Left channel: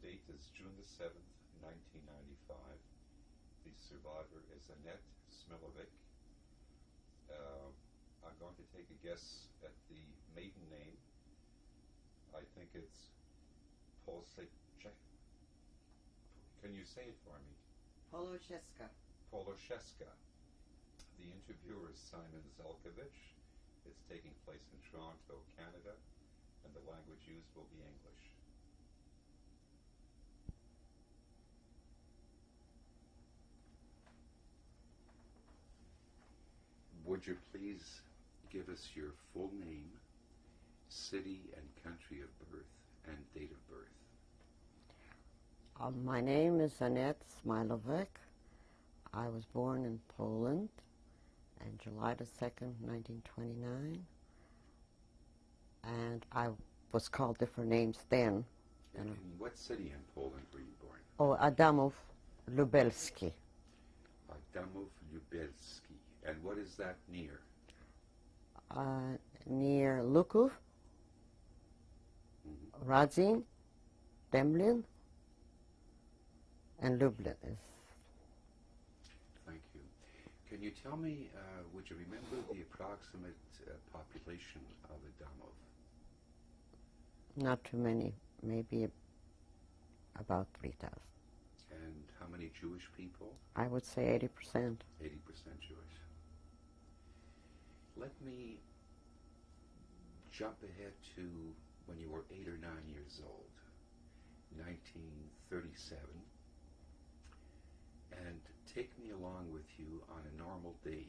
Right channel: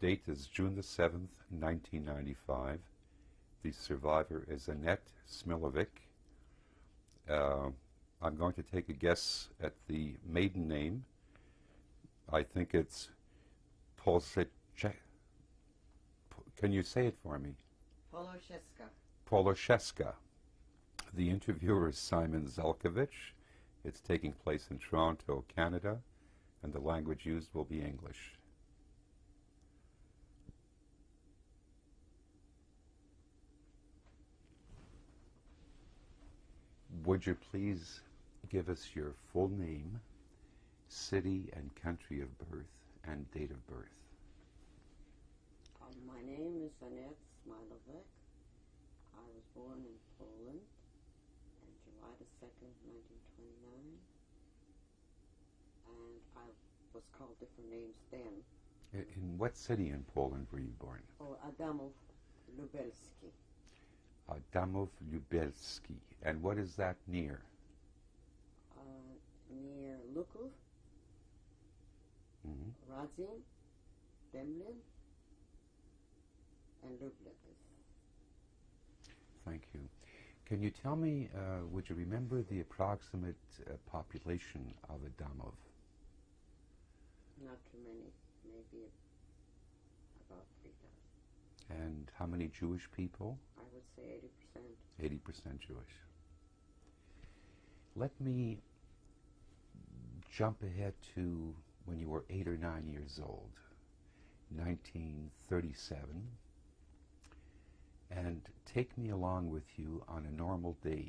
date is June the 7th, 1995. The survivor is Annette Smiljovic. I'm going to take a guess at the maiden name. I think it's Polsechek. Can you say it for me? Polosheska. Polosheska. The interviewer is Simon Zelkovich. It's taking place in Toronto, Canada, and the language used will be English. Would you please give us your full name, city and country of birth, and date of birth? My name is Annette Smiljovic. I was born in Poland on July the 2nd, 1929. And I was called different names then. And in what city in Poland were you born? Oh, Adamów Lubelski. Adamów Lubelski. And what is that near? Near Luków, Radzin, Demblin, and Lublin. Thank you. Can you tell me, would you remember the approximate population of Adamów? Not too many, maybe about 3,000. And how many Jewish people? I would say 80%. 80% Jewish. Let me jump ahead to when you were 8 or 9 years old, 1937, and take me along with you on a normal day,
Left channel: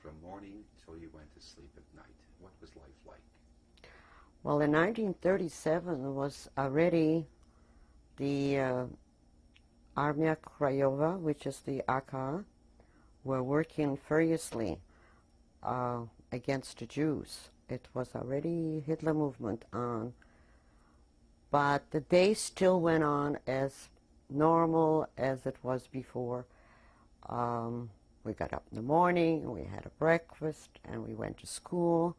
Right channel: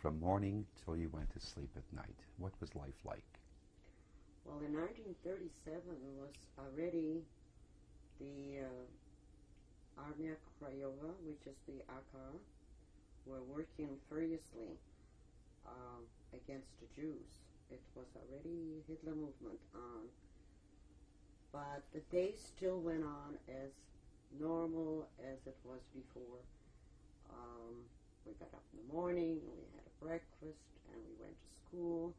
from morning till you went to sleep at night. What was life like? Well, in 1937 was already the Armia Krajowa, which is the AK, were working furiously against the Jews. It was already Hitler movement on, but the day still went on as normal as it was before. We got up in the morning, and we had a breakfast, and we went to school,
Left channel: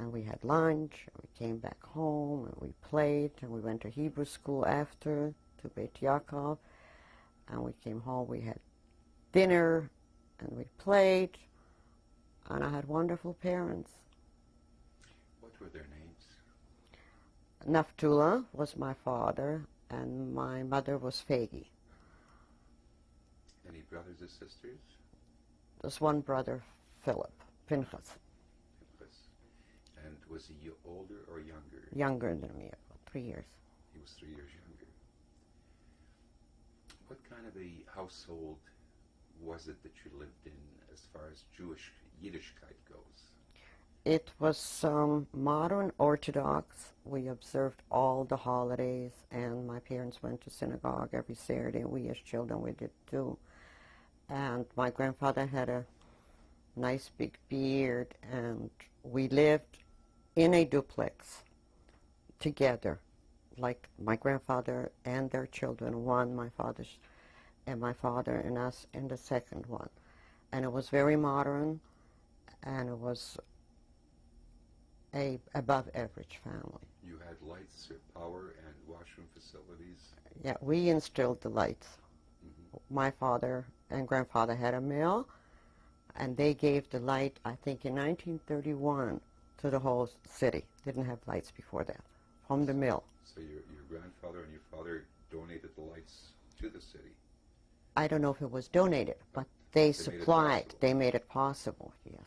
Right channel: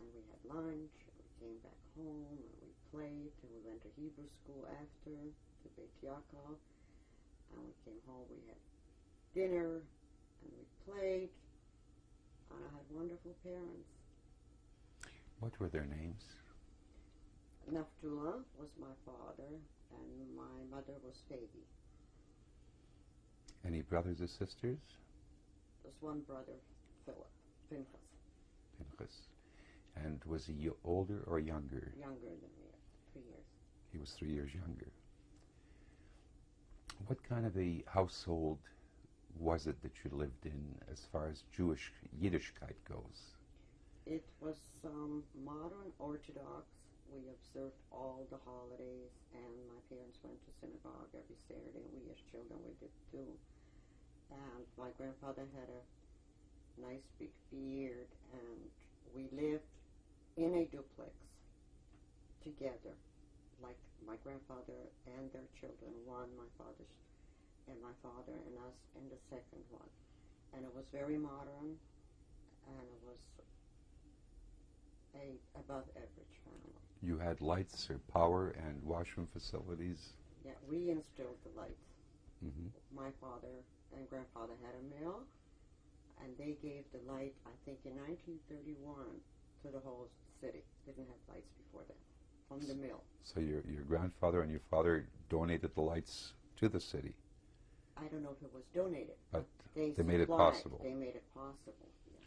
and we had lunch, and we came back home, and we played, and we went to Hebrew school after, to Beit Yaakov, and we came home, we had dinner, and we played, and I had wonderful parents. What were their names? Naftula was my father, and my mother was Fegi. Any brothers or sisters? There's one brother, Philip, Pinchas. Pinchas. And was he older or younger? Younger than me, about 3 years. He was 3 years younger. What kind of a household was it that you lived in as far as Jewish Yiddishkeit goes? It was modern Orthodox. We observed all the holidays, and my parents went to synagogue every Saturday, and we as children, we did too. And my grandfather had a nice big beard, and we lived in a duplex together, like my grandfather and their children, one, my father's, and my father and us in the second one. And it was very modern, and it was a above average family. You had lights or power and washroom facilities? Yeah, we instilled the lights. My father and grandfather had a mill, and they gave the light, I think, in 1931 to the whole city. Didn't have lights before that, from the mill. So your grandfather and your father donated the lights to the city? I don't know if it was donated, but they supplied. They made it possible, yes.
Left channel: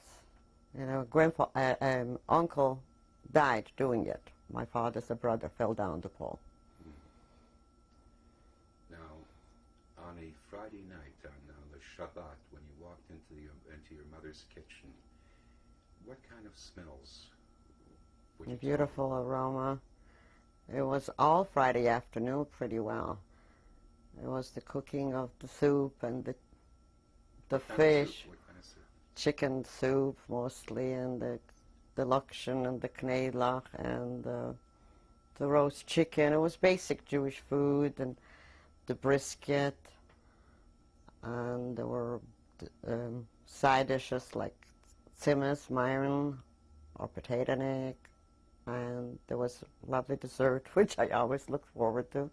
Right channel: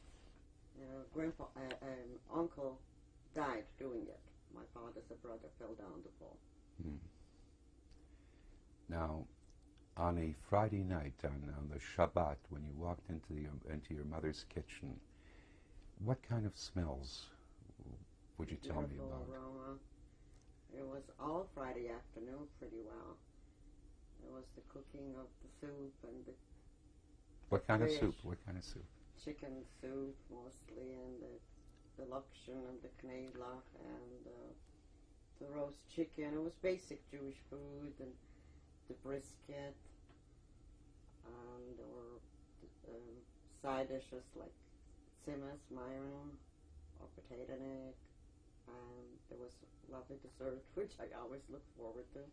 And uncle died doing it. My father's brother fell down the pole. Now, on a Friday night, on the Shabbat, when you walked into your mother's kitchen, what kind of smells would you tell me? Beautiful aroma. It was all Friday afternoon pretty well. It was the cooking of the soup and the fish. What kind of soup? Chicken soup mostly, and the lakshan and the knedlach and the roast chicken. It was basic Jewish food, and the brisket, and there were side dishes like tzimmes, myron, or potato neck, and there was lovely dessert, which I always looked forward to.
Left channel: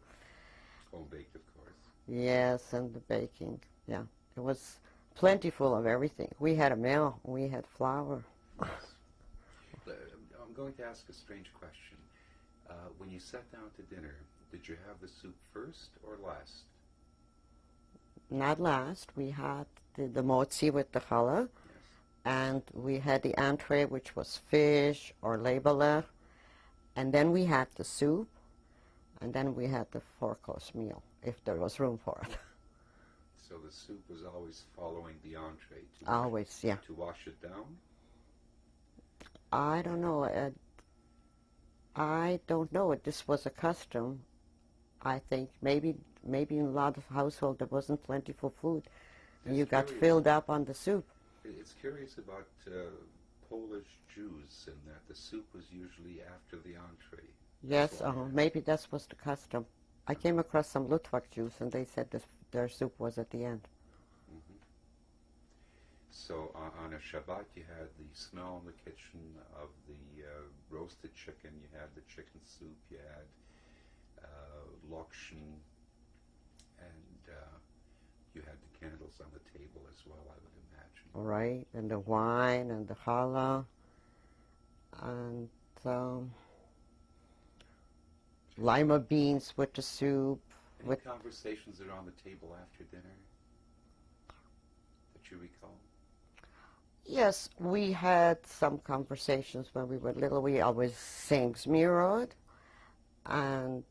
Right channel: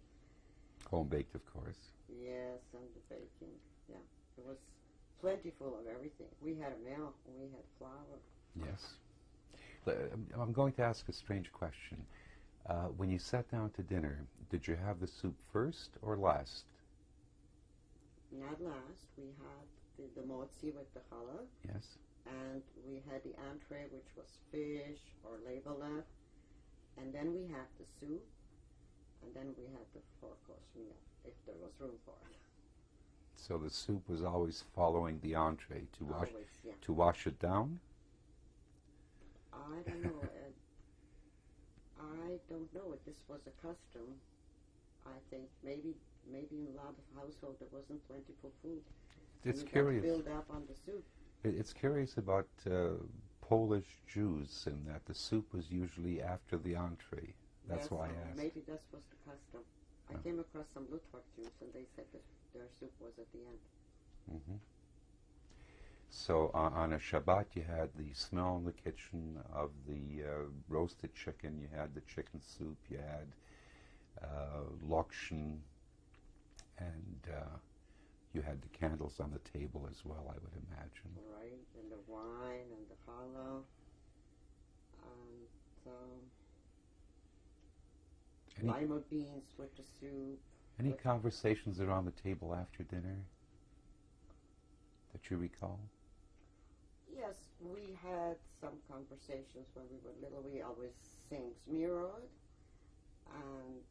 Home baked, of course. Yes, and the baking. Yeah, it was plentiful of everything. We had a meal. We had flour. Yes. I'm going to ask a strange question. When you sat down to dinner, did you have the soup first or last? Not last. We had the motzi with the challah, Yes. and we had the entree, which was fish or leibelech, and then we had the soup, and then we had the four-course meal, if there was room for it. So the soup was always following the entree to Always, yeah. to wash it down? I don't know. I don't know. This was a custom. I think maybe in a lot of households there wasn't plentiful food. It's You got curious. filled up on the soup. It's curious about Polish Jews in that the soup was usually after the entree. Yes, That's why I asked. maybe that was the custom. I came across some Lutvak Jews, and they said their soup was at the end. Mhm. So on a Shabbat, you had the smell in the kitchen of the roasted chicken. You had the chicken soup. You had lokshen, and you had the candles on the table as well, I would imagine. Right, and the wine and the challah, and lima beans with the soup. Any conversations around the table after dinner that you recall? Yes, we had some conversations when we were little. We always sang Zmirod, and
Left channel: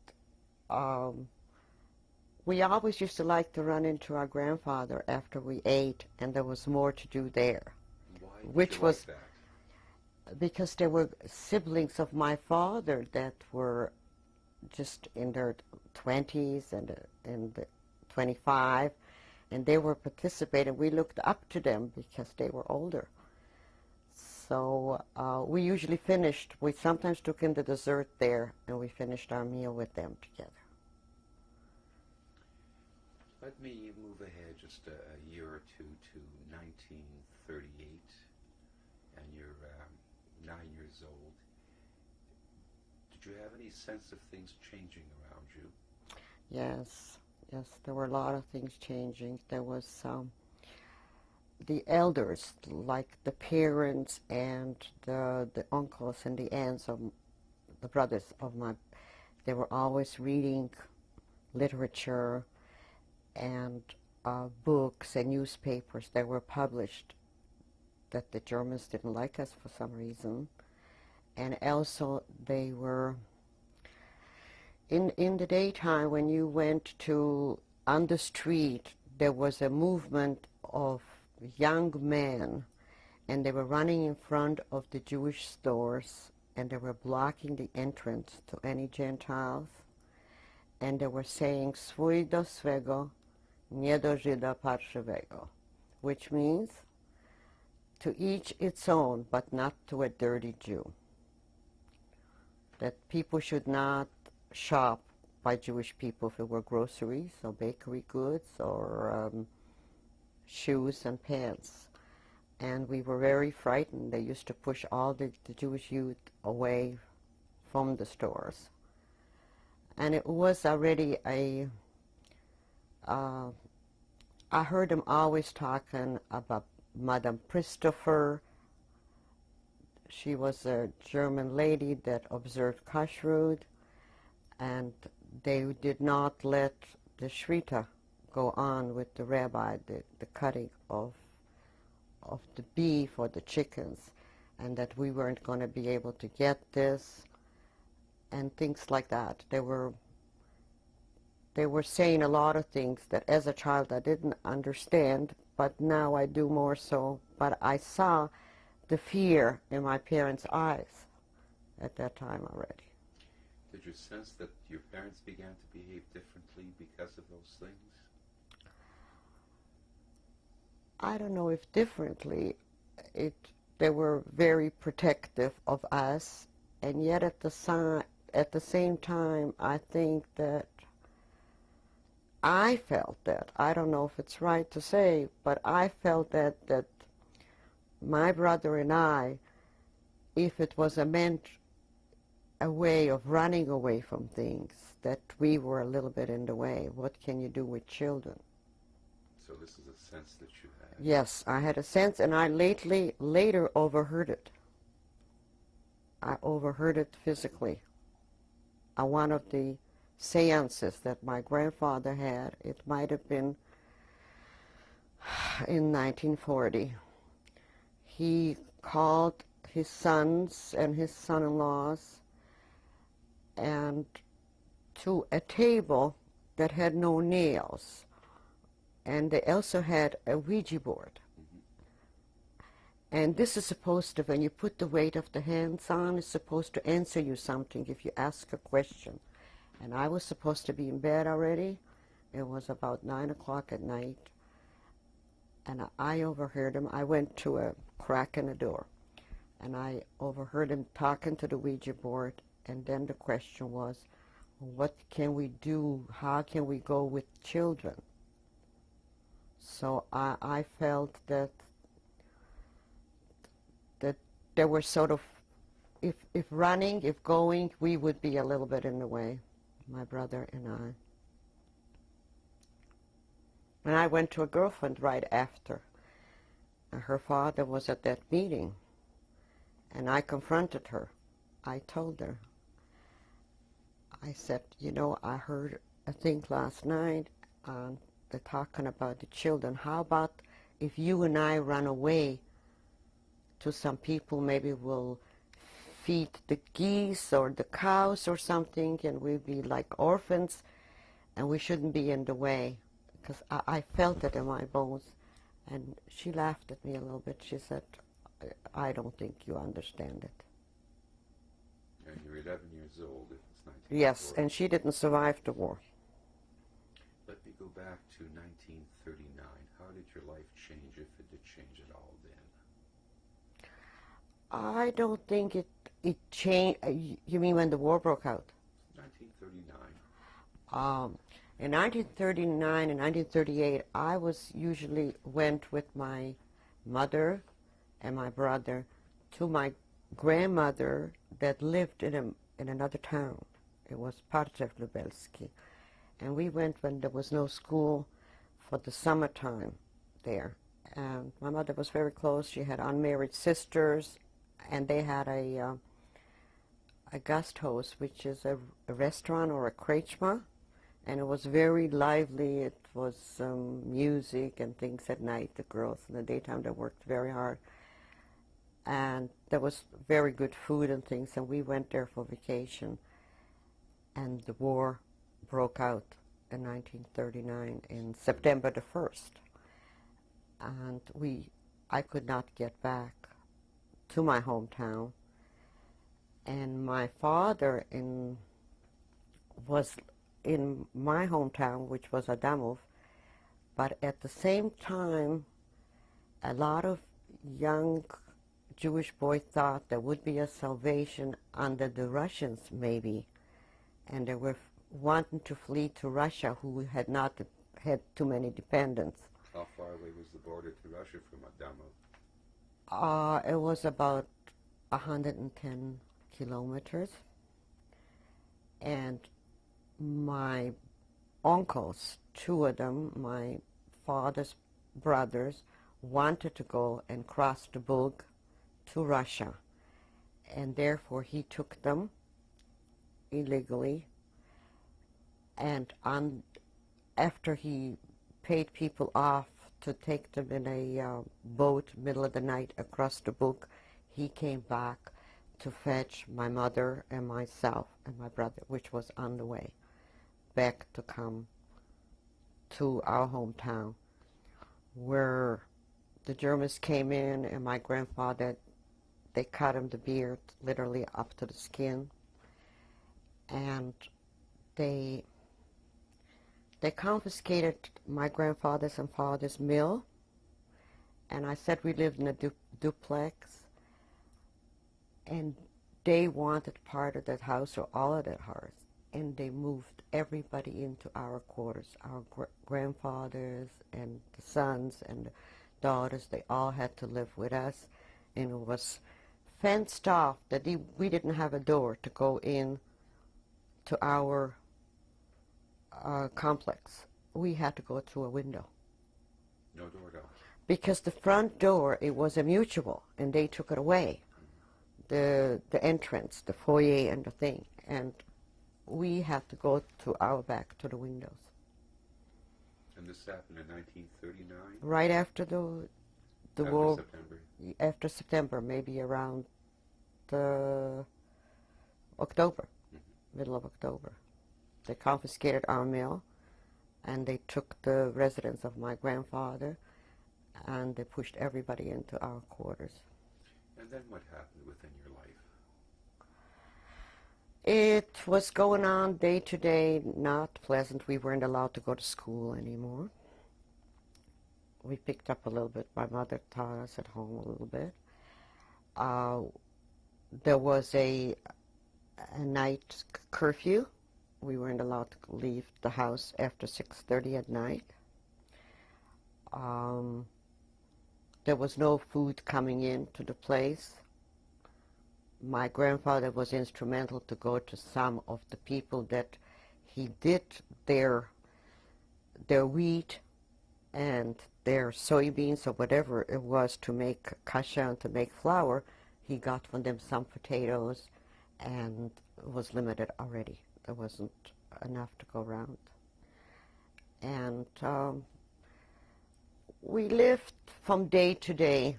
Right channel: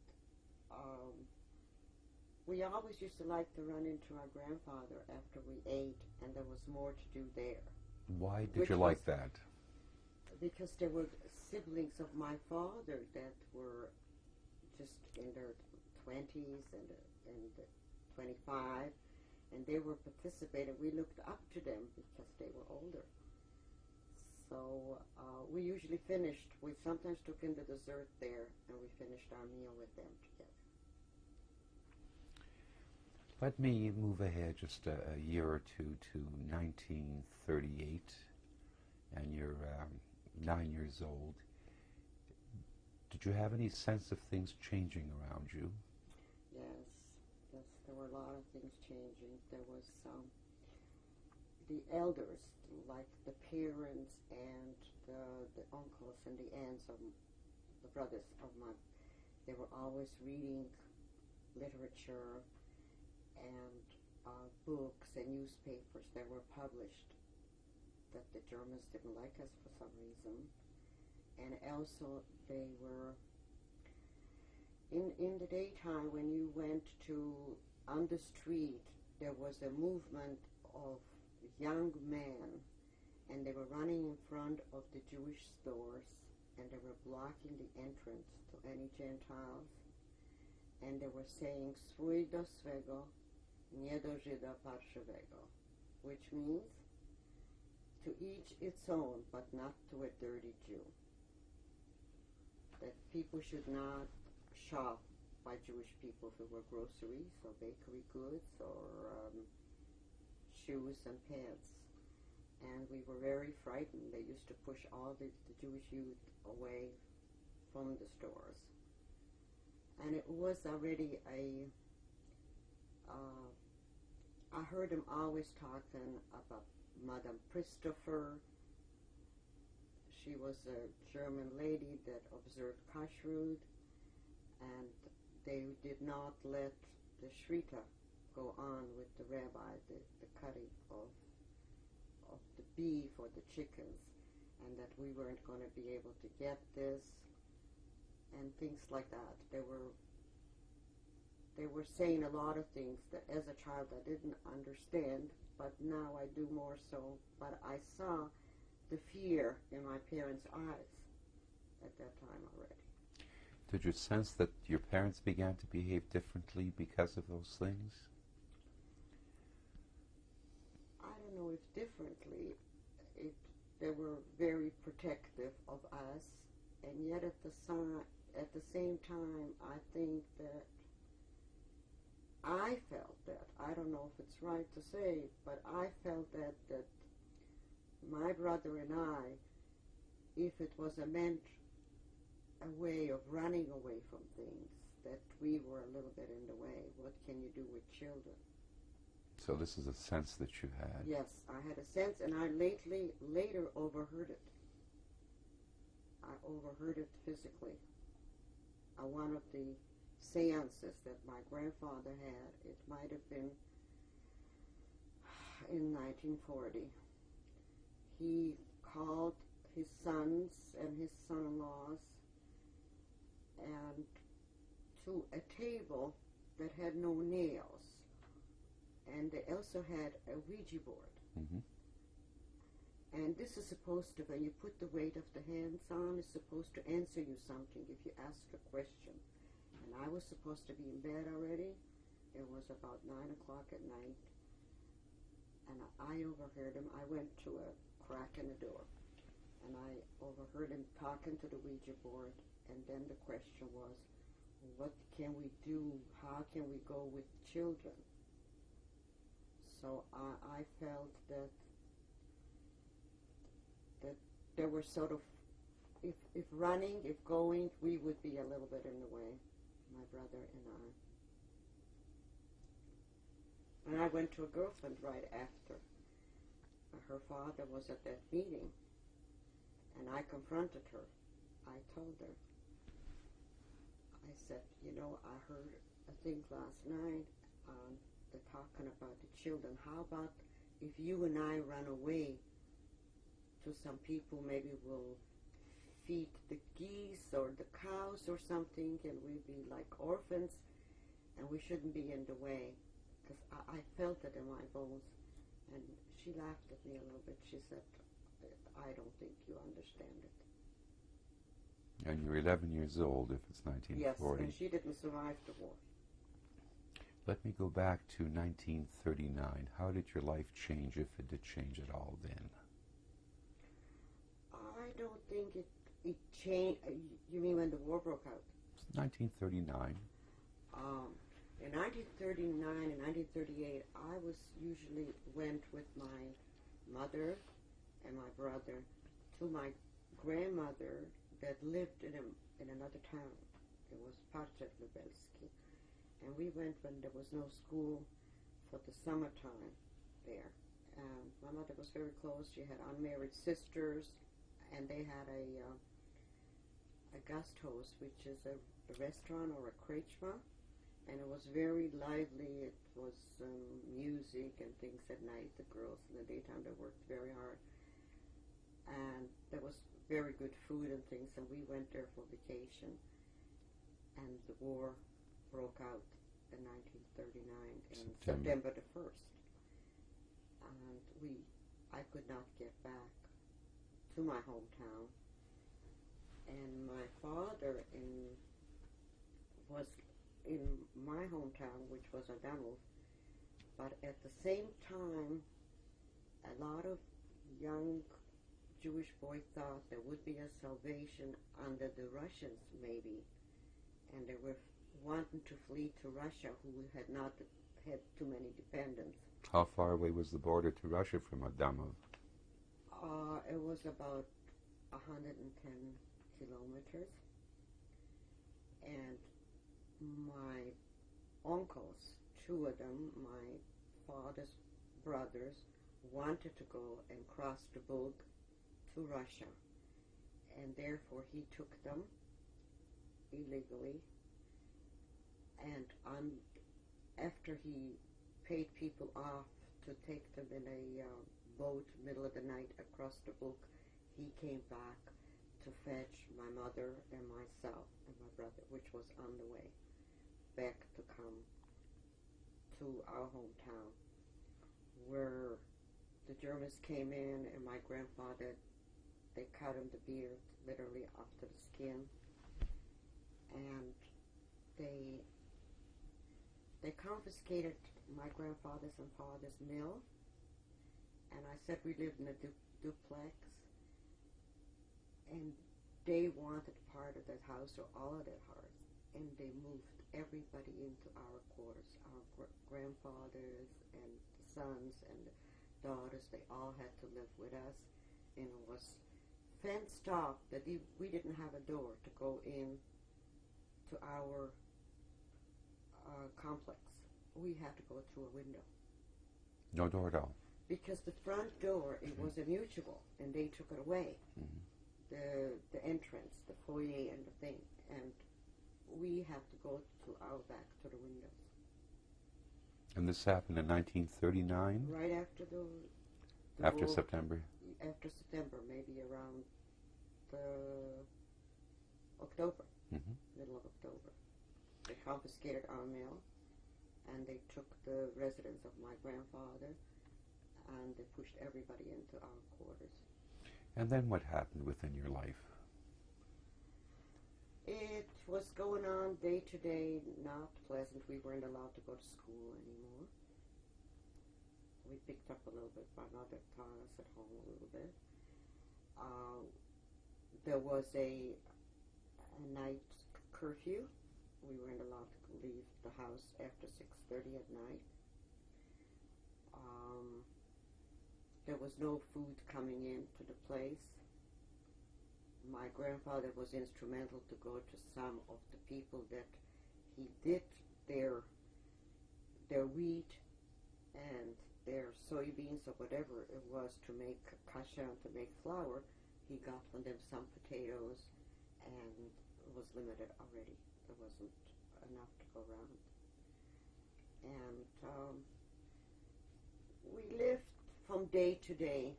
we always used to like to run into our grandfather after we ate, and there was more to do there. Why did Which you was- like that? Because there were siblings of my father that were just in their 20s and in the 25, and they were participating. We looked up to them because they were older. So we usually finished. We sometimes took in the dessert there, and we finished our meal with them together. Let me move ahead just a year or two to 1938, and you're 9 years old. Did you have any sense of things changing around you? Yes, there were a lot of things changing. There was the elders, like the parents and the uncles and the aunts of the brothers of my, they were always reading literature and books and newspapers that were published that the Germans didn't like us for some reason. And also they were, in the daytime when you went on the street, there was a movement of young men, and they were running in front of the Jewish stores, and they were blocking the entrance to any Gentiles, and they were saying "Swój do swego, nie do Żyda parszywego," which means to each its own, but not to a dirty Jew. That people should not shop by Jewish people if it were groceries or bakery goods or shoes and pants. And we were very frightened. They used to push all the Jewish youth away from the stores. And it was already I heard them always talking about Madame Christopher. She was a German lady that observed kashrut, and they did not let the shrita go on with the rabbi, the cutting of the beef or the chickens, and that we weren't going to be able to get this, and things like that. They were saying a lot of things that as a child I didn't understand, but now I do more so. But I saw the fear in my parents' eyes at that time already. Did you sense that your parents began to behave differently because of those things? I don't know if differently. They were very protective of us, and yet at the same time, I think that I felt that. I don't know if it's right to say, but I felt that my brother and I, if it was meant a way of running away from things, that we were a little bit in the way. What can you do with children? So this is a sense that you had. Yes, I had a sense, and I later overheard it. I overheard it physically. At one of the seances that my grandfather had, it might have been in 1940. He called his sons and his son-in-laws and to a table that had no nails, and they also had a Ouija board. Mm-hmm. And this is supposed to, when you put the weight of the hands on, it's supposed to answer you something if you ask a question. And I was supposed to be in bed already. It was about 9 o'clock at night. And I overheard him. I went to a crack in the door. And I overheard him talking to the Ouija board. And then the question was, what can we do? How can we go with children? So I felt that there were sort of, if running, if going, we would be a little bit in the way, my brother and I. And I went to a girlfriend right after. Her father was at that meeting, and I confronted her. I told her, I said, you know, I heard a thing last night, they're talking about the children. How about if you and I run away to some people, maybe we'll feed the geese or the cows or something, and we'll be like orphans, and we shouldn't be in the way, because I felt it in my bones. And she laughed at me a little bit. She said, I don't think you understand it. And you're 11 years old if it's 1940. Yes, and she didn't survive the war. Let me go back to 1939. How did your life change, if it did change at all then? I don't think it changed. You mean when the war broke out? 1939. In 1939 and 1938, I went with my mother and my brother to my grandmother that lived in another town. It was Lubelski. And we went when there was no school for the summertime there. And my mother was very close. She had unmarried sisters, and they had a Gasthaus, which is a restaurant or a krejma, and it was very lively. It was music and things at night. The girls in the daytime, they worked very hard. And there was very good food and things, and we went there for vacation. And the war broke out in 1939 in September the 1st. And I could not get back to my hometown. And my father was in my hometown, which was Adamov, but at the same time, a lot of young Jewish boys thought there would be a salvation under the Russians, maybe, and they were wanting to flee to Russia, who had not had too many dependents. How far away was the border to Russia from Adamov? It was about 110 kilometers. And my uncles, two of them, my father's brothers, wanted to go and cross the Bug to Russia. And therefore he took them illegally. And after he paid people off to take them in a boat middle of the night across the Bug, he came back to fetch my mother and myself and my brother, which was on the way back to come to our hometown, where the Germans came in, and my grandfather, they cut him the beard literally up to the skin, and they confiscated my grandfather's and father's mill. And I said we lived in a duplex, and they wanted part of that house or all of that house, and they moved everybody into our quarters. Our grandfathers and the sons and the daughters, they all had to live with us, and it was fenced off, that we didn't have a door to go in to our complex. We had to go through a window. No door at all? Because the front door, it was a mutual, and they took it away. The entrance, the foyer and the thing. And we had to go to our back to the windows. And this happened in 1939? Right after the after war. September? After September, maybe around October, middle of October. They confiscated our mill, and they took the residence of my grandfather, and they pushed everybody into our quarters. And then what happened within your life? It was going on day to day, not pleasant. We weren't allowed to go to school anymore. We picked up a little bit. My mother taught us at home a little bit. There was a night curfew. We weren't allowed to leave the house after 6:30 at night. There was no food coming into the place. My grandfather was instrumental to go to some of the people that he did their wheat and their soybeans or whatever it was to make kasha and to make flour. He got from them some potatoes, and it was limited already. There wasn't enough to go around. And we lived from day to day,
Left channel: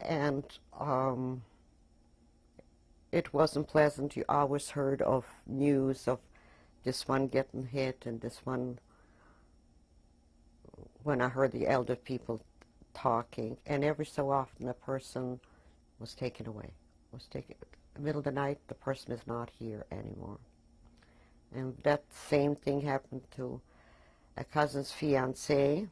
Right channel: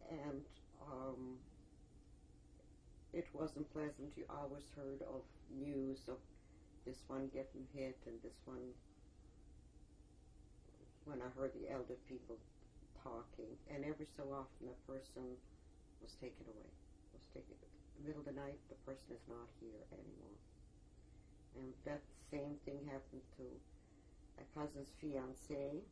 and it wasn't pleasant. You always heard of news of this one getting hit and this one. When I heard the elder people talking, and every so often a person was taken away. In the middle of the night, the person is not here anymore. And that same thing happened to a cousin's fiancé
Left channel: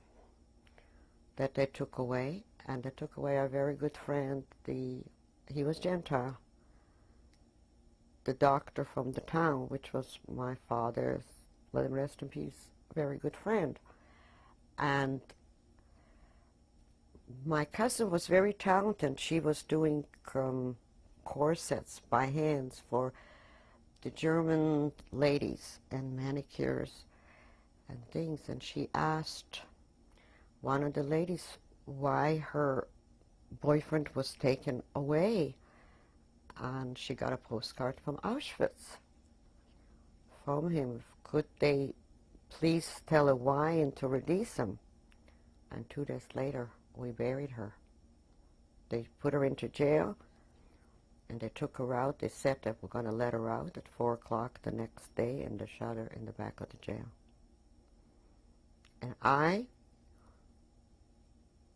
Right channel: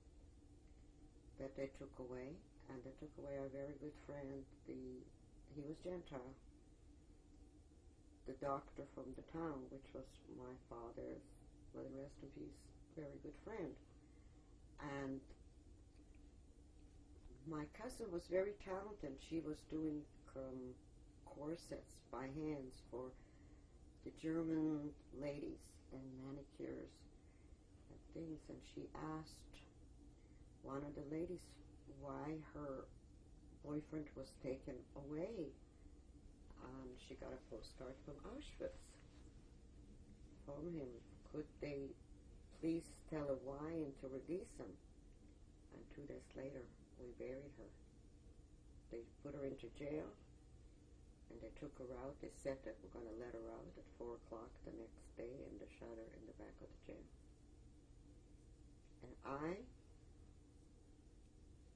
that they took away, and they took away a very good friend. He was Gentile. The doctor from the town, which was my father's, let him rest in peace, very good friend. And my cousin was very talented. She was doing corsets by hands for the German ladies and manicures and things. And she asked one of the ladies why her boyfriend was taken away. And she got a postcard from Auschwitz from him. Could they please tell her why and to release him? And 2 days later, we buried her. They put her into jail, and they took her out. They said they were going to let her out at 4 o'clock the next day, and they shot her in the back of the jail. And I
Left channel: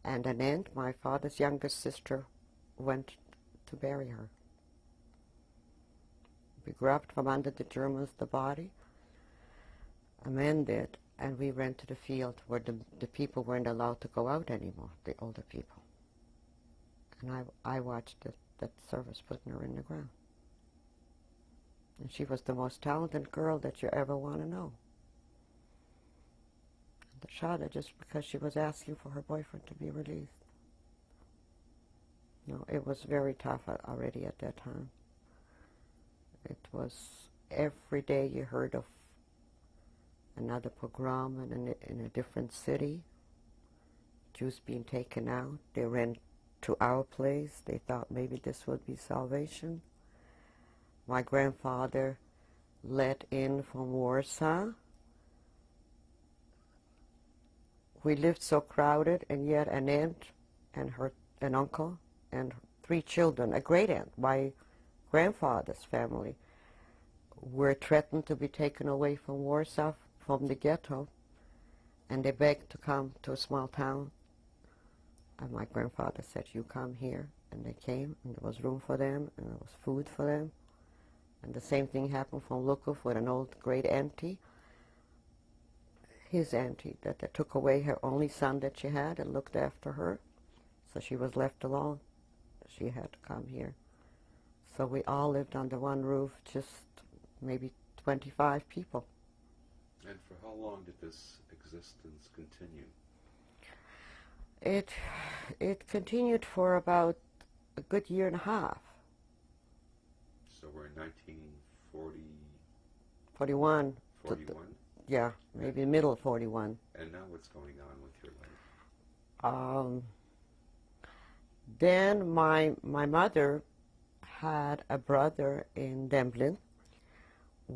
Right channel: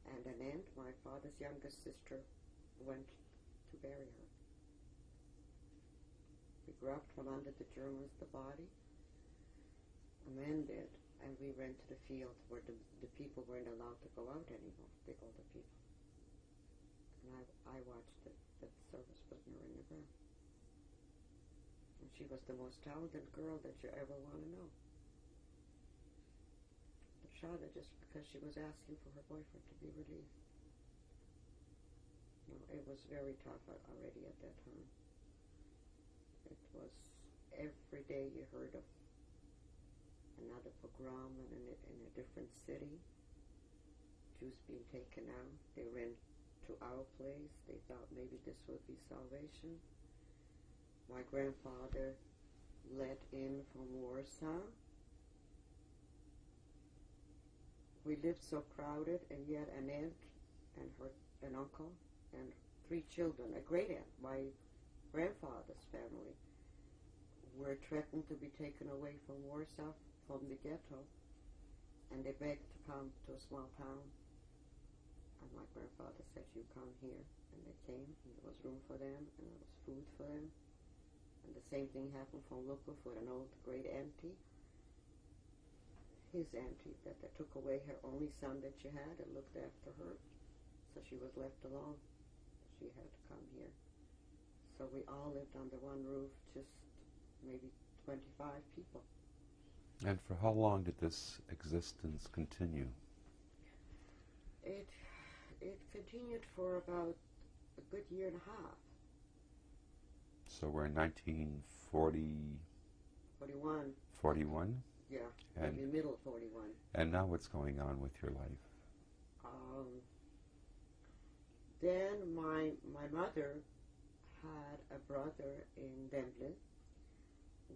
and an aunt, my father's youngest sister, went to bury her. We grabbed from under the Germans the body. A man did, and we went to the field where the people weren't allowed to go out anymore, the older people. And I watched that service putting her in the ground. And she was the most talented girl that you ever want to know. They shot her just because she was asking for her boyfriend to be released. No, it was very tough already at that time. It was every day you heard of another pogrom in a different city. Jews being taken out. They ran to our place. They thought maybe this would be salvation. My grandfather let in from Warsaw. We lived so crowded, and yet an aunt and an uncle and 3 children, a great aunt, my grandfather's family, were threatened to be taken away from Warsaw, from the ghetto, and they begged to come to a small town. And my grandfather said, "You come here." And they came, and there was room for them, and there was food for them. And the same thing happened from Lukov with an old great auntie, his auntie, that they took away her only son that she had and looked after her. So she was left alone. She had to come here. So we all lived under one roof, just maybe 25 people. And for how long did this existence continue? It continued for about a good year and a half. So we're in 1940, 41. 41? Yeah, maybe middle of 41. And now what's going on with your life? Then my mother had a brother in Dublin,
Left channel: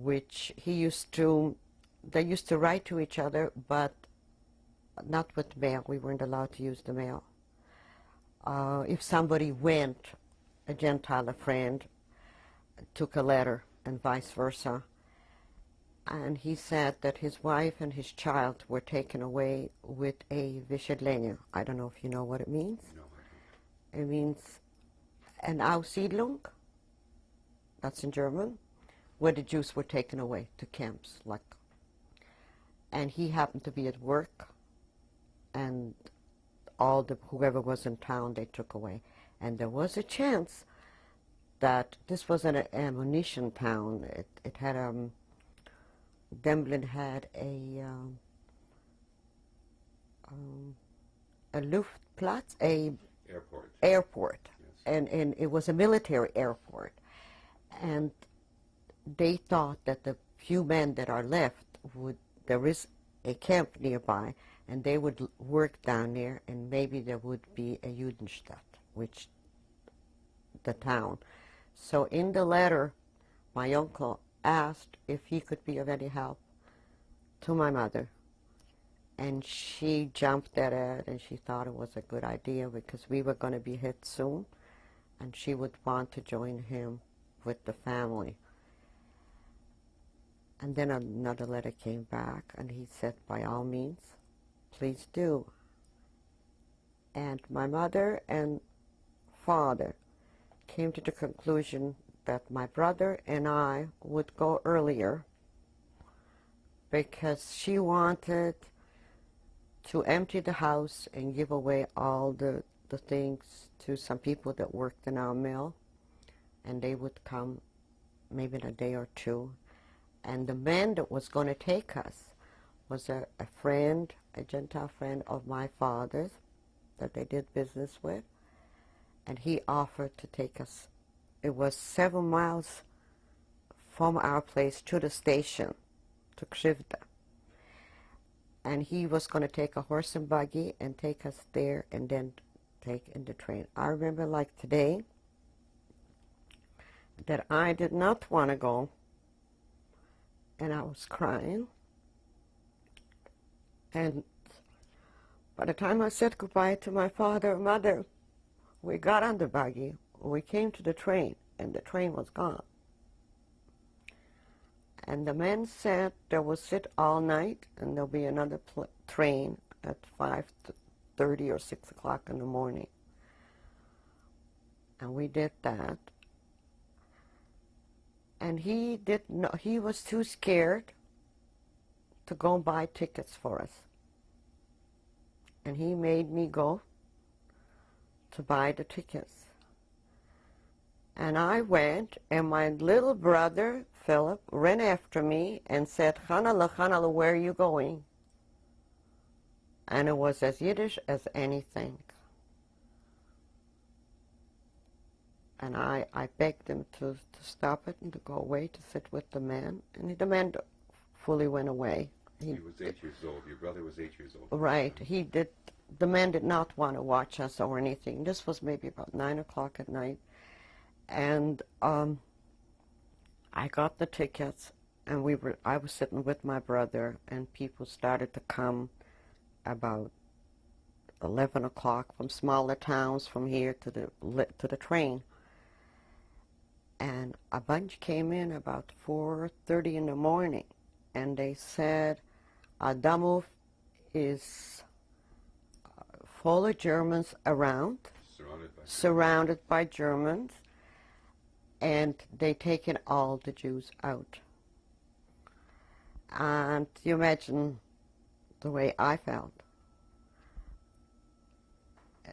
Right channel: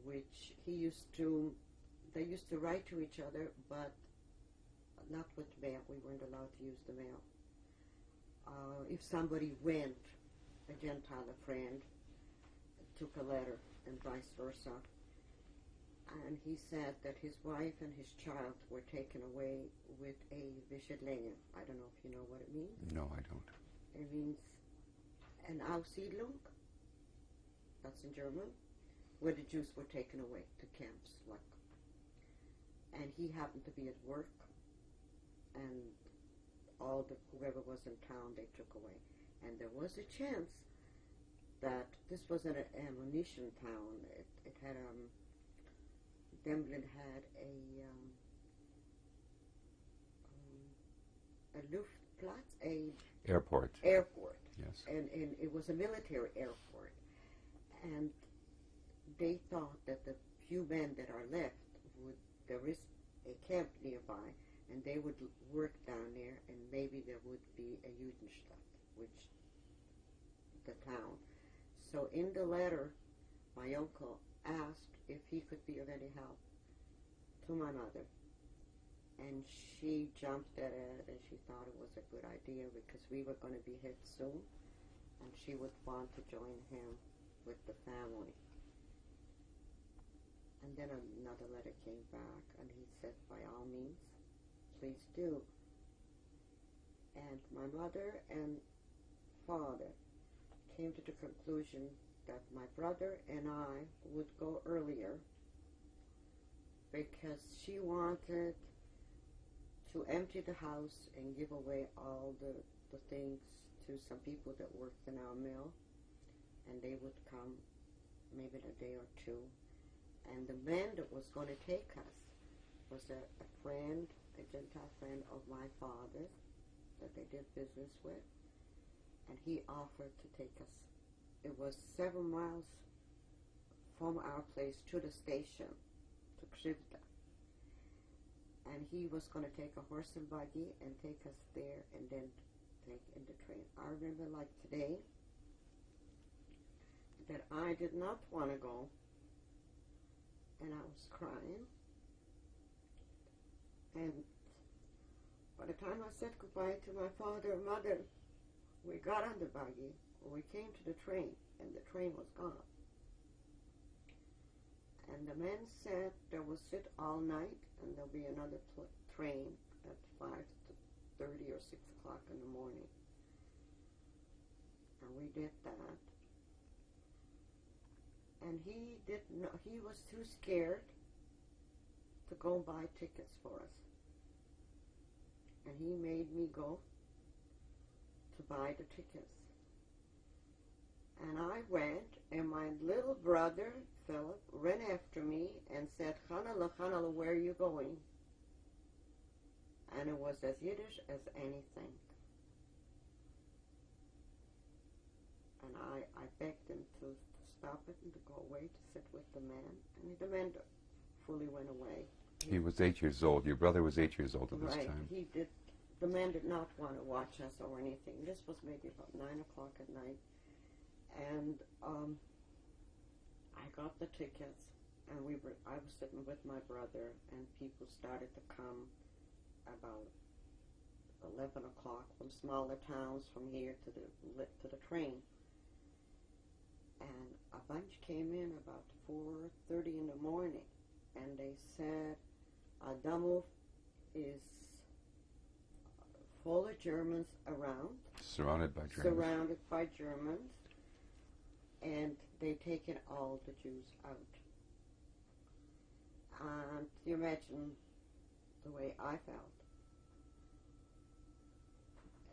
which they used to write to each other, but not with mail. We weren't allowed to use the mail. If somebody went, a Gentile, a friend, took a letter and vice versa. And he said that his wife and his child were taken away with a Wysiedlenie. I don't know if you know what it means. No, I don't. It means an Aussiedlung. That's in German, where the Jews were taken away to camps. And he happened to be at work, and whoever was in town they took away. And there was a chance that this was an ammunition town. It had Dublin had a Luftplatz, a Airport. Yes. And it was a military airport. And they thought that the few men that are left there is a camp nearby, and they would work down there, and maybe there would be a Judenstadt, which the town. So in the letter, my uncle asked if he could be of any help to my mother. And she jumped at it, and she thought it was a good idea because we were going to be hit soon, and she would want to join him with the family. And then another letter came back, and he said, by all means, please do. And my mother and father came to the conclusion that my brother and I would go earlier because she wanted to empty the house and give away all the things to some people that worked in our mill, and they would come maybe in a day or two. And the man that was going to take us was a friend, a Gentile friend of my father's that they did business with, and he offered to take us. It was 7 miles from our place to the station, to Krzywda. And he was going to take a horse and buggy and take us there and then take in the train. I remember like today that I did not want to go, and I was crying. And by the time I said goodbye to my father and mother, we got on the buggy, we came to the train, and the train was gone. And the man said they will sit all night, and there'll be another train at 5:30 or 6 o'clock in the morning. And we did that. And he was too scared to go buy tickets for us. And he made me go to buy the tickets. And I went, and my little brother, Philip, ran after me and said, Hanala, where are you going? And it was as Yiddish as anything. And I begged him to stop it and to go away to sit with the man. And the man fully went away. He was 8 years old. Your brother was 8 years old. Right. He did. The man did not want to watch us or anything. This was maybe about 9 o'clock at night. And I got the tickets, and I was sitting with my brother, and people started to come about 11 o'clock from smaller towns from here to the train. And a bunch came in about 4:30 in the morning, and they said, Adamov is full of Germans around, surrounded by Germans, and they taken all the Jews out. And you imagine the way I felt.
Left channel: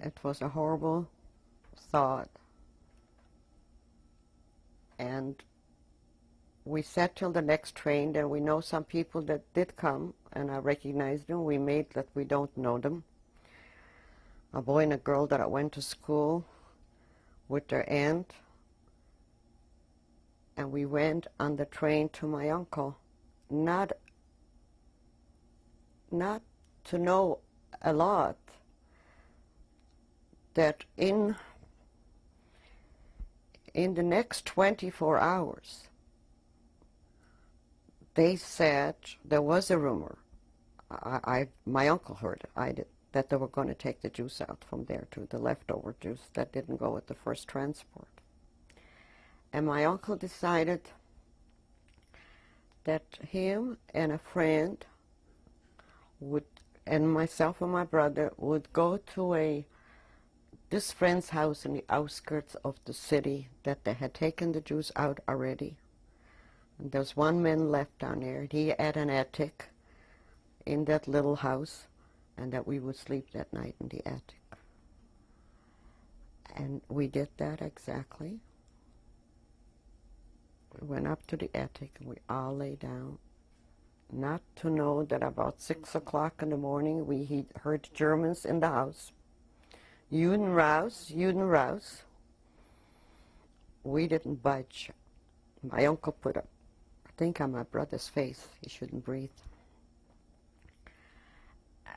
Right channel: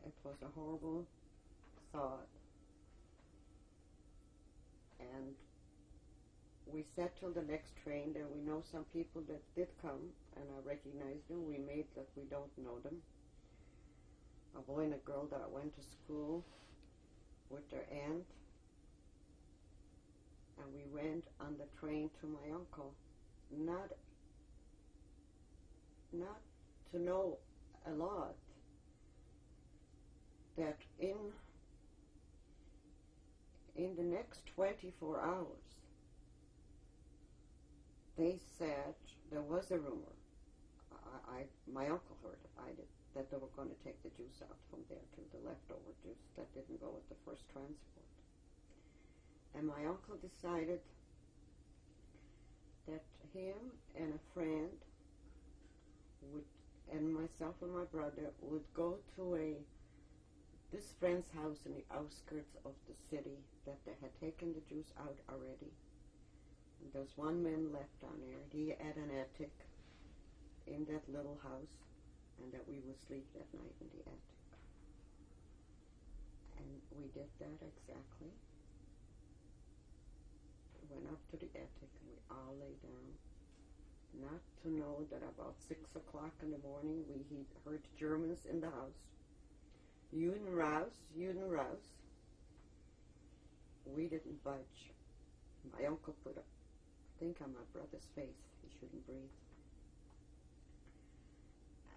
It was a horrible thought. And we sat till the next train, and we know some people that did come, and I recognized them. We made that we don't know them. A boy and a girl that I went to school with their aunt, and we went on the train to my uncle, not to know a lot, that in the next 24 hours, they said there was a rumor. My uncle heard it, I did, that they were going to take the Jews out from there to the leftover Jews that didn't go with the first transport. And my uncle decided that him and a friend would, and myself and my brother, would go to this friend's house in the outskirts of the city that they had taken the Jews out already. And there's one man left down there. He had an attic in that little house, and that we would sleep that night in the attic. And we did that exactly. We went up to the attic and we all lay down, not to know that about 6 o'clock in the morning we heard Germans in the house. Juden raus, Juden raus. We didn't budge. My uncle put a thing on my brother's face. He shouldn't breathe.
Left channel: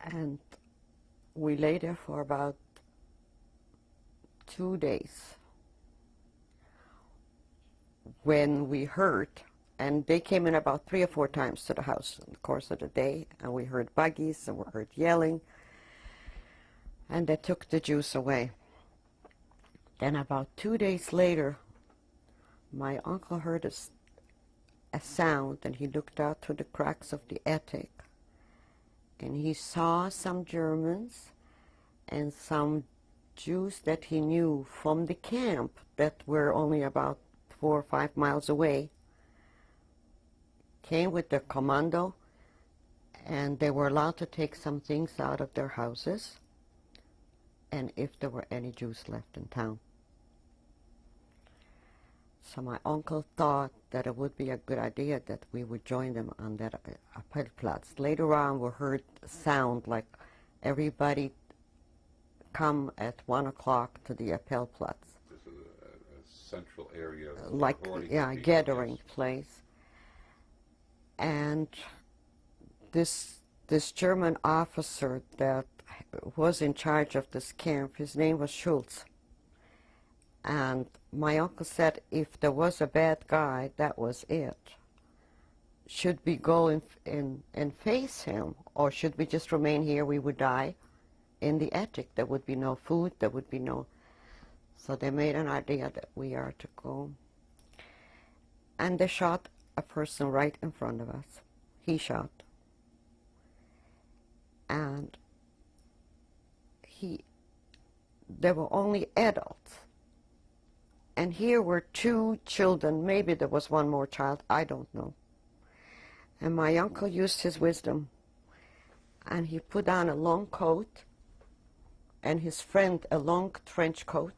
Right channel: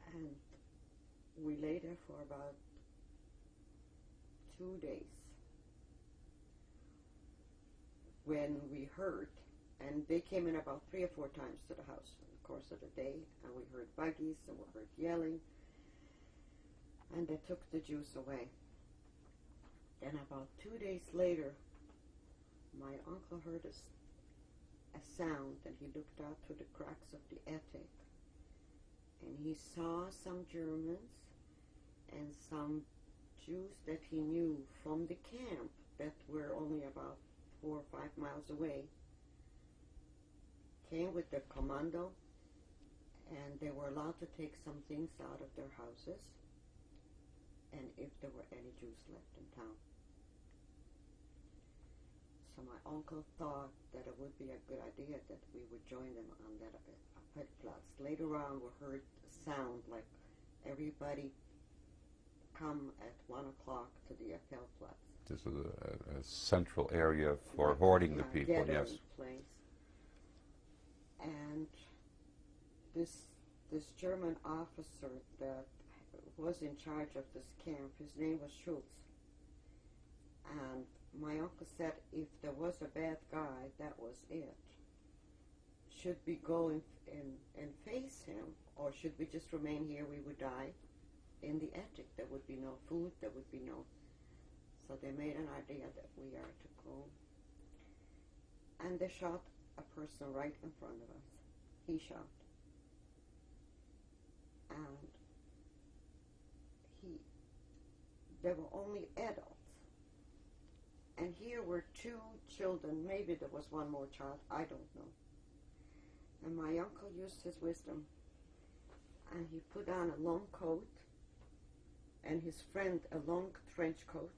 And we lay there for about 2 days when we heard, and they came in about 3 or 4 times to the house in the course of the day, and we heard buggies and we heard yelling, and they took the Jews away. Then about 2 days later, my uncle heard a sound, and he looked out through the cracks of the attic, and he saw some Germans and some Jews that he knew from the camp that were only about 4 or 5 miles away, came with their commando, and they were allowed to take some things out of their houses, and if there were any Jews left in town. So my uncle thought that it would be a good idea that we would join them on that Appellplatz. Later on, we heard a sound like everybody come at 1 o'clock to the Appellplatz. This is a central area for like, hoarding yeah, the people. gathering Yes. place. And this German officer that was in charge of this camp, his name was Schultz. And my uncle said if there was a bad guy, that was it. Should we go and face him, or should we just remain here? We would die in the attic. There would be no food, there would be no... So they made an idea that we are to go. And they shot a person right in front of us. He shot. And there were only adults. And here were 2 children. Maybe there was one more child. I don't know. And my uncle used his wisdom. And he put on a long coat, and his friend a long trench coat,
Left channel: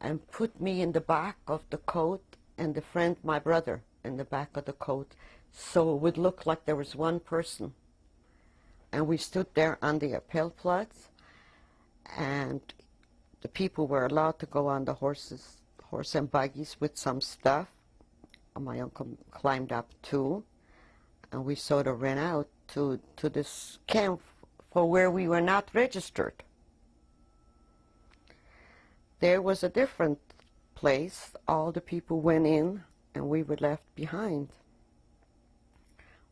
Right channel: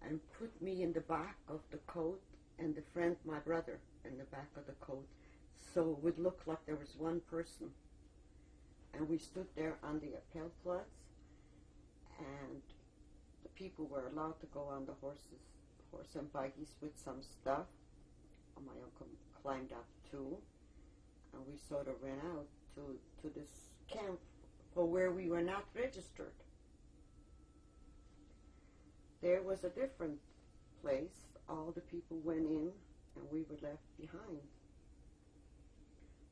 and put me in the back of the coat, and the friend, my brother, in the back of the coat, so it would look like there was one person. And we stood there on the Appellplatz, and the people were allowed to go on the horse and buggies with some stuff. And my uncle climbed up too, and we sort of ran out to this camp for where we were not registered. There was a different place. All the people went in, and we were left behind.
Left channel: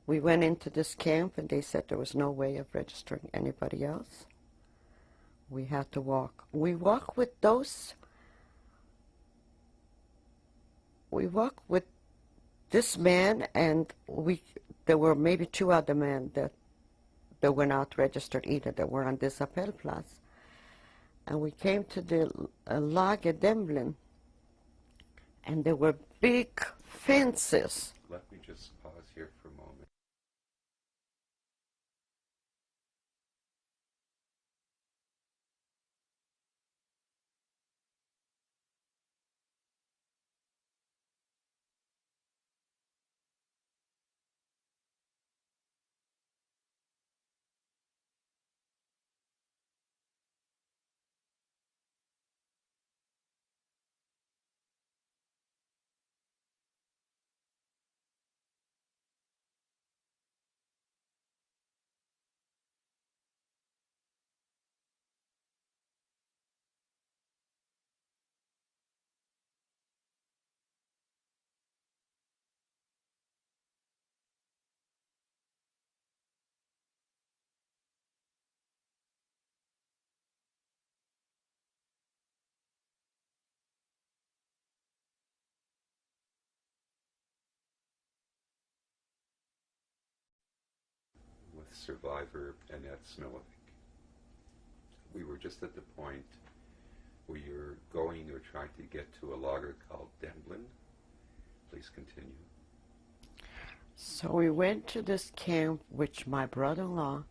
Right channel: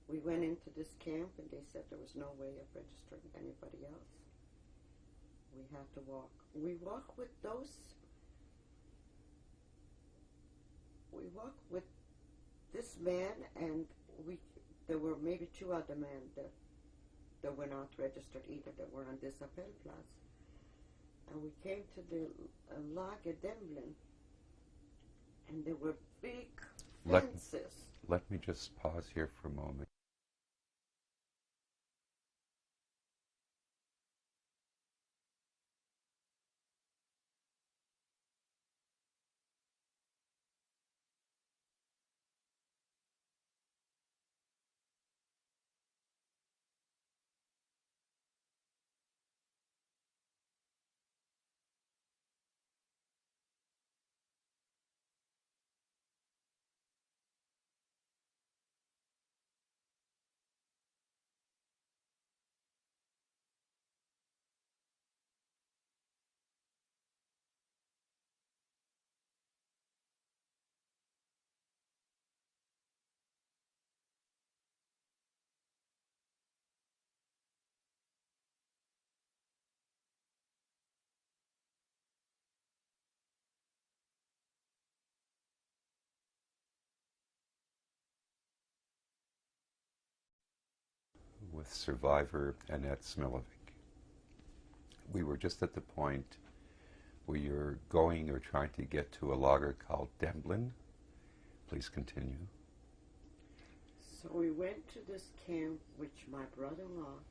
We went into this camp, and they said there was no way of registering anybody else. We had to walk. We walked with this man, and there were maybe 2 other men that were not registered either, that were on this Appellplatz. And we came to the Lager Demblin, and there were big fences. Let me just pause here for a moment. survivor, Annette Smillovic. We were just at the point where you're going or trying to get to a lager called Demblin. Please continue. So we went to this camp, which my brother-in-law,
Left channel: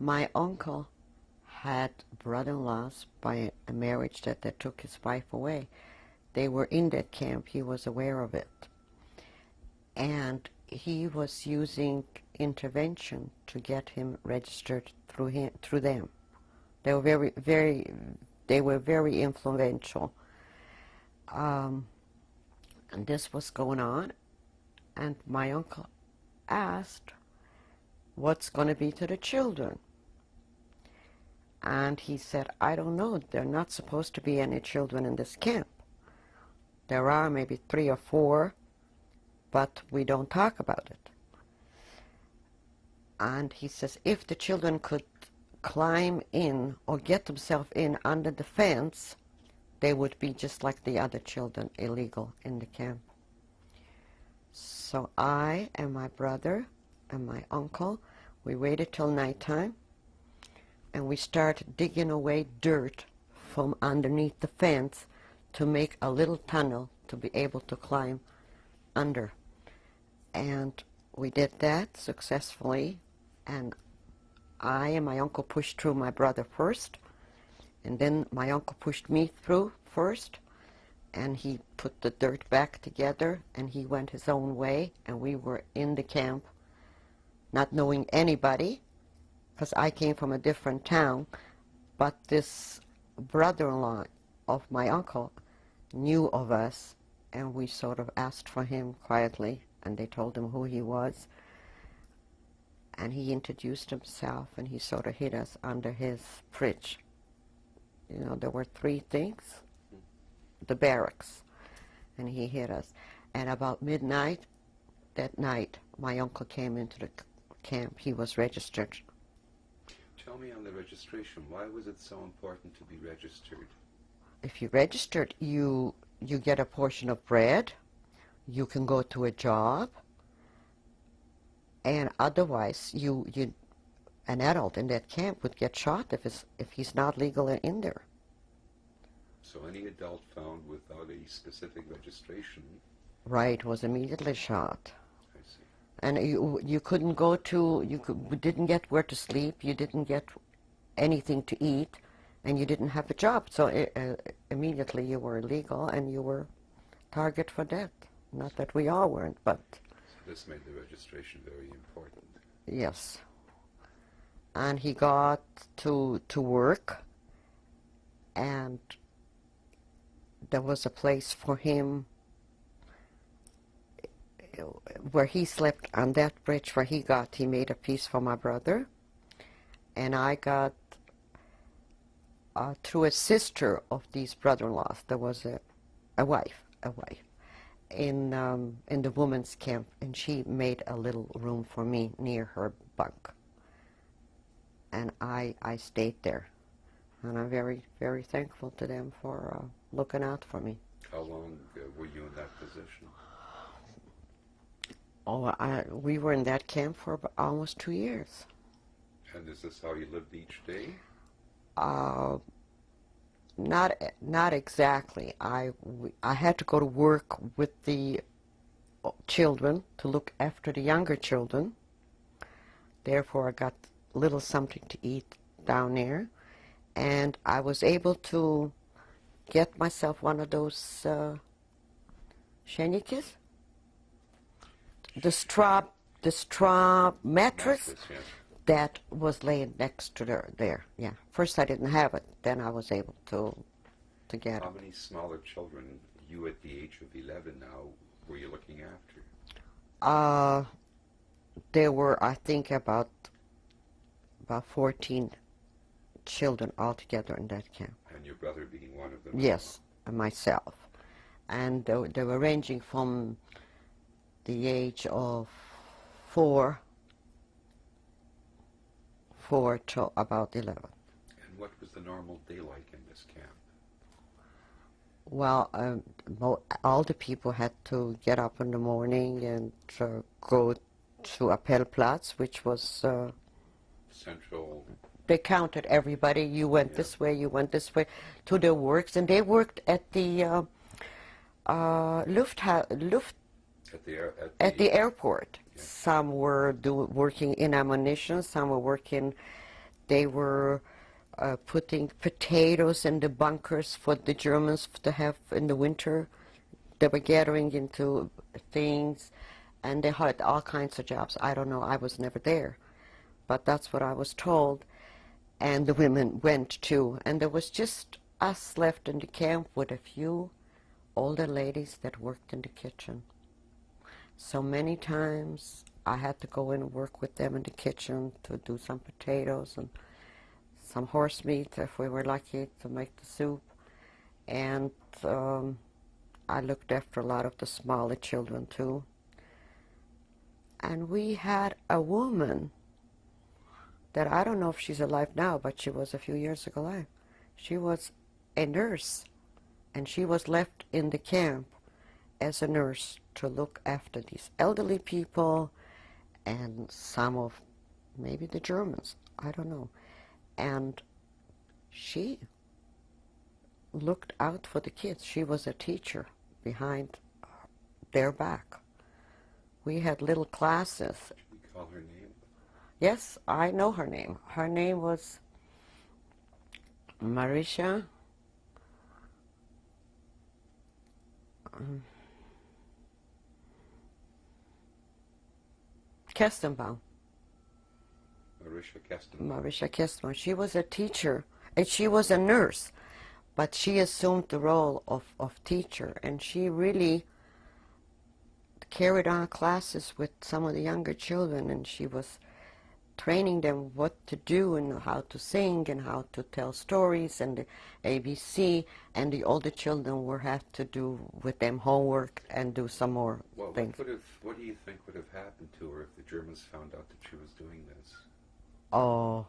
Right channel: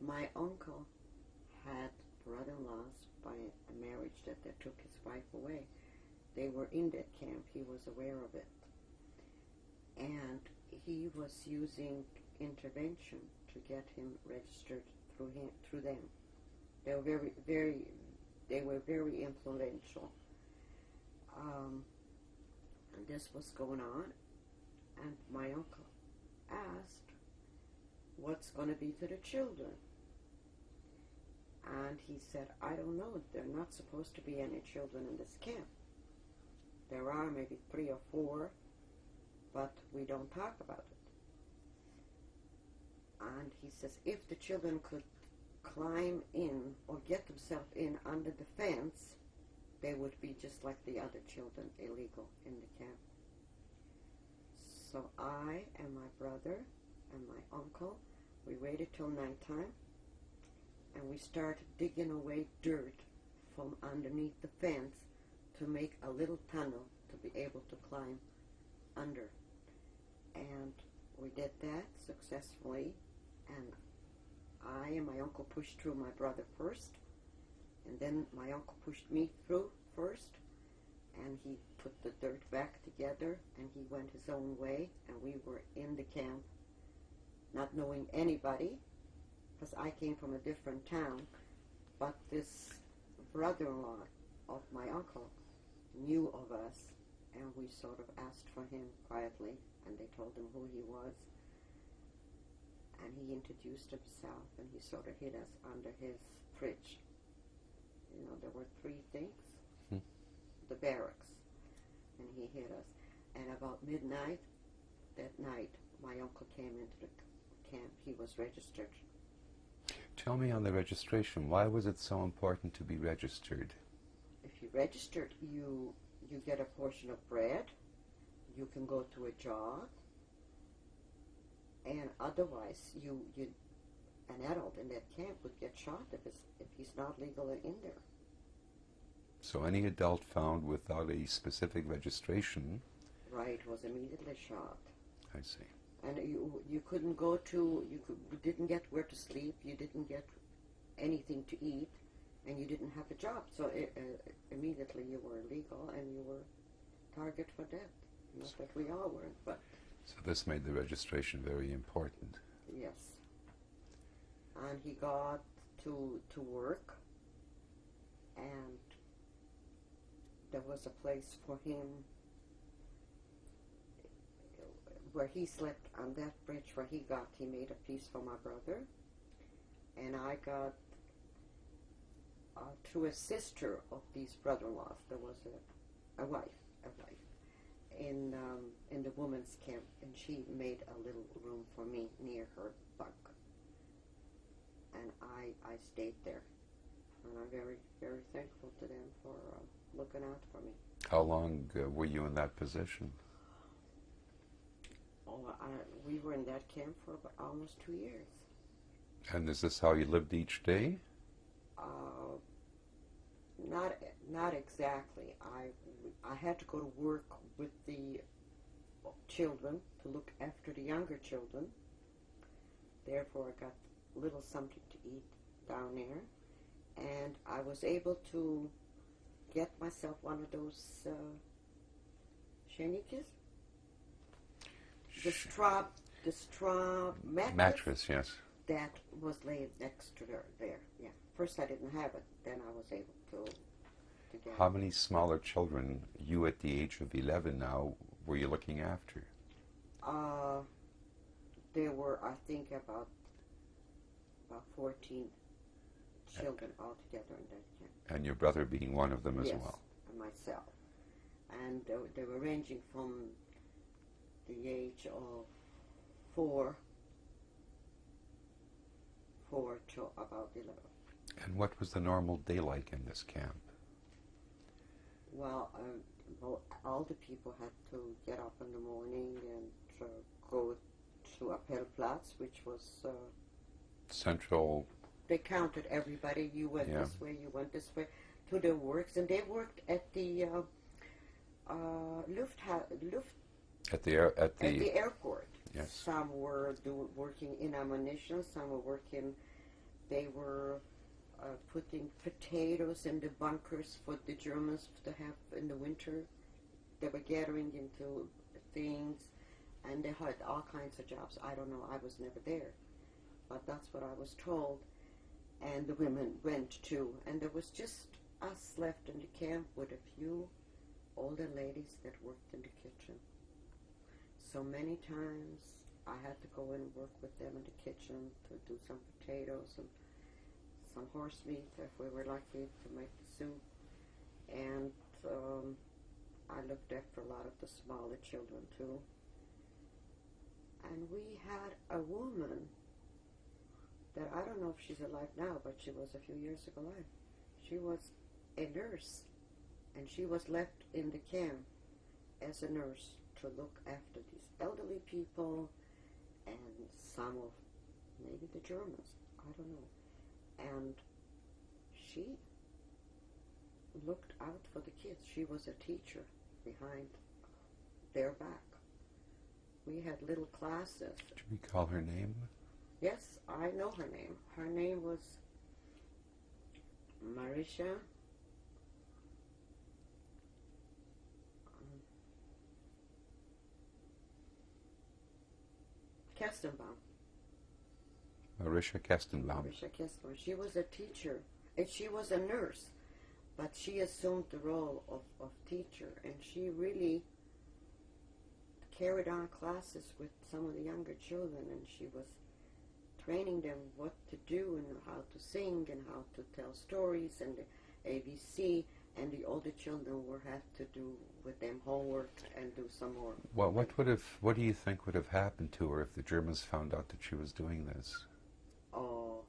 my uncle had brother-in-laws by a marriage that they took his wife away. They were in that camp. He was aware of it. And he was using intervention to get him registered through them. They were very influential. And this was going on, and my uncle asked, what's going to be to the children? And he said, I don't know. There are not supposed to be any children in this camp. There are maybe 3 or 4, but we don't talk about it. And he says, if the children could climb in or get themselves in under the fence, they would be just like the other children, illegal in the camp. So I and my brother and my uncle, we waited till nighttime, and we started digging away dirt from underneath the fence to make a little tunnel to be able to climb under. And we did that successfully, and I and my uncle pushed through my brother first, and then my uncle pushed me through first, and he put the dirt back together, and he went his own way, and we were in the camp, not knowing anybody, because I came from a different town, but this brother-in-law of my uncle knew of us, and we sort of asked for him quietly, and they told him who he was, and he introduced himself, and he sort of hid us under his fridge. You know, there were 3 things, the barracks, and he hid us. And about midnight that night, my uncle came into the camp. He was registered. Tell me on the registration, why was it so important to be registered? If you're registered, you get a portion of bread, you can go to a job, and otherwise an adult in that camp would get shot if he's not legal in there. So any adult found without a specific registration, right, was immediately shot. I see. And you couldn't go to, we didn't get where to sleep, you didn't get anything to eat, and you didn't have a job. So immediately you were illegal and you were target for death. Not that we all weren't, but... So this made the registration very important. Yes. And he got to work, and there was a place for him where he slept on that bridge where he made a piece for my brother, and I got through a sister of these brother-in-laws. There was a wife in the women's camp, and she made a little room for me near her bunk, and I stayed there, and I'm very, very thankful to them for looking out for me. How long were you in that position? Oh, we were in that camp for almost 2 years. And is this how you lived each day? Not exactly. I had to go to work with the children to look after the younger children. Therefore, I got little something to eat down there, and I was able to get myself one of those shenikis, the straw mattress. Yes. That was laying next to there. Yeah. First I didn't have it. Then I was able to get it. How many smaller children, you at the age of 11 now, were you looking after? There were, I think, about 14 children altogether in that camp. And your brother being one of them as well? Yes, and myself. And they were ranging from the age of 4 to about 11. And what was the normal day like in this camp? Well, all the people had to get up in the morning and go to Appellplatz, which was Central. they counted everybody. You went Yeah. this way, you went this way, to their works, and they worked at the Luft At the airport. Yeah. Some were working in ammunition. Some were working. They were putting potatoes in the bunkers for the Germans to have in the winter. They were gathering into things, and they had all kinds of jobs. I don't know. I was never there, but that's what I was told. And the women went too. And there was just us left in the camp with a few older ladies that worked in the kitchen. So many times I had to go in and work with them in the kitchen to do some potatoes and some horse meat if we were lucky to make the soup. And I looked after a lot of the smaller children too. And we had a woman that I don't know if she's alive now, but she was a few years ago alive. She was a nurse, and she was left in the camp as a nurse to look after these elderly people and some of maybe the Germans, I don't know. And she looked out for the kids. She was a teacher behind their back. We had little classes. Should we call her name? Yes, I know her name. Her name was Marisha. Kestenbaum. Marisha Kestenbaum. Marisha Kestenbaum. She was a teacher, and she was a nurse, but she assumed the role of teacher, and she really carried on classes with some of the younger children, and she was training them what to do and how to sing and how to tell stories and the ABC, and the older children would have to do with them homework and do some more things. What do you think would have happened to her if the Germans found out that she was doing this? Oh,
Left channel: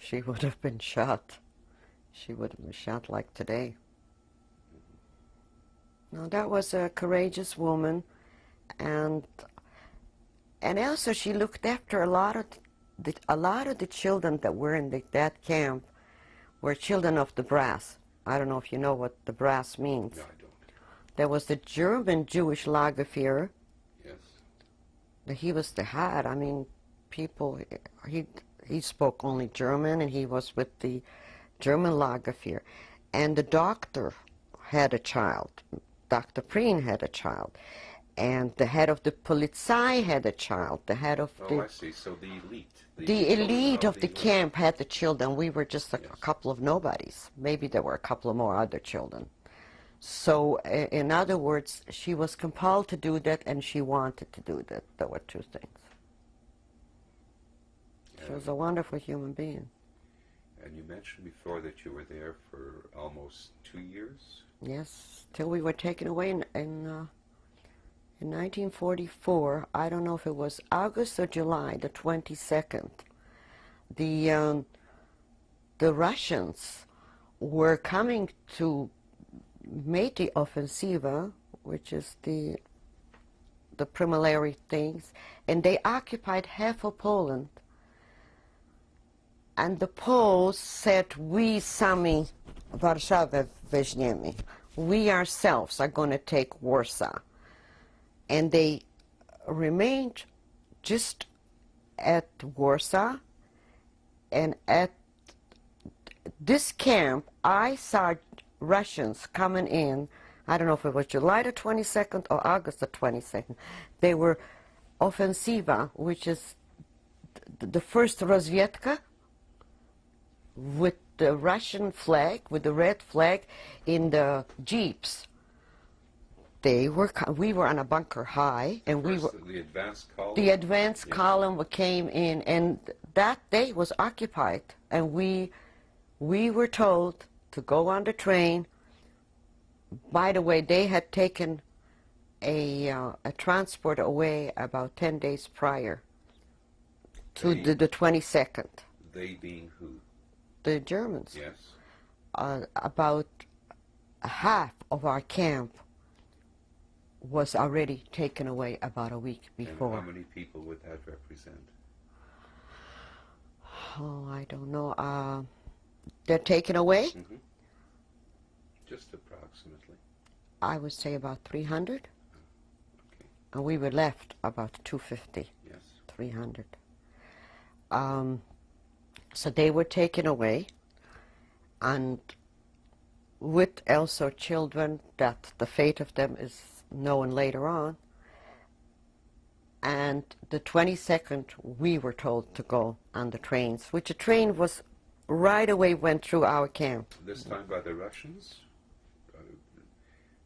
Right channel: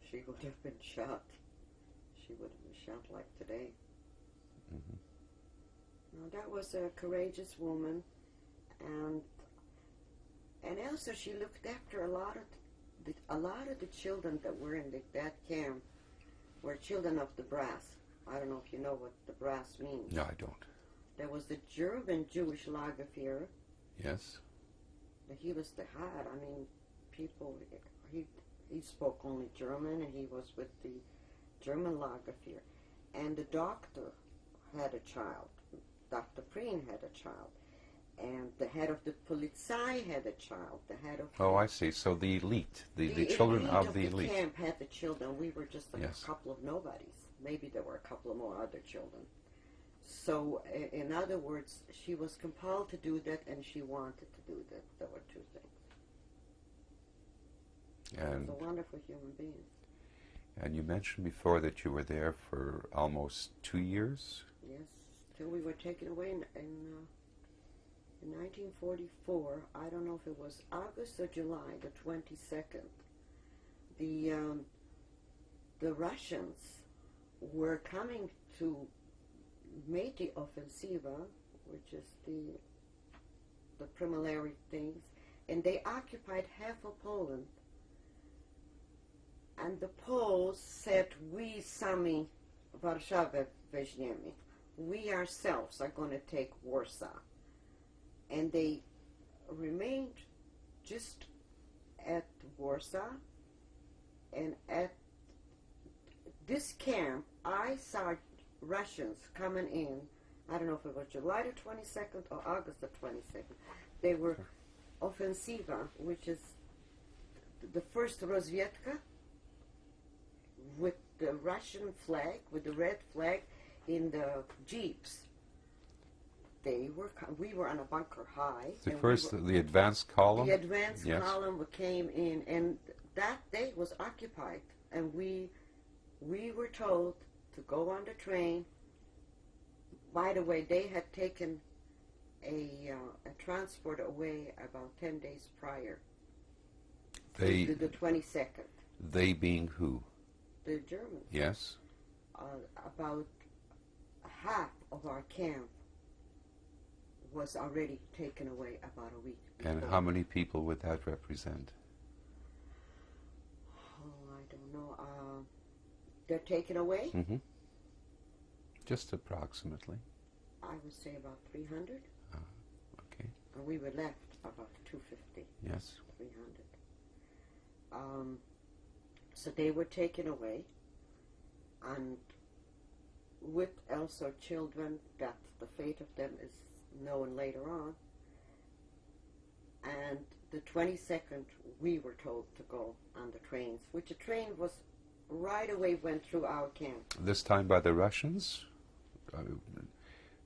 she would have been shot. She would have been shot like today. Mm-hmm. No, that was a courageous woman, and also she looked after a lot of the children that were in that camp were children of the brass. I don't know if you know what the brass means. No, I don't. There was the German Jewish Lagerführer. Yes. He was the head. I mean, people, he spoke only German, and he was with the German Lagerführer. And the doctor had a child. Dr. Preen had a child. And the head of the Polizei had a child. The head of I see. So the elite. The elite of the camp had the children. We were just a couple of nobodies. Maybe there were a couple of more other children. So, in other words, she was compelled to do that, and she wanted to do that. There were two things. She was a wonderful human being. And you mentioned before that you were there for almost 2 years? Yes, till we were taken away in 1944. I don't know if it was August or July, the 22nd. The Russians were coming to make the offensiva, which is the preliminary things, and they occupied half of Poland. And the Poles said, "We sami Warszawę weźmiemy. We ourselves are going to take Warsaw." And they remained just at Warsaw, and at this camp, I saw Russians coming in. I don't know if it was July the 22nd or August the 22nd. They were offensiva, which is the first rozwiedka, with the Russian flag, with the red flag in the jeeps. We were on a bunker high, the advanced column. The advanced column came in, and that day was occupied, and we were told to go on the train. By the way, they had taken a transport away about 10 days prior to the 22nd. They being who? The Germans. was already taken away about a week before. And how many people would that represent? Oh, I don't know. They're taken away? Mm-hmm. Just approximately. I would say about 300. Okay. And we were left about 250. Yes. 300. So they were taken away, and with also children that the fate of them is known later on. And the 22nd, we were told to go on the trains, which a train was right away went through our camp. This time by the Russians?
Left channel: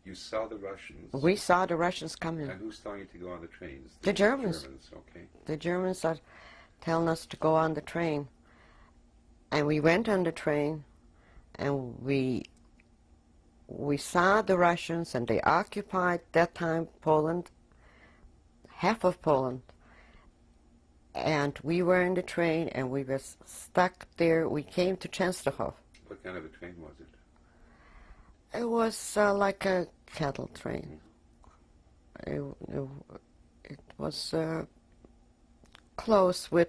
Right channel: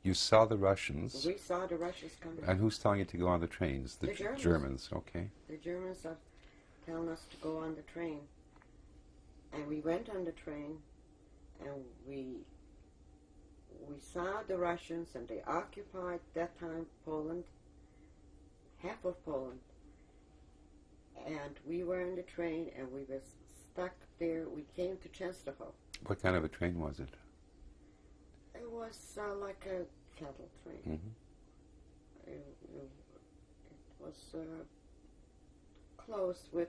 You saw the Russians? We saw the Russians coming. And who's telling you to go on the trains? The Germans. Germans, okay. The Germans are telling us to go on the train. And we went on the train, and we saw the Russians, and they occupied that time Poland, half of Poland. And we were in the train, and we were stuck there. We came to Częstochow. What kind of a train was it? It was like a cattle train. Mm-hmm. It was close with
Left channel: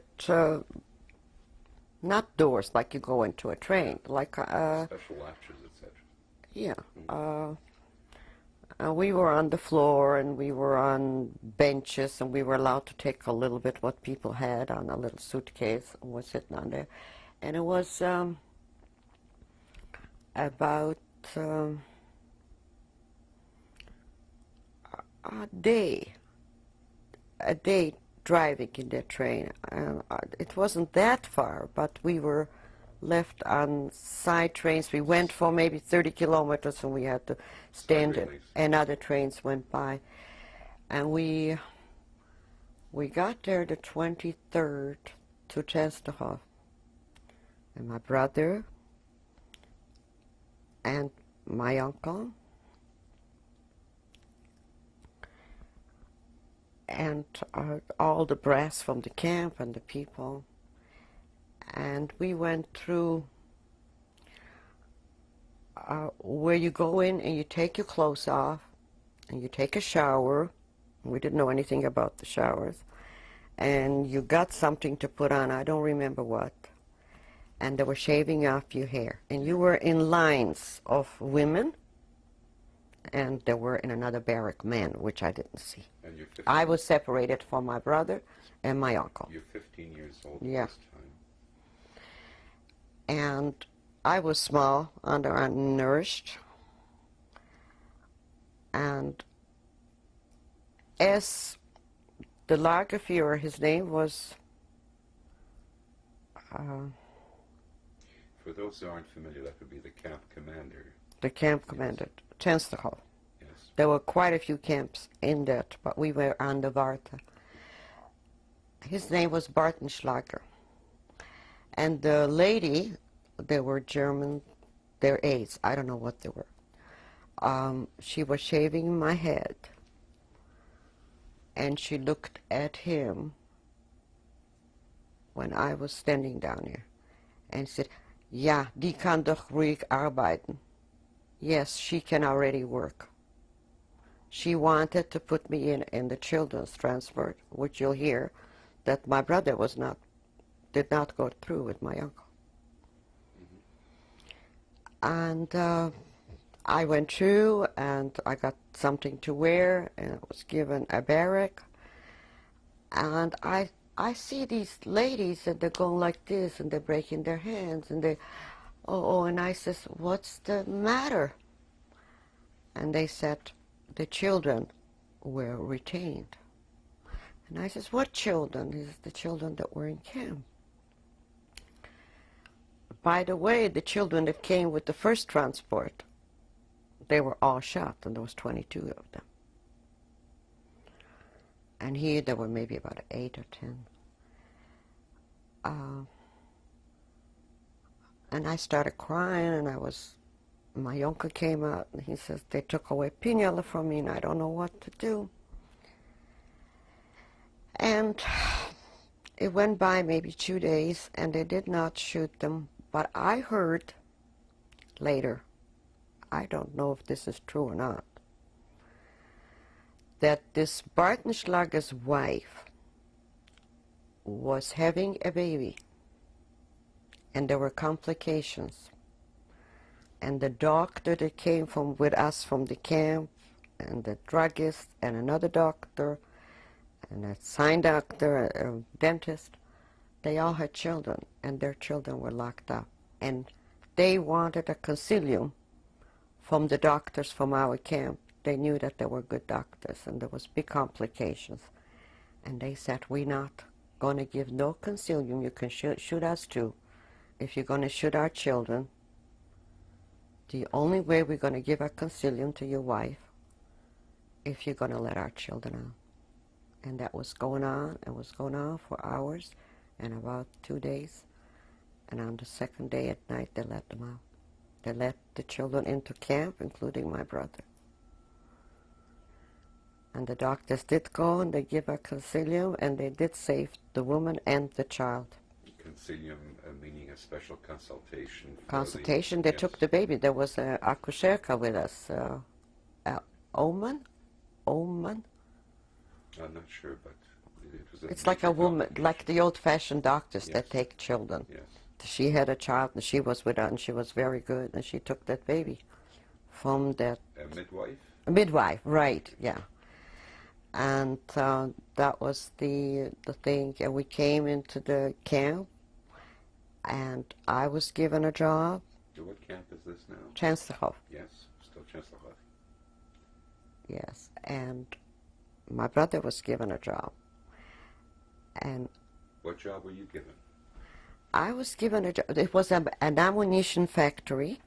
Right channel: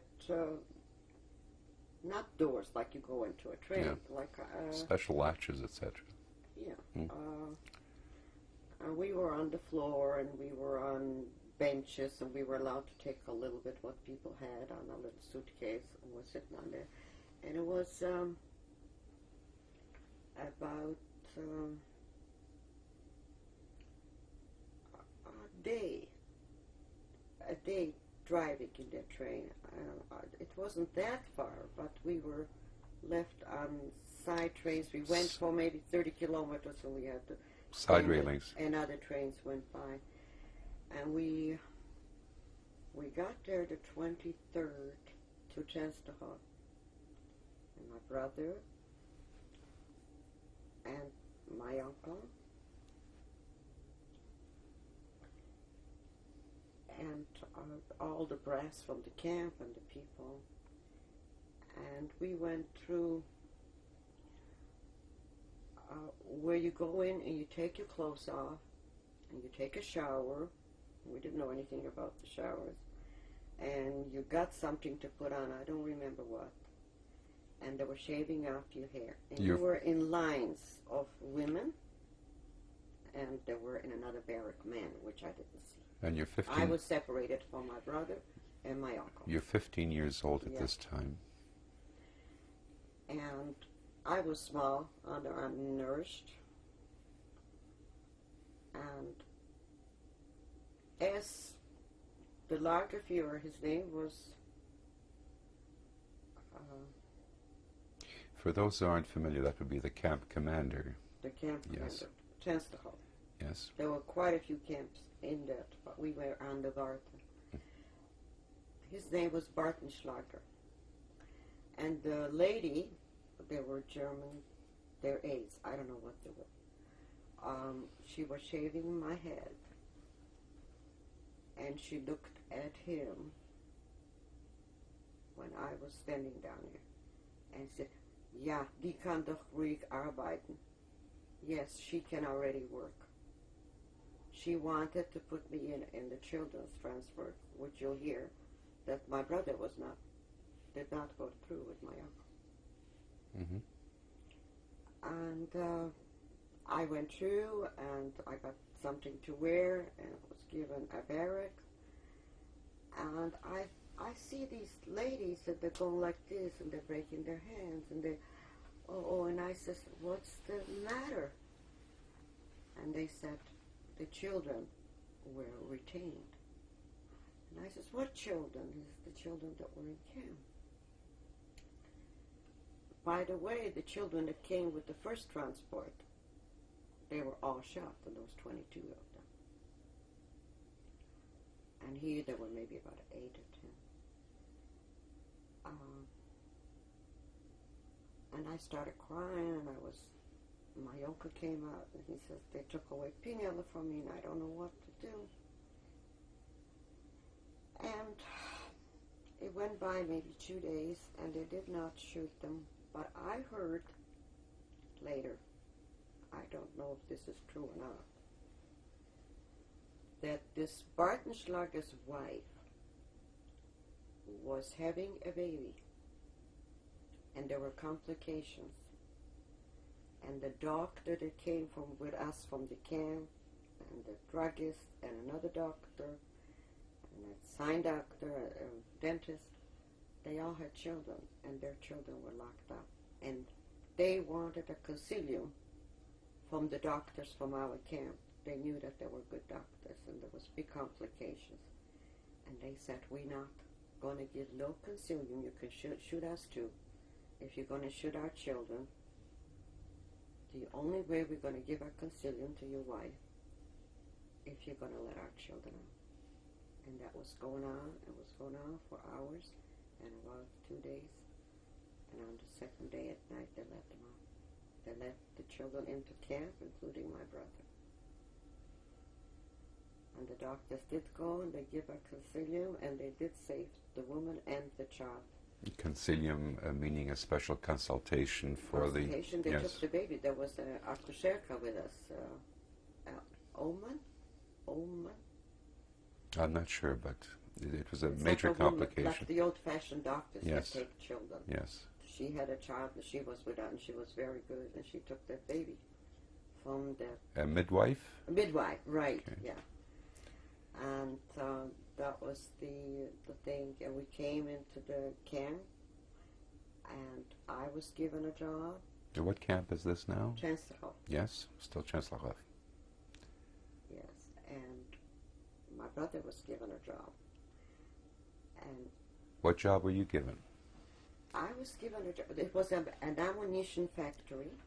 not doors like you go into a train, like special latches, etc. Yeah. We were on the floor, and we were on benches, and we were allowed to take a little bit what people had on a little suitcase and was sitting on there. And it was about a day driving in that train. It wasn't that far, but we were left on side trains. We went for maybe 30 kilometers, and we had to stand, and other trains went by. And we got there the 23rd to Częstochow. And my brother and my uncle and all the brass from the camp and the people. And we went through where you go in and you take your clothes off and you take a shower. We didn't know anything about the showers. And you got something to put on, I don't remember what. And they were shaving off your hair. And you were in lines of women, and there were in another barrack men, which I didn't see. And you're 15. I was separated from my brother and my uncle. You're 15 years old at this time. And I was small, undernourished. And as the Lagerführer, his name was... For those who aren't familiar, that would be the camp commander. The camp commander, Częstochow. Yes. There were quite a few camps in that, but we were on the Warta. His name was Bartenschlager. And the lady, they were German, they're aides, I don't know what they were. She was shaving my head, and she looked at him when I was standing down here, and said, "Ja, die kann doch ruhig arbeiten." Yes, she can already work. She wanted to put me in the children's transport, which you'll hear that my brother did not go through with my uncle. Mm-hmm. And I went through, and I got something to wear, and I was given a barrack. And I see these ladies, and they're going like this, and they're breaking their hands, and they, and I says, "What's the matter?" And they said the children were retained. And I says, "What children?" He says, "The children that were in camp." By the way, the children that came with the first transport, they were all shot, and there was 22 of them. And here there were maybe about 8 or 10. And I started crying, and my uncle came out, and he says, "They took away Pinjala from me, and I don't know what to do." And it went by maybe 2 days, and they did not shoot them. But I heard later, I don't know if this is true or not, that this Bartenschlager's wife was having a baby, and there were complications. And the doctor that came with us from the camp, and the druggist, and another doctor, and a sign doctor, a dentist, they all had children, and their children were locked up. And they wanted a concilium from the doctors from our camp. They knew that they were good doctors, and there was big complications. And they said, we're not going to give no concilium. You can shoot us too. If you're going to shoot our children, the only way we're going to give a concilium to your wife if you're going to let our children out. And that was going on. It was going on for hours and about 2 days. And on the second day at night, they let them out. They let the children into camp, including my brother. And the doctors did go and they give a concilium, and they did save the woman and the child. Concilium meaning a special consultation for consultation. the... They took the baby. There was a akuszerka with us, Oman? I'm not sure, but it was a It's like a woman, like the old-fashioned doctors that take children. Yes. She had a child, and she was with her, and she was very good, and she took that baby from that... A midwife? A midwife, right, yeah. And that was the thing. And we came into the camp, and I was given a job. What camp is this now? Częstochow. Yes, still Częstochow. Yes, and my brother was given a job. And what job were you given? I was given a job. It was an ammunition factory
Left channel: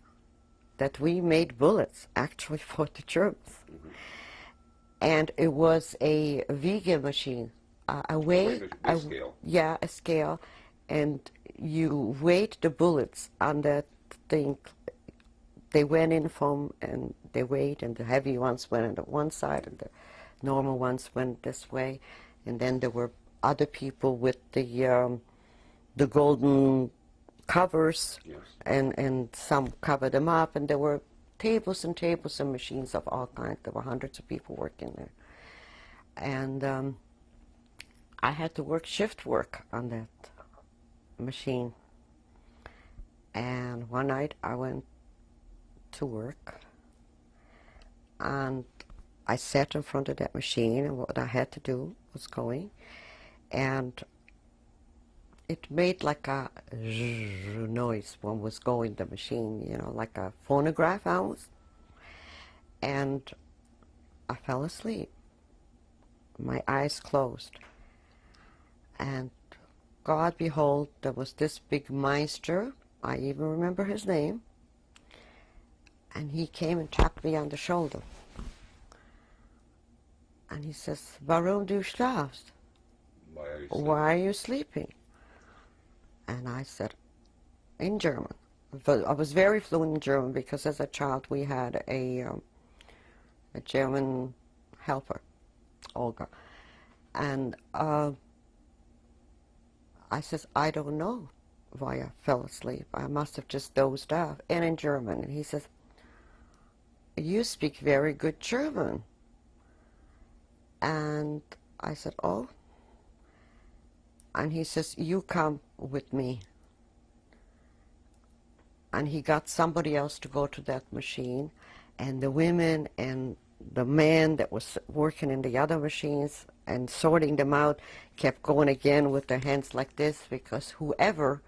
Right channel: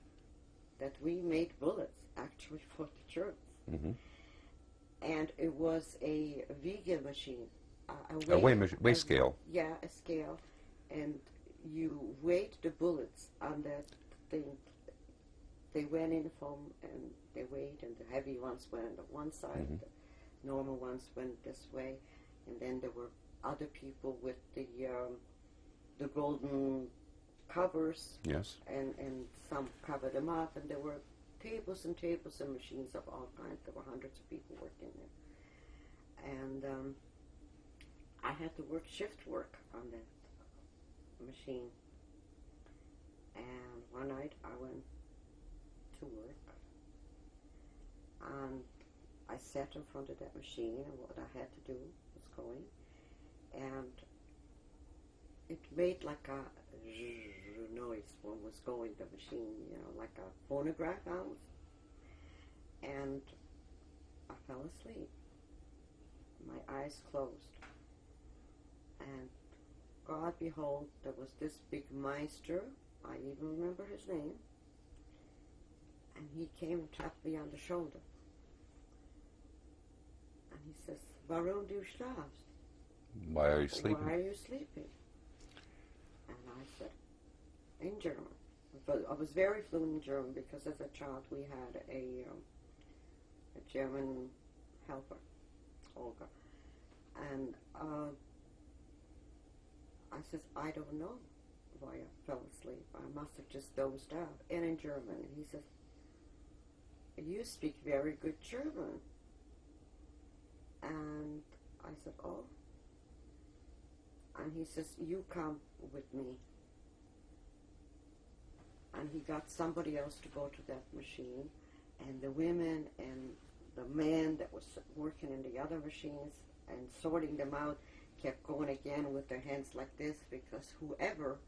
that we made bullets, actually, for the Germans. Mm-hmm. And it was a Wiege machine, a weigh scale. Yeah, a scale. And you weighed the bullets on that thing. They went in from, and they weighed, and the heavy ones went on one side, and the normal ones went this way. And then there were other people with the golden covers, yes, and some covered them up, and there were tables and tables and machines of all kinds. There were hundreds of people working there. And I had to work shift work on that machine. And one night I went to work, and I sat in front of that machine, and what I had to do was going, and it made like a noise when was going the machine, you know, like a phonograph almost. And I fell asleep. My eyes closed. And God behold, there was this big Meister, I even remember his name, and he came and tapped me on the shoulder. And he says, Warum du schlafst? Why are you sleeping? Why are you sleeping? And I said, in German. But I was very fluent in German because as a child we had a German helper, Olga. And I says, I don't know why I fell asleep. I must have just dozed off. And in German. And he says, you speak very good German. And I said, oh. And he says, you come with me. And he got somebody else to go to that machine, and the women and the man that was working in the other machines and sorting them out kept going again with their hands like this, because whoever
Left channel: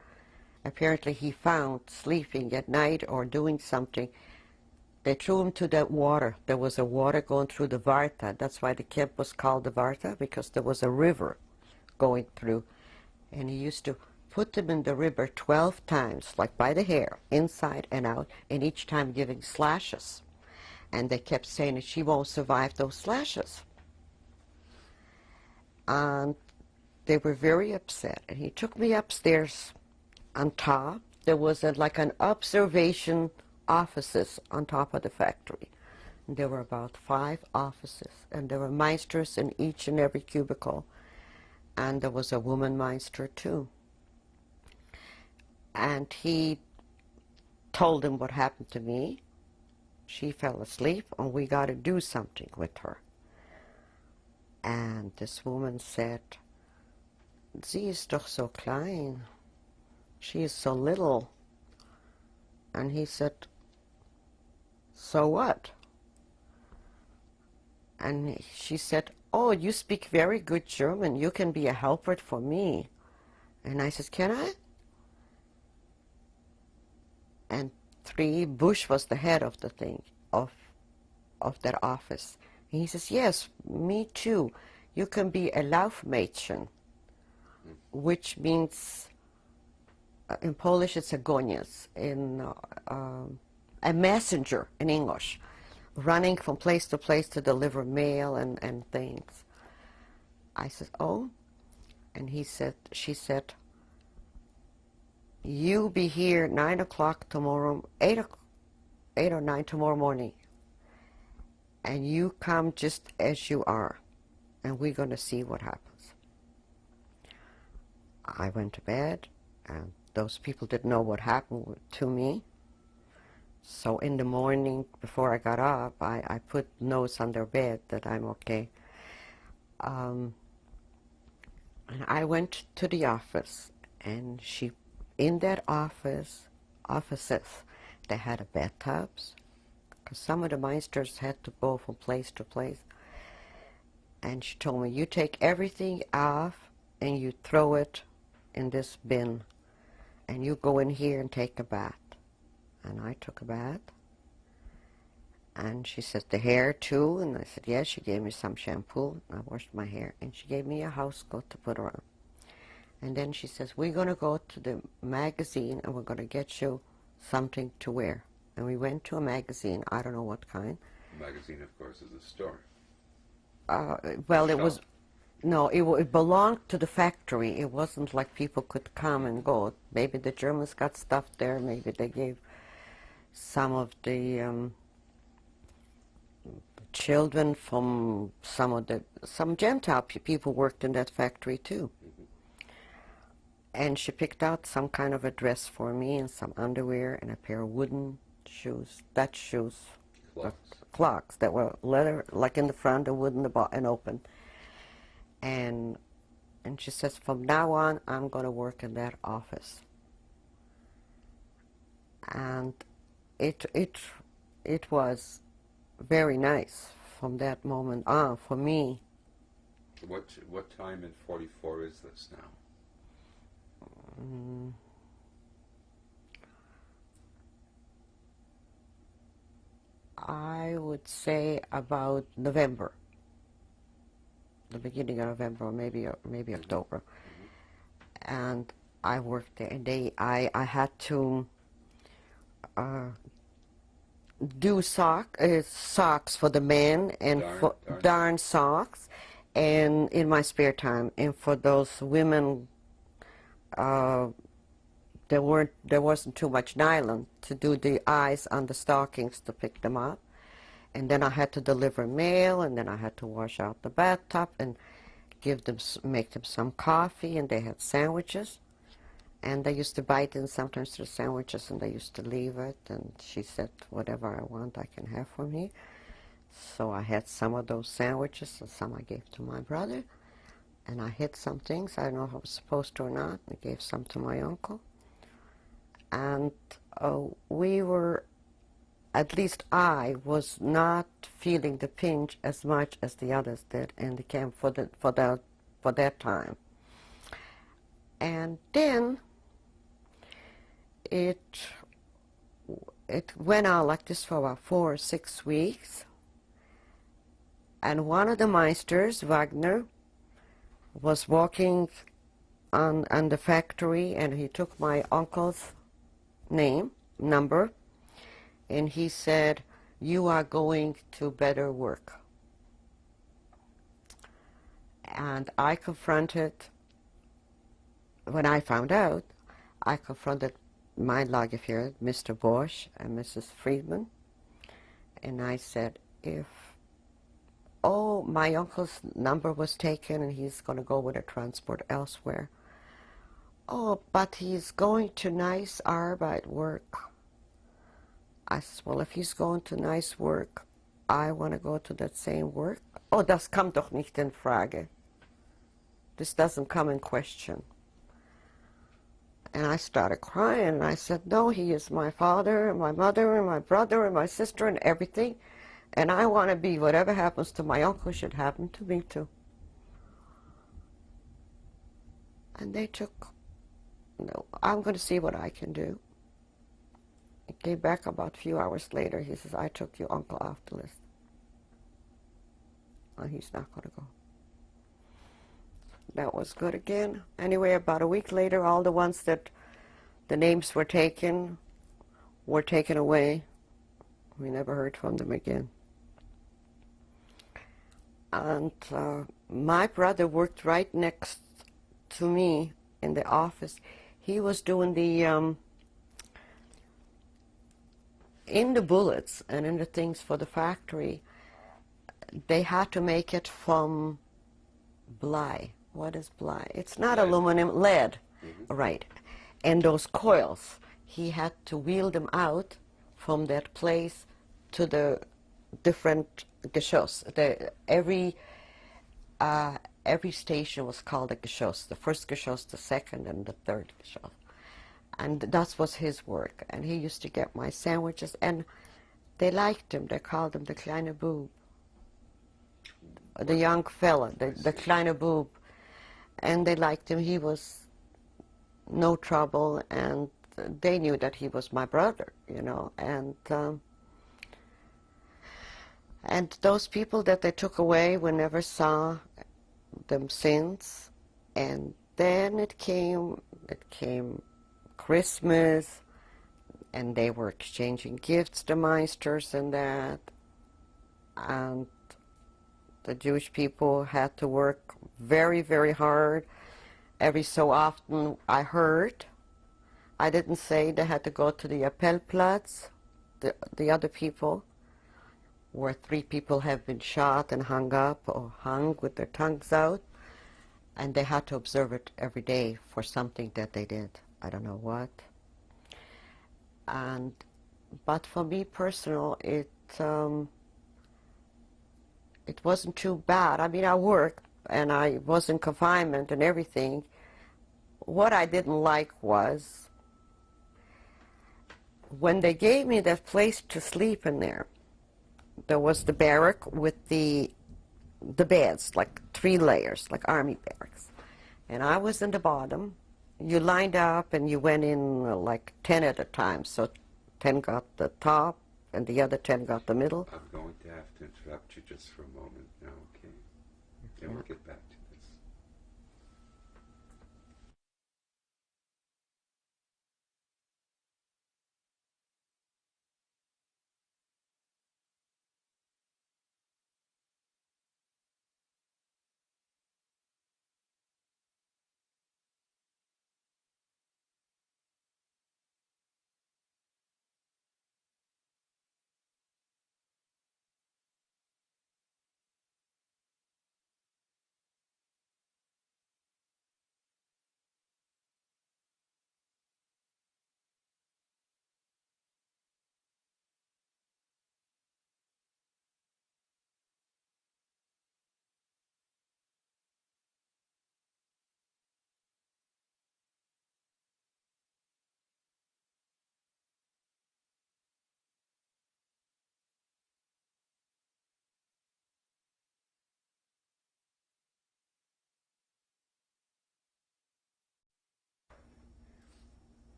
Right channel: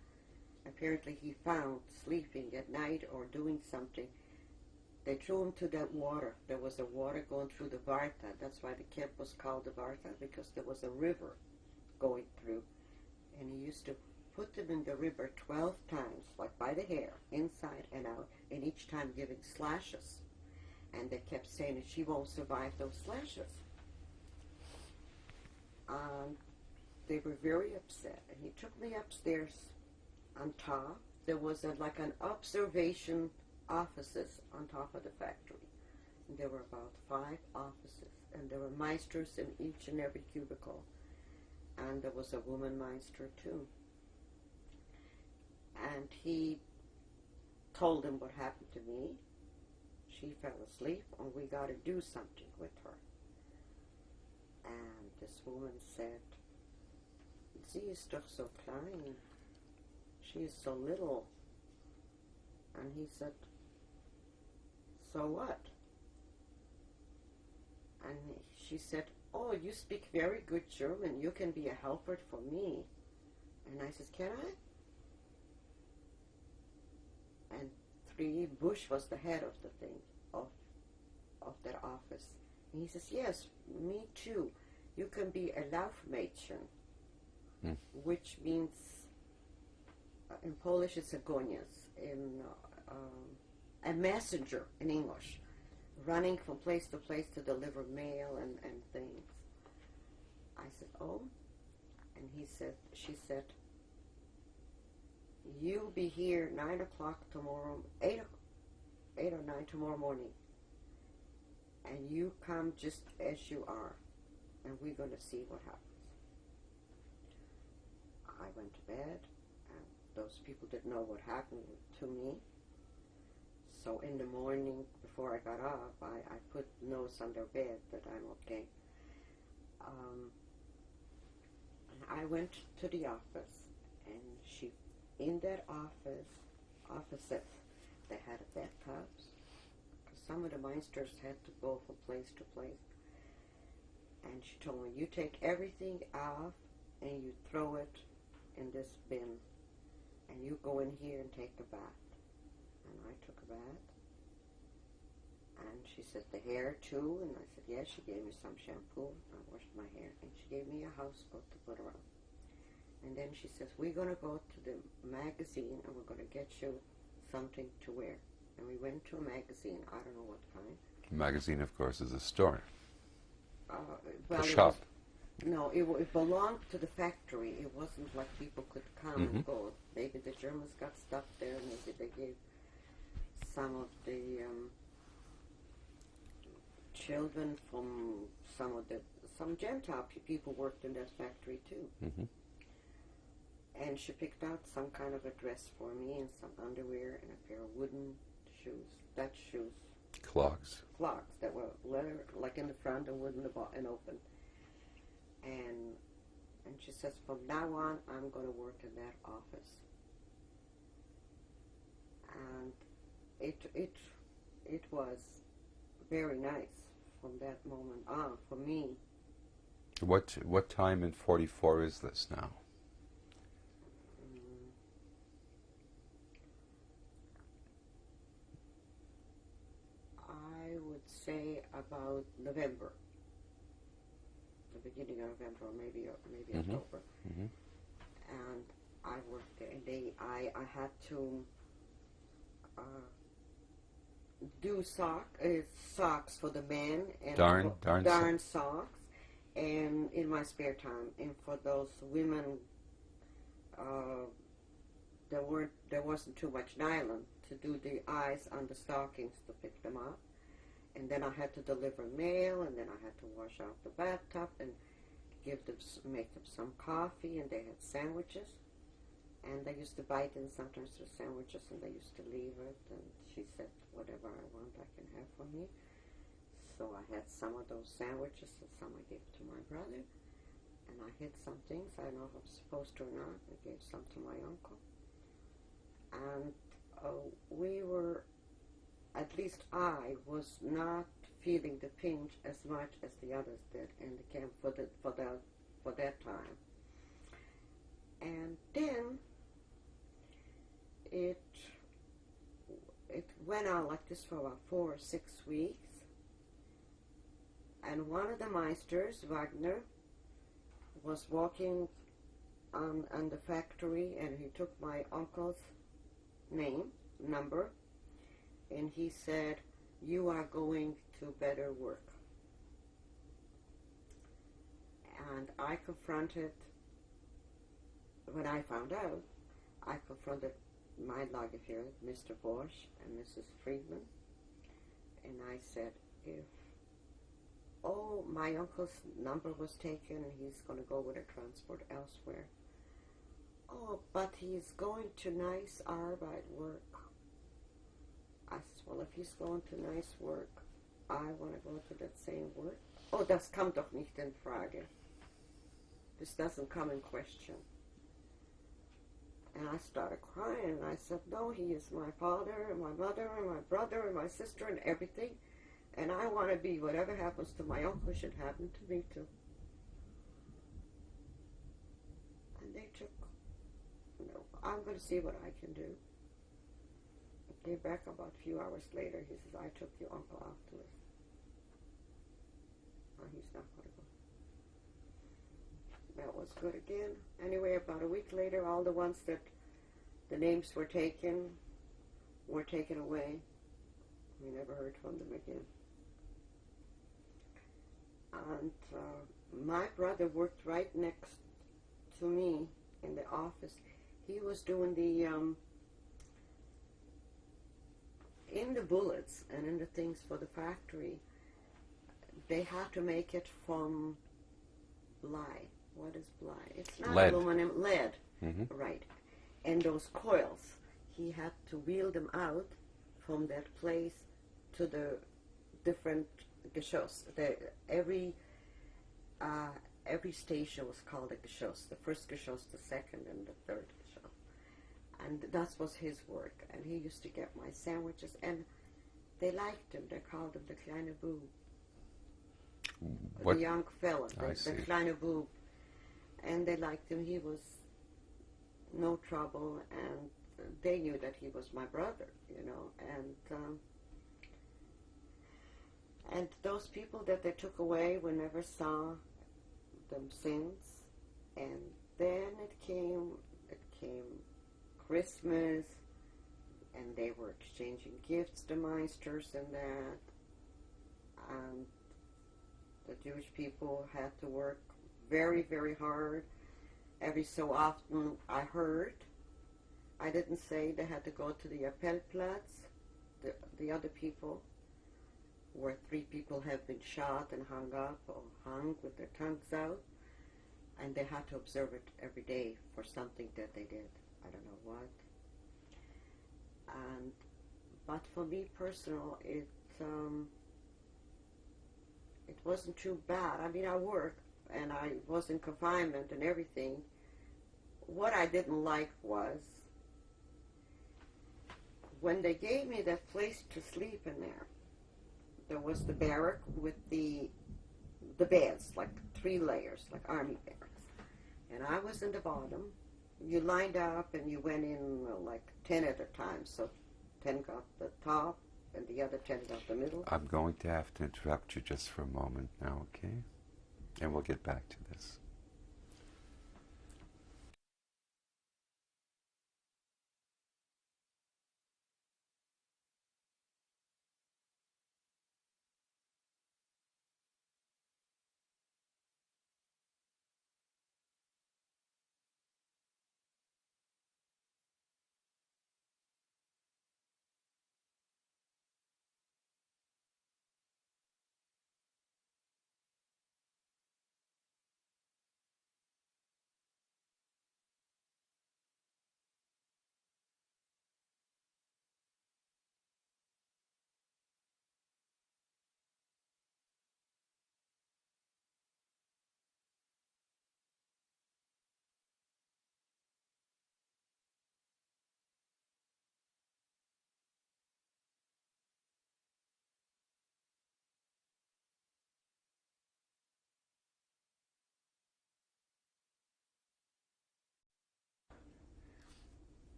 apparently he found sleeping at night or doing something, they threw him to that water. There was a water going through the Varta. That's why the camp was called the Varta, because there was a river going through. And he used to put them in the river 12 times, like by the hair, inside and out, and each time giving slashes. And they kept saying that she won't survive those slashes. And they were very upset. And he took me upstairs on top. There was like an observation offices on top of the factory. And there were about 5 offices, and there were meisters in each and every cubicle. And there was a woman meister too. And he told him what happened to me. She fell asleep, and we got to do something with her. And this woman said, "Sie ist doch so klein. She is so little." And he said, "So what?" And she said, "Oh, you speak very good German. You can be a helper for me." And I said, "Can I?" And Bush was the head of the thing, of that office. And he says, "Yes, me too. You can be a Laufmädchen," which means, in Polish it's a goniec, a messenger in English, running from place to place to deliver mail and things. I said, "Oh," and she said, "You be here 9 o'clock tomorrow, 8 or 9 tomorrow morning, and you come just as you are, and we're going to see what happens." I went to bed, and those people didn't know what happened to me. So in the morning, before I got up, I put notes on their bed that I'm okay. And I went to the office, and in that offices, they had bathtubs, because some of the Meisters had to go from place to place. And she told me, "You take everything off and you throw it in this bin, and you go in here and take a bath." And I took a bath. And she said, "The hair too?" And I said, "Yes." She gave me some shampoo. I washed my hair. And she gave me a house coat to put on. And then she says, "We're going to go to the magazine and we're going to get you something to wear." And we went to a magazine. I don't know what kind. A magazine, of course, is a store. Well, a it shop. was... No, it belonged to the factory. It wasn't like people could come and go. Maybe the Germans got stuff there. Maybe they gave some of the children from some Gentile people worked in that factory too. And she picked out some kind of a dress for me and some underwear and a pair of wooden shoes, Dutch shoes. Clogs that were leather, like in the front, and wood in the and open. And she says, "From now on, I'm going to work in that office." And it was very nice from that moment on for me. What time in 44 is this now? I would say about November, the beginning of November, or maybe October. And I worked there, and I had to do socks for the men and darn socks, and in my spare time. And for those women, there wasn't too much nylon to do the eyes on the stockings to pick them up. And then I had to deliver mail, and then I had to wash out the bathtub and make them some coffee, and they had sandwiches. And they used to bite in sometimes the sandwiches, and they used to leave it. And she said, "Whatever I want, I can have from here." So I had some of those sandwiches, and some I gave to my brother. And I hid some things. I don't know if I was supposed to or not. I gave some to my uncle. And we were, at least I was not feeling the pinch as much as the others did in the camp for that time. And then it went on like this for about 4 or 6 weeks. And one of the Meisters, Wagner, was walking on the factory, and he took my uncle's number, and he said, "You are going to better work." And I confronted, when I found out, I confronted my Lagerführer, Mr. Bosch and Mrs. Friedman, and I said, my uncle's number was taken and he's going to go with a transport elsewhere. "Oh, but he's going to nice Arbeit work." I said, "Well, if he's going to nice work, I want to go to that same work. oh, das kommt doch nicht in Frage. This doesn't come in question. And I started crying, and I said, no, he is my father, and my mother, and my brother, and my sister, and everything. And I want to be, whatever happens to my uncle should happen to me too. And they took, no, I'm going to see what I can do. He came back about a few hours later. He says, I took your uncle off the list. And he's not going to go. That was good again. Anyway, about a week later, all the ones that the names were taken away. We never heard from them again. And my brother worked right next to me in the office. He was doing the, in the bullets and in the things for the factory, they had to make it from bly. What is bly? It's not lead. Aluminum, lead. Mm-hmm. Right. And those coils, he had to wheel them out from that place to the different geschoss. Every station was called a geschoss. The first geschoss, the second, and the third geschoss. And that was his work. And he used to get my sandwiches, and they liked him. They called him the kleine Bub. The young fella, the kleine Bub. And they liked him. He was no trouble, and they knew that he was my brother, you know. And those people that they took away, we never saw them since. And then it came Christmas, and they were exchanging gifts, the Meisters and that. And the Jewish people had to work very, very hard. Every so often I heard, I didn't say, they had to go to the Appellplatz, the other people, where 3 people have been shot and hung up or hung with their tongues out, and they had to observe it every day for something that they did. I don't know what. But for me personal, it wasn't too bad. I mean, I worked, and I was in confinement and everything. What I didn't like was when they gave me that place to sleep in there, there was the barrack with the beds, like 3 layers, like army barracks. And I was in the bottom. You lined up and you went in like 10 at a time. So 10 got the top and the other 10 got the middle. I'm going to have to interrupt you just for a moment now, okay? And we'll get back to this.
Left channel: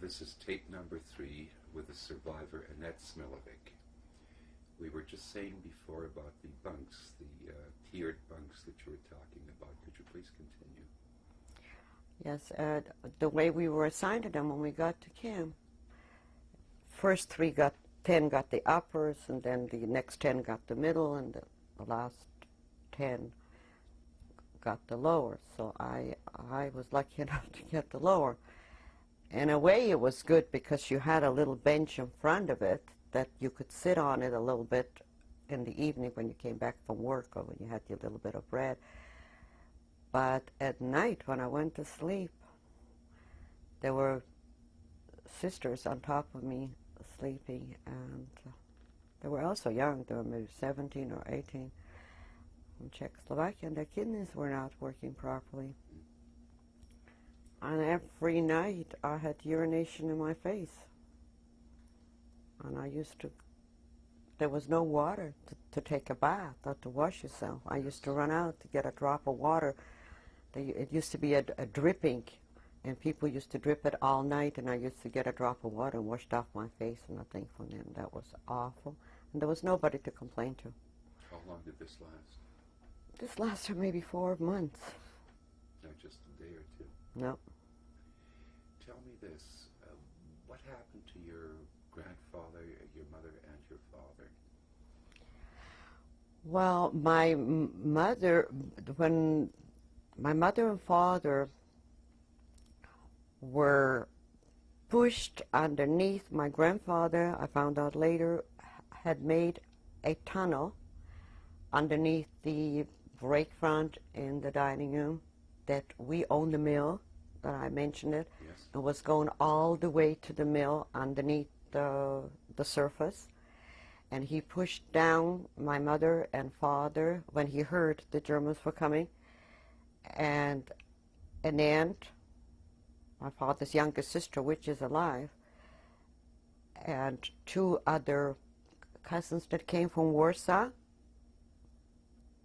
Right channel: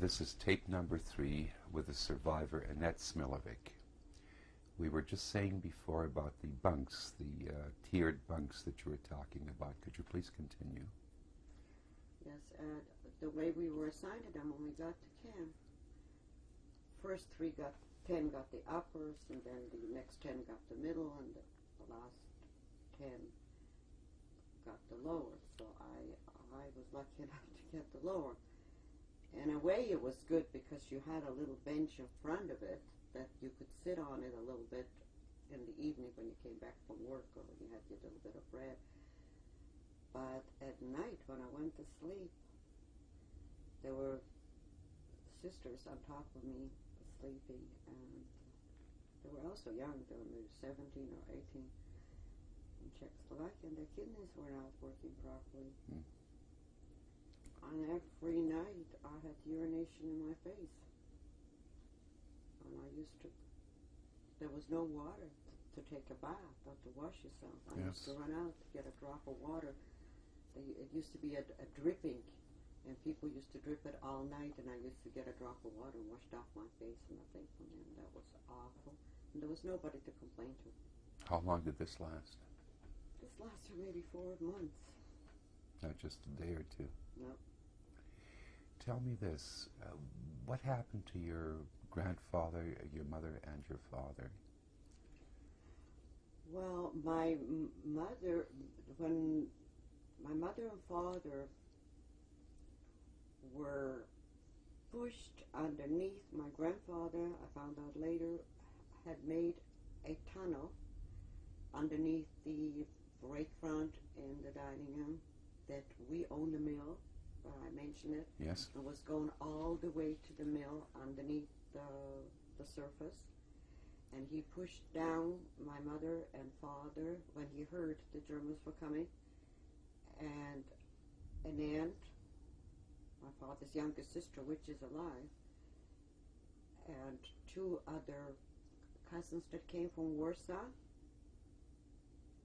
This is tape number 3 with the survivor Annette Smilovic. We were just saying before about the bunks, the tiered bunks that you were talking about. Could you please continue? Yes, the way we were assigned to them when we got to camp. First 10 got the uppers, and then the next 10 got the middle, and the last 10 got the lower. So I was lucky enough to get the lower. In a way, it was good because you had a little bench in front of it that you could sit on it a little bit in the evening when you came back from work or when you had your little bit of bread. But at night, when I went to sleep, there were sisters on top of me sleeping, and they were also young. They were maybe 17 or 18. in Czechoslovakia, and their kidneys were not working properly. And every night I had urination in my face. And I used to, there was no water to take a bath or to wash yourself. I used to run out to get a drop of water. It used to be a dripping, and people used to drip it all night, and I used to get a drop of water and washed off my face, and I think from then that was awful. And there was nobody to complain to. How long did this last? This lasted maybe 4 months. Not just a day or two? No. Tell me this. What happened to your grandfather, your mother, and your father? Well, my mother, when my mother and father were pushed underneath, my grandfather, I found out later, had made a tunnel underneath the break front in the dining room, that we owned the mill, that I mentioned it. Yes. It was going all the way to the mill underneath the surface. And he pushed down my mother and father when he heard the Germans were coming. And an aunt, my father's youngest sister, which is alive, and 2 other cousins that came from Warsaw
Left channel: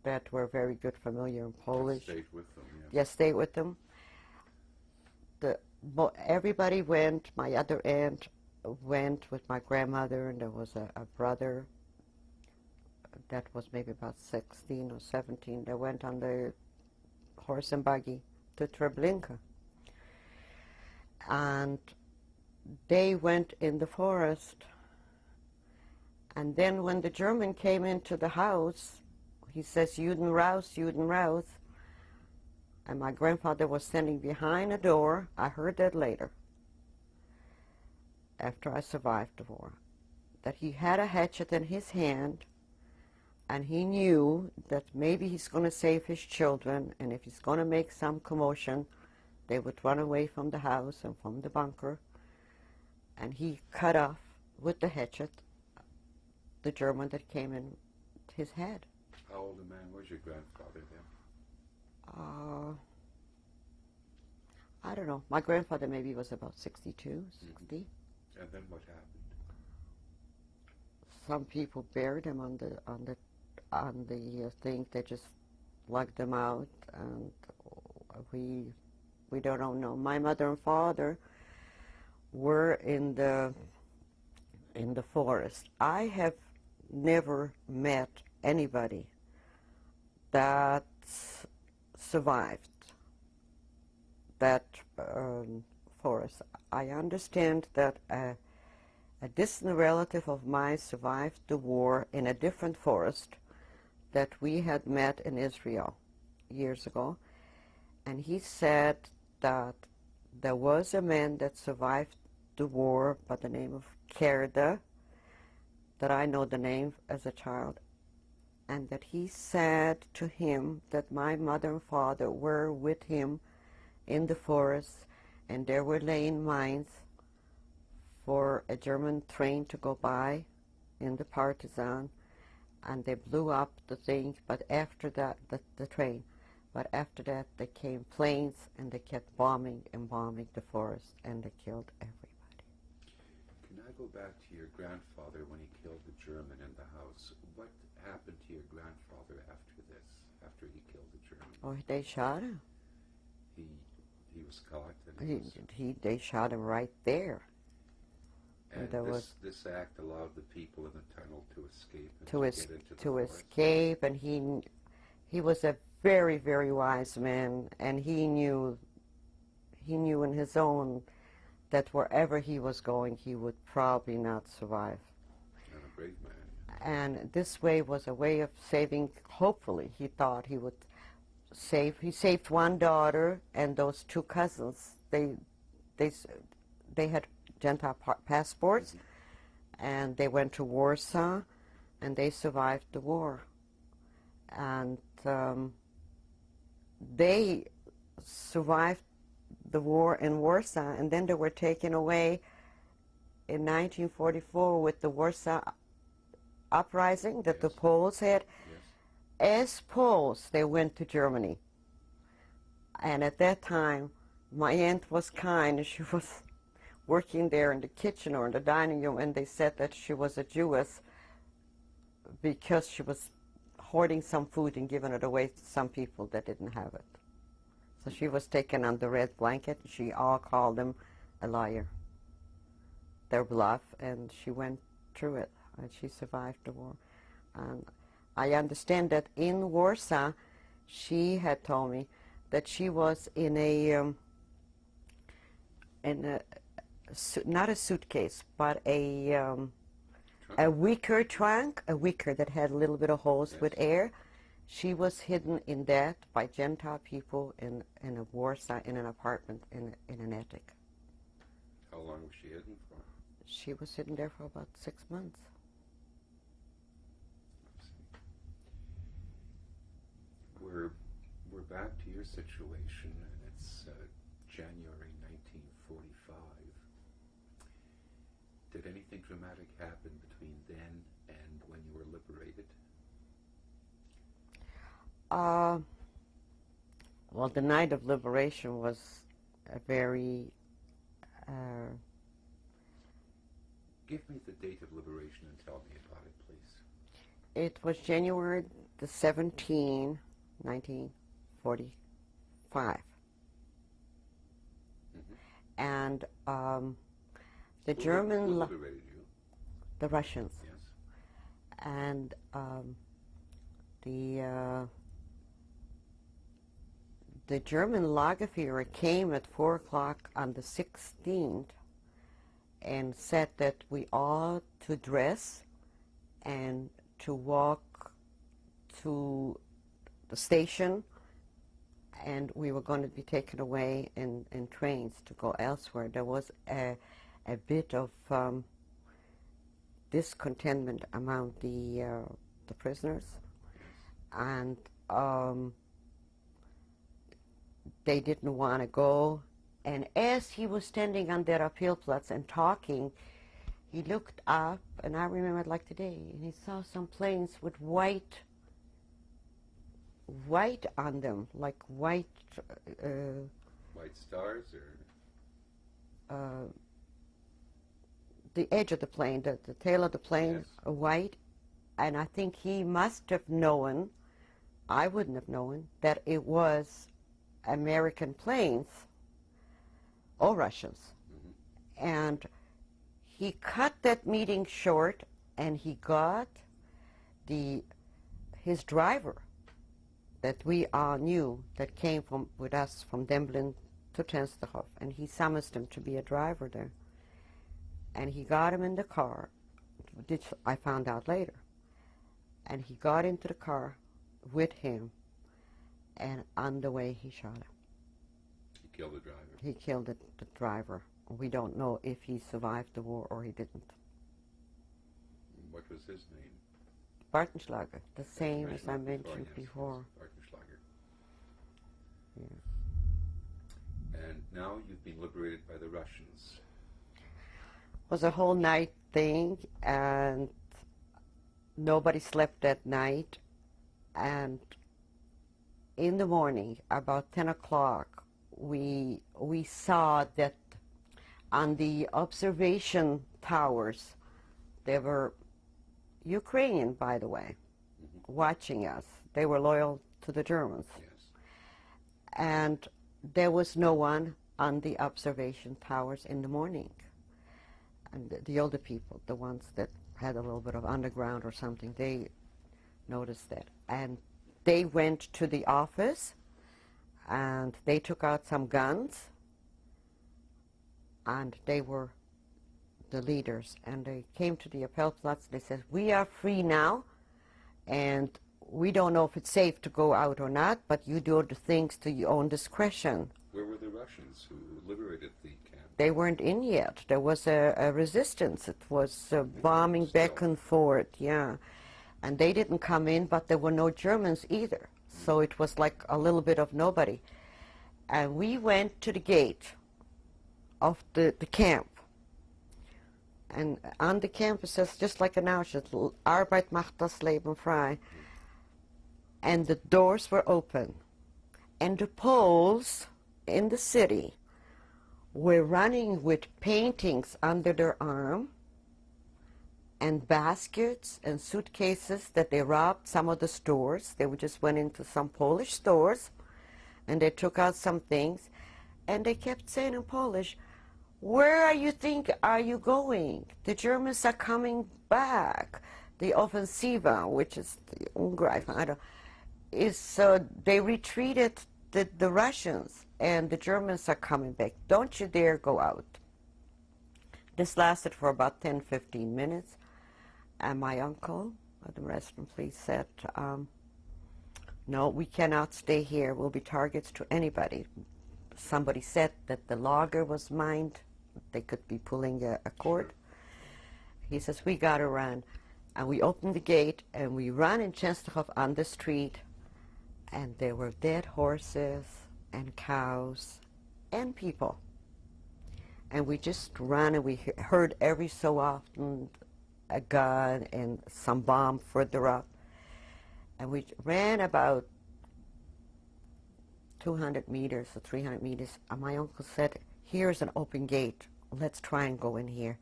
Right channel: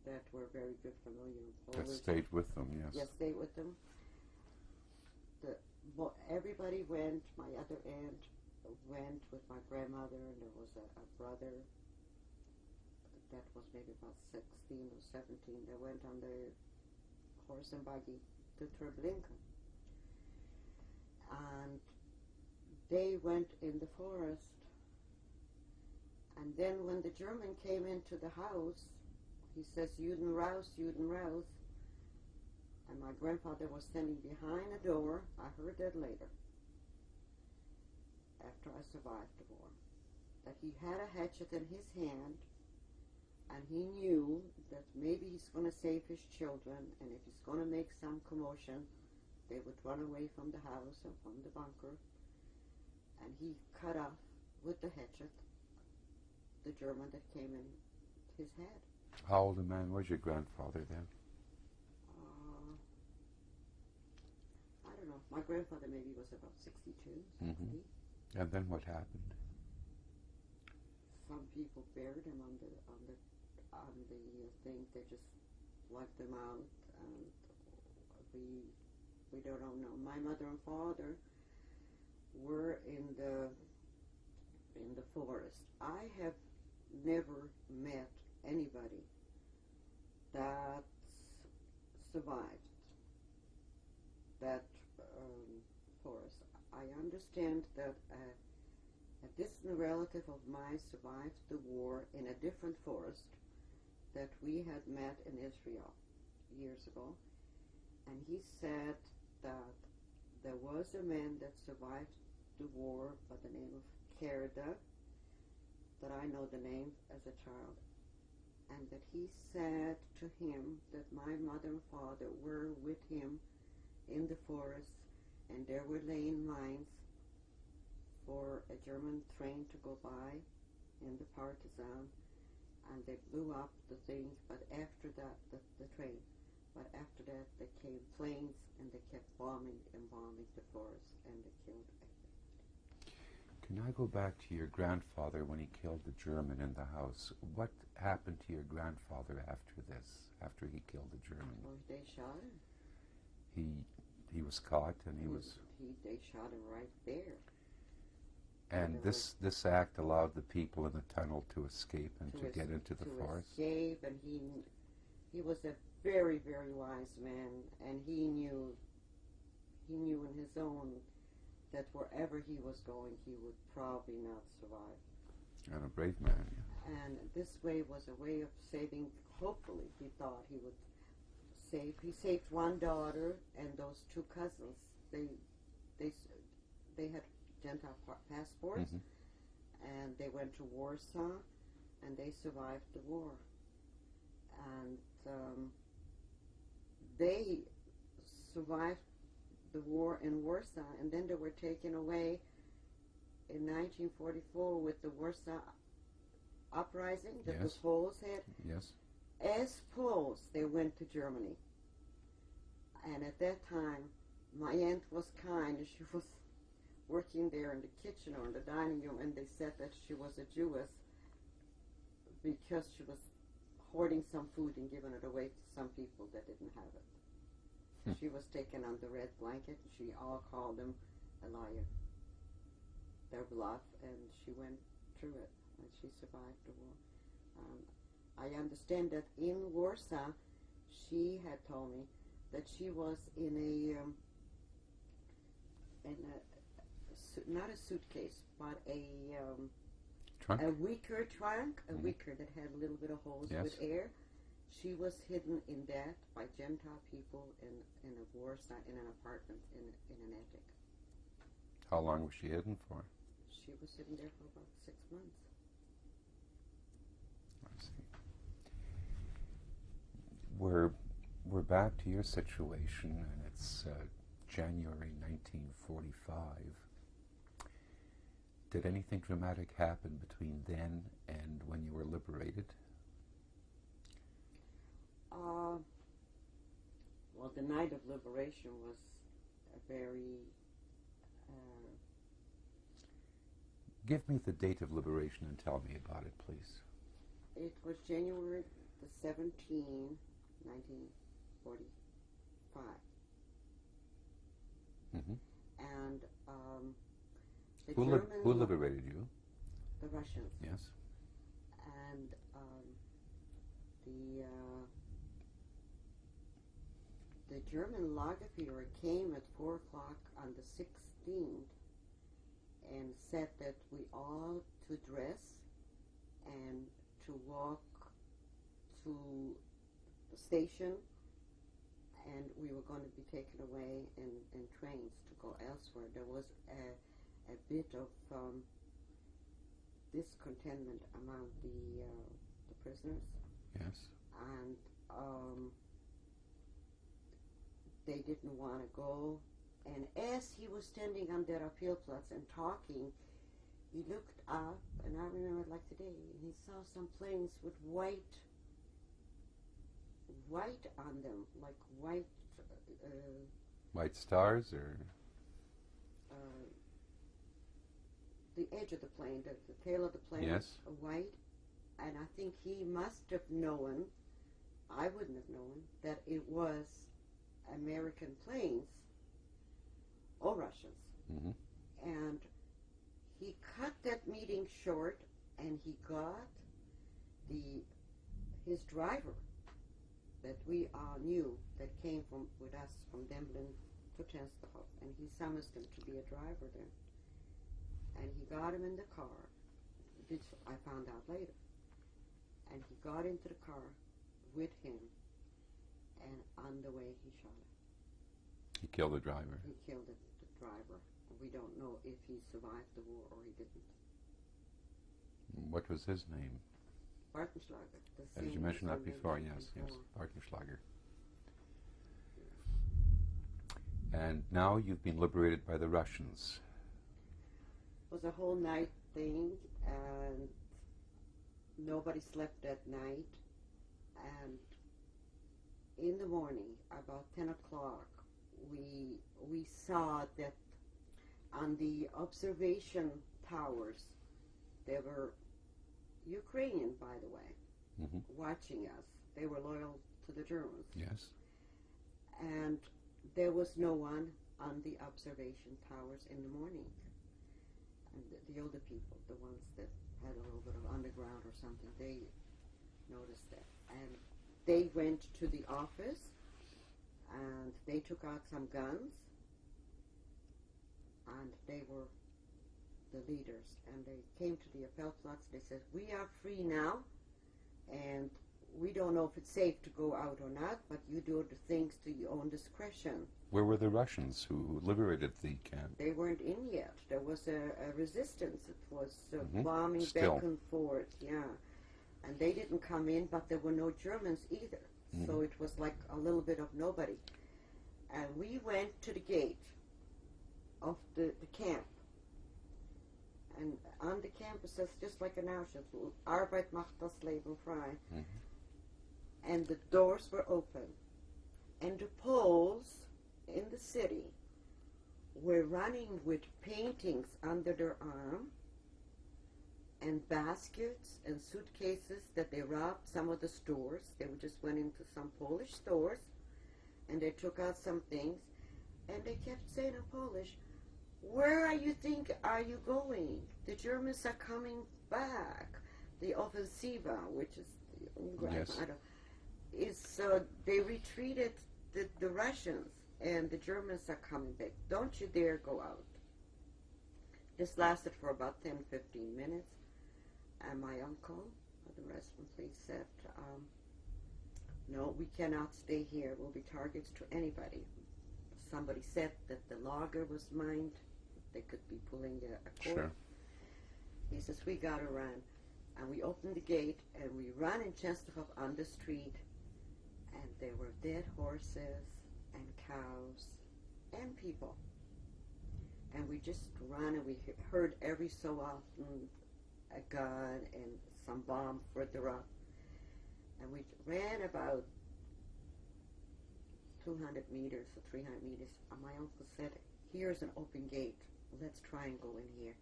that were very good, familiar in Polish. That stayed with them, yes. Yes, stayed with them. Everybody went. My other aunt went with my grandmother, and there was a brother that was maybe about 16 or 17 that went on the horse and buggy to Treblinka. And they went in the forest. And then when the German came into the house, he says, "Juden raus, Juden raus." And my grandfather was standing behind a door. I heard that later, after I survived the war, that he had a hatchet in his hand, and he knew that maybe he's going to save his children, and if he's going to make some commotion, they would run away from the house and from the bunker. And he cut off with the hatchet the German that came in his head. How old a man was your grandfather then? I don't know. My grandfather maybe was about 62, 60. And then what happened? Some people buried him on the thing. They just lugged him out, and we don't know. My mother and father were in the forest. I have never met anybody that survived that forest. I understand that a distant relative of mine survived the war in a different forest that we had met in Israel years ago, and he said that there was a man that survived the war by the name of Kerda, that I know the name as a child, and that he said to him that my mother and father were with him in the forest, and there were laying mines for a German train to go by in the partisan, and they blew up the thing, but after that, the train, but after that they came planes, and they kept bombing and bombing the forest, and they killed everybody. Can I go back to your grandfather when he killed the German in the house? What happened to your grandfather after this, after he killed the German? Oh, they shot him. He was caught, and they shot him right there. And this act allowed the people in the tunnel to escape and to get into the forest? To escape, and he was a very, very wise man, and he knew in his own that wherever he was going, he would probably not survive. And a brave man. And this way was a way of saving, hopefully, he thought he would save. He saved one daughter and those 2 cousins. They had Gentile passports, and they went to Warsaw, and they survived the war. And they survived the war in Warsaw, and then they were taken away in 1944 with the Warsaw uprising that the Poles had. Yes. as Poles, they went to Germany. And at that time, my aunt was kind. She was working there in the kitchen or in the dining room, and they said that she was a Jewess because she was hoarding some food and giving it away to some people that didn't have it. So she was taken on the red blanket. She all called them a liar, their bluff, and she went through it, and she survived the war. And I understand that in Warsaw, she had told me that she was in a not a suitcase, but a wicker trunk, a wicker that had a little bit of holes with air. She was hidden in that by Gentile people in a Warsaw, in an apartment, in an attic. How long was she hidden for? She was hidden there for about 6 months. I see. We're back to your situation, and it's January 1945. Did anything dramatic happen between then and when you were liberated? Well, the night of liberation was a very... Give me the date of liberation and tell me about it, please. It was January the 17th, 1945. Mm-hmm. And the Who German... Who liberated you? The Russians. Yes. And the German Lagerführer came at 4 o'clock on the 16th and said that we ought to dress and to walk to the station, and we were going to be taken away in trains to go elsewhere. There was a bit of discontentment among the prisoners. Yes. And they didn't want to go. And as he was standing on that Appealplatz and talking, he looked up, and I remember it like today, and he saw some planes with white on them, like white... White stars, or? The edge of the plane, the tail of the plane, Yes. White. And I think he must have known, I wouldn't have known, that it was American planes or Russians. Mm-hmm. And he cut that meeting short, and he got his driver that we all knew, that came with us from Demblin to Tensterhof, and he summoned him to be a driver there. And he got him in the car, which I found out later. And he got into the car with him, and on the way he shot him. He killed the driver. He killed the driver. We don't know if he survived the war or he didn't. What was his name? Bartenschlager, the same as I mentioned before. Yes, Bartenschlager. Yeah. And now you've been liberated by the Russians. It was a whole night thing, and nobody slept that night. And in the morning, about 10 o'clock, we saw that on the observation towers, there were Ukrainian, by the way, Mm-hmm. watching us. They were loyal to the Germans. Yes. And there was no one on the observation towers in the morning. And the older people, the ones that had a little bit of underground or something, they noticed that. And they went to the office, and they took out some guns, and they were the leaders. And they came to the Appellplatz. They said, "We are free now, and we don't know if it's safe to go out or not, but you do the things to your own discretion." Where were the Russians who liberated the camp? They weren't in yet. There was a resistance. It was bombing Still. back and forth, yeah. And they didn't come in, but there were no Germans either. So it was like a little bit of nobody. And we went to the gate of the camp. And on the campus, says, just like an Auschwitz, Arbeit macht das Leben frei. and the doors were open. And the Poles in the city were running with paintings under their arm and baskets and suitcases that they robbed some of the stores. They just went into some Polish stores and they took out some things, and they kept saying in Polish, "Where are you going? The Germans are coming back. The Offensiva," which is the Ungreifung, yes. They retreated the Russians, and the Germans are coming back. Don't you dare go out. This lasted for about 10-15 minutes, and my uncle, the restaurant police, said, "No, we cannot stay here. We'll be targets to anybody." Somebody said that the lager was mined. They could be pulling a cord. Sure. He says, "We gotta run." And we opened the gate, and we ran in Częstochow on the street, and there were dead horses and cows and people. And we just ran, and we heard every so often a gun and some bomb further up. And we ran about 200 meters or 300 meters. And my uncle said, "Here's an open gate. Let's try and go in here."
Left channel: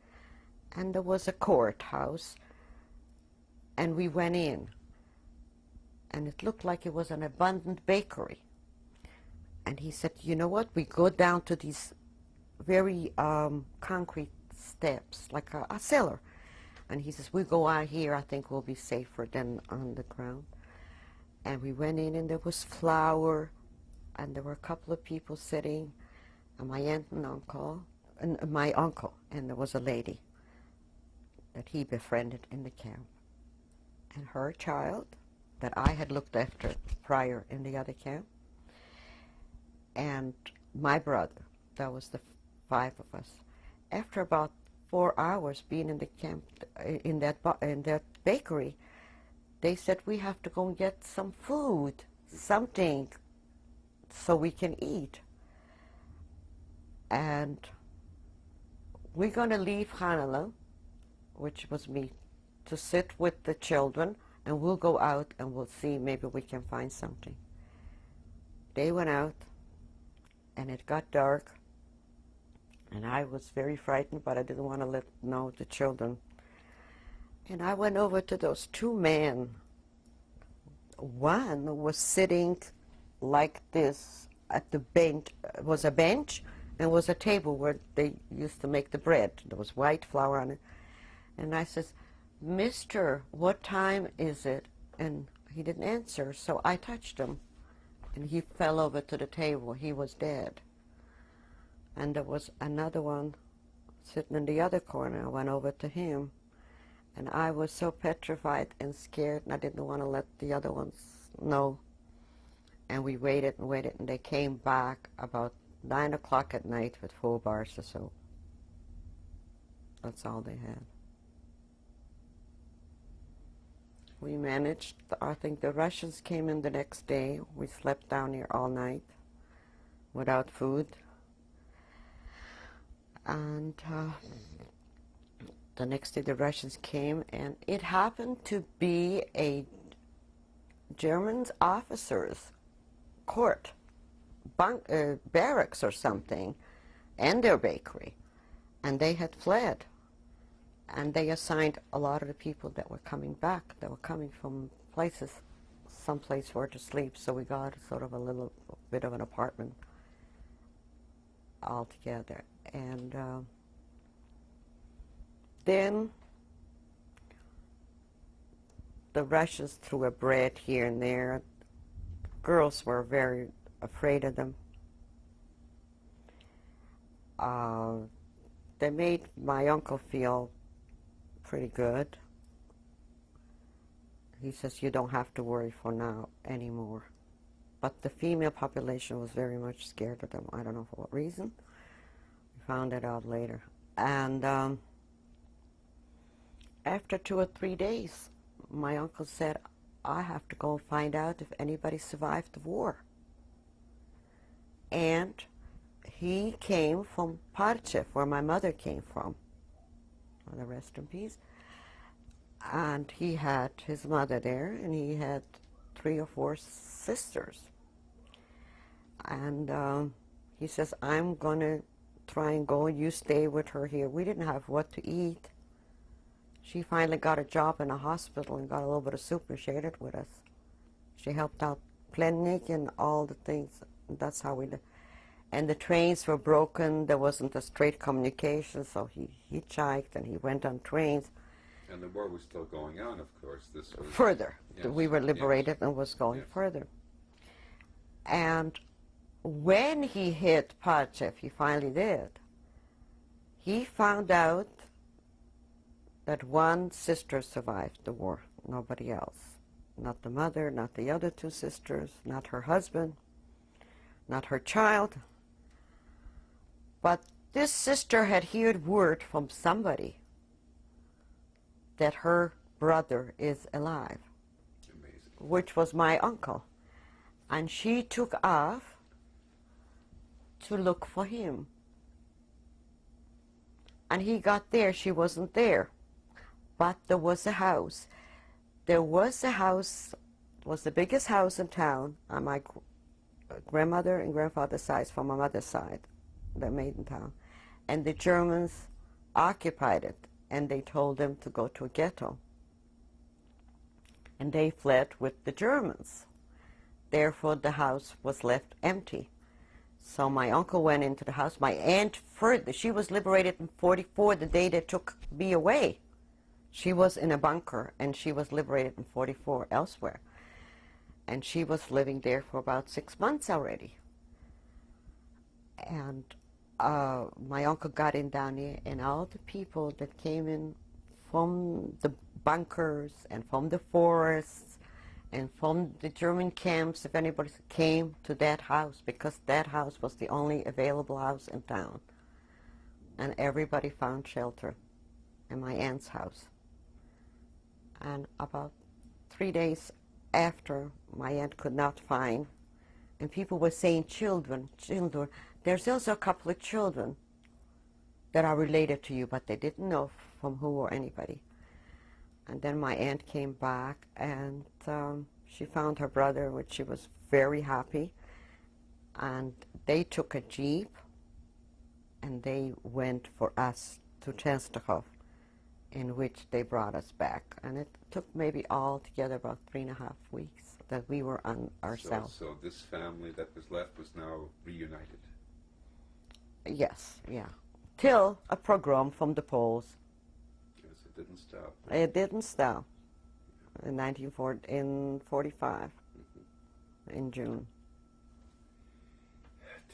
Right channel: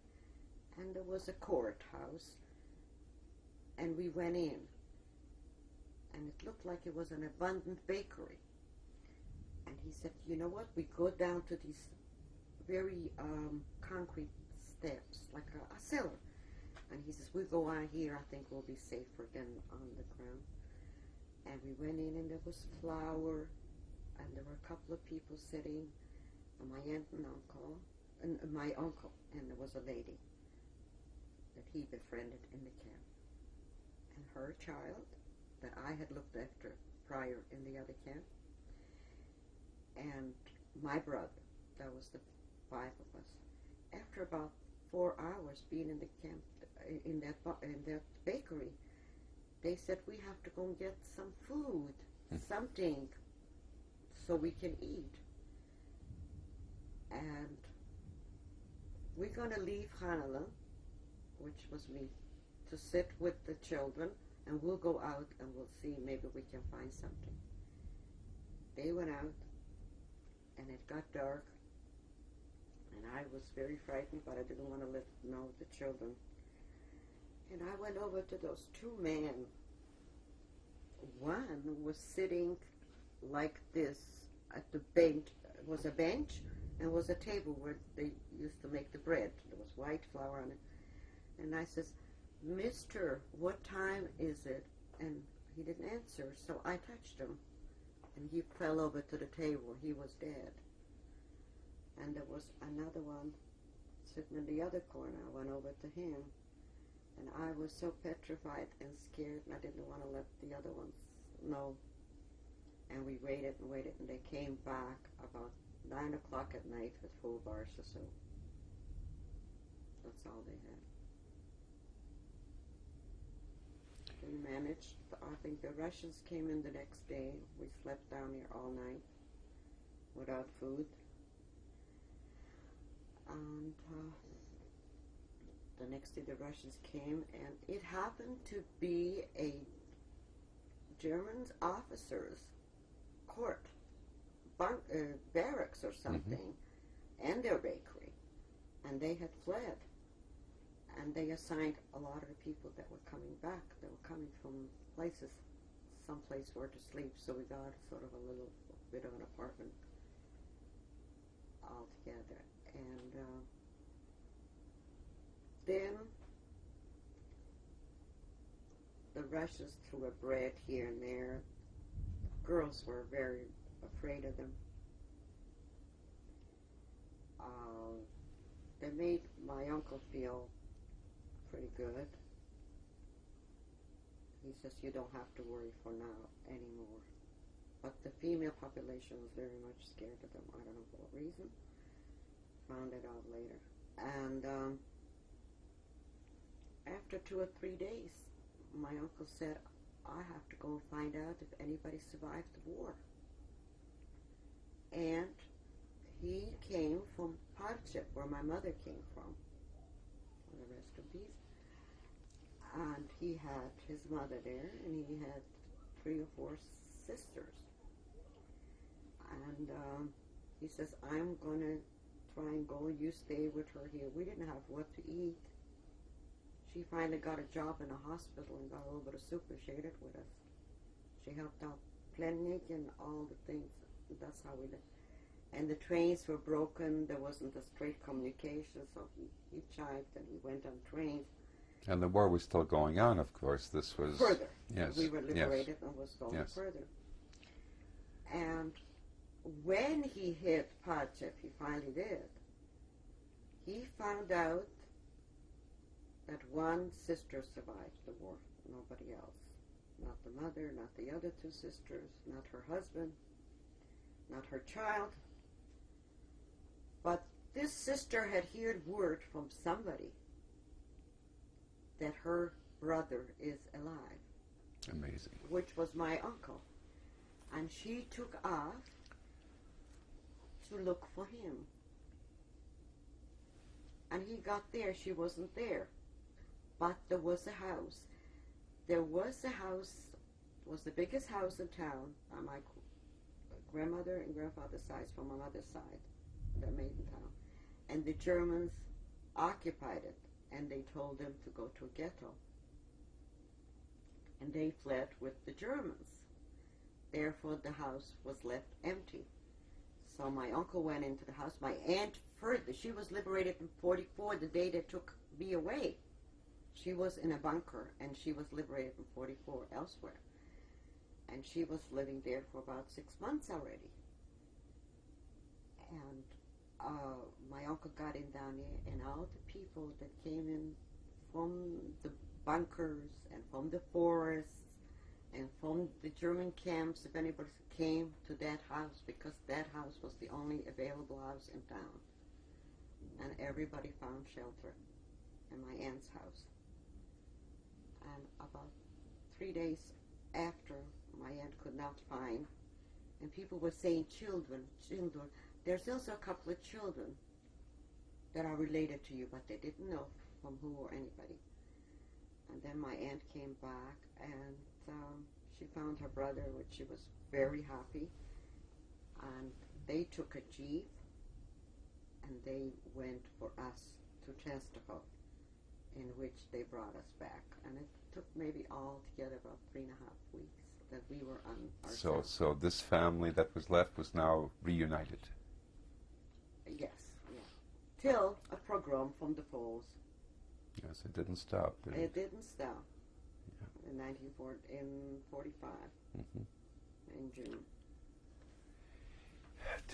And there was a courthouse. And we went in, and it looked like it was an abundant bakery. And he said, "You know what? We go down to these very concrete steps, like a cellar." And he says, "We go out here. I think we'll be safer than on the ground." And we went in, and there was flour, and there were a couple of people sitting, and my aunt and uncle, and my uncle, and there was a lady that he befriended in the camp. And her child that I had looked after prior in the other camp, and my brother. That was the 5 of us. After about 4 hours being in the camp, in that bakery, they said, "We have to go and get some food, something, so we can eat. And we're going to leave Hanela," which was me, "to sit with the children, and we'll go out and we'll see, maybe we can find something." They went out, and it got dark, and I was very frightened, but I didn't want to let know the children. And I went over to those 2 men. One was sitting like this at the bench. It was a bench and was a table where they used to make the bread. There was white flour on it. And I says, "Mister, what time is it?" And he didn't answer, so I touched him, and he fell over to the table. He was dead. And there was another one sitting in the other corner. I went over to him, and I was so petrified and scared, and I didn't want to let the other ones know. And we waited and waited, and they came back about 9 o'clock at night with 4 bars or so. That's all they had. We managed. I think the Russians came in the next day. We slept down here all night without food. And the next day the Russians came, and it happened to be a German officer's court, barracks or something, and their bakery. And they had fled. And they assigned a lot of the people that were coming back. They were coming from places, someplace where to sleep. So we got sort of a little bit of an apartment all together. And then the Russians threw a bread here and there. Girls were very afraid of them. They made my uncle feel pretty good. He says, "You don't have to worry for now anymore." But the female population was very much scared of them. I don't know for what reason. We found it out later. And after 2 or 3 days, my uncle said, "I have to go find out if anybody survived the war." And he came from Parchev, where my mother came from. The rest in peace. And he had his mother there, and he had 3 or 4 sisters. And he says, I'm going to try and go, you stay with her here. We didn't have what to eat. She finally got a job in a hospital and got a little bit of soup and shared it with us. She helped out clinic and all the things. That's how we lived. And the trains were broken. There wasn't a straight communication, so he hitchhiked and he went on trains. And the war was still going on, of course. This was... Further. Yes. We were liberated and was going further. And when he hit Pachev, he finally did, he found out that one sister survived the war, nobody else. Not the mother, not the other 2 sisters, not her husband, not her child. But this sister had heard word from somebody that her brother is alive. Amazing. Which was my uncle. And she took off to look for him. And he got there, she wasn't there. But there was a house. There was a house, it was the biggest house in town on my grandmother and grandfather's side, from my mother's side, the maiden town. And the Germans occupied it, and they told them to go to a ghetto. And they fled with the Germans. Therefore, the house was left empty. So my uncle went into the house. My aunt, she was liberated in 1944, the day they took me away. She was in a bunker, and she was liberated in 1944 elsewhere. And she was living there for about 6 months already. And my uncle got in down here, and all the people that came in from the bunkers and from the forests and from the German camps, if anybody came to that house, because that house was the only available house in town. And everybody found shelter in my aunt's house. And about 3 days after, my aunt could not find, and people were saying children. There's also a couple of children that are related to you, but they didn't know from who or anybody. And then my aunt came back, and she found her brother, which she was very happy. And they took a jeep, and they went for us to Częstochow, in which they brought us back. And it took maybe all together about 3.5 weeks that we were on ourselves. So this family that was left was now reunited? Yes, yeah. Till a pogrom from the Poles. Yes, it didn't stop. It didn't stop. Yeah. In 1945, in June.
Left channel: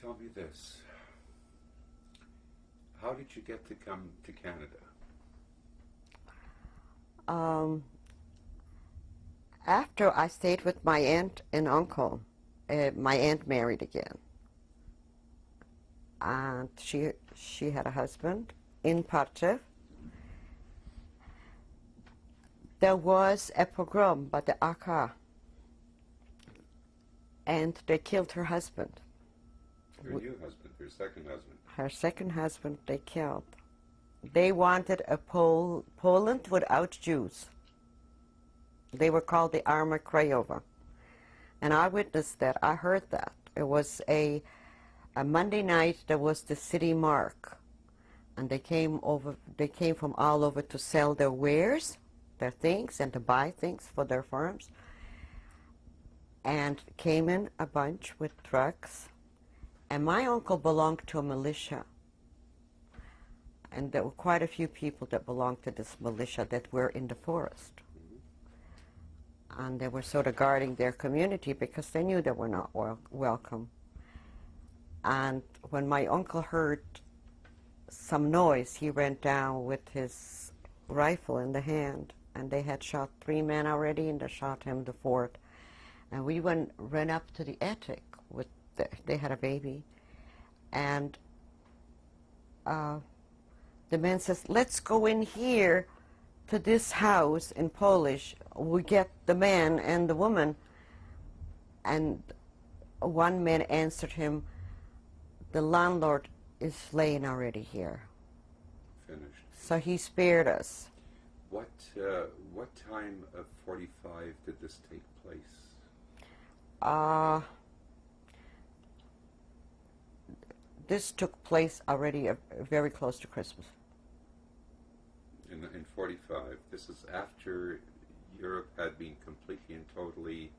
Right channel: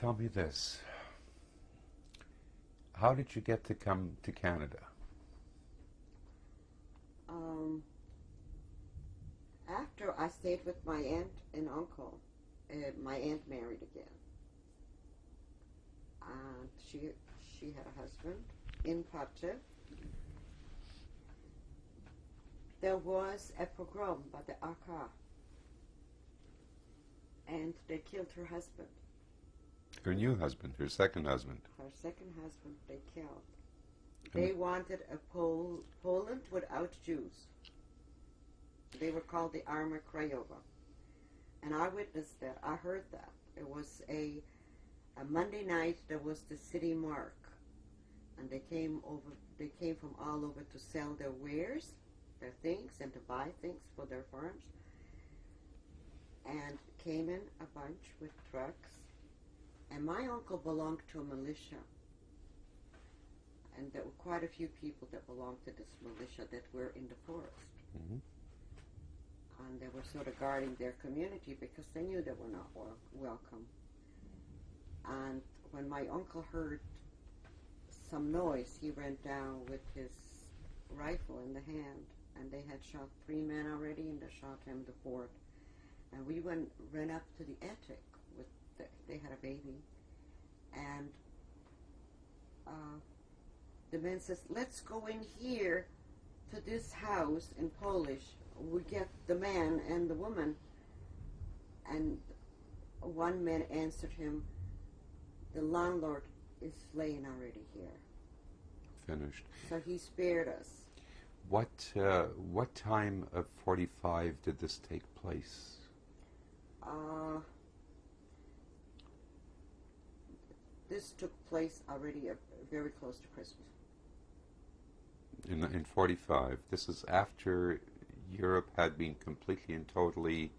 Tell me this. How did you get to come to Canada? After I stayed with my aunt and uncle, my aunt married again. And she had a husband in Pachev. There was a pogrom by the AK, and they killed her husband. Her new husband, her second husband. Her second husband they killed. They wanted a Poland without Jews. They were called the Armia Krajowa. And I witnessed that. I heard that. It was a Monday night. There was the city mark. And they came from all over to sell their wares, their things, and to buy things for their farms. And came in a bunch with trucks. And my uncle belonged to a militia. And there were quite a few people that belonged to this militia that were in the forest. And they were sort of guarding their community because they knew they were not welcome. And when my uncle heard some noise, he ran down with his rifle in the hand. And they had shot 3 men already, and they shot him the 4th. And we ran up to the attic. They had a baby. And the man says, let's go in here to this house in Polish. We get the man and the woman. And one man answered him, the landlord is laying already here. Finished. So he spared us. What time of 45 did this take place? Uh, this took place already very close to Christmas. In 45. This is after Europe had been completely and totally...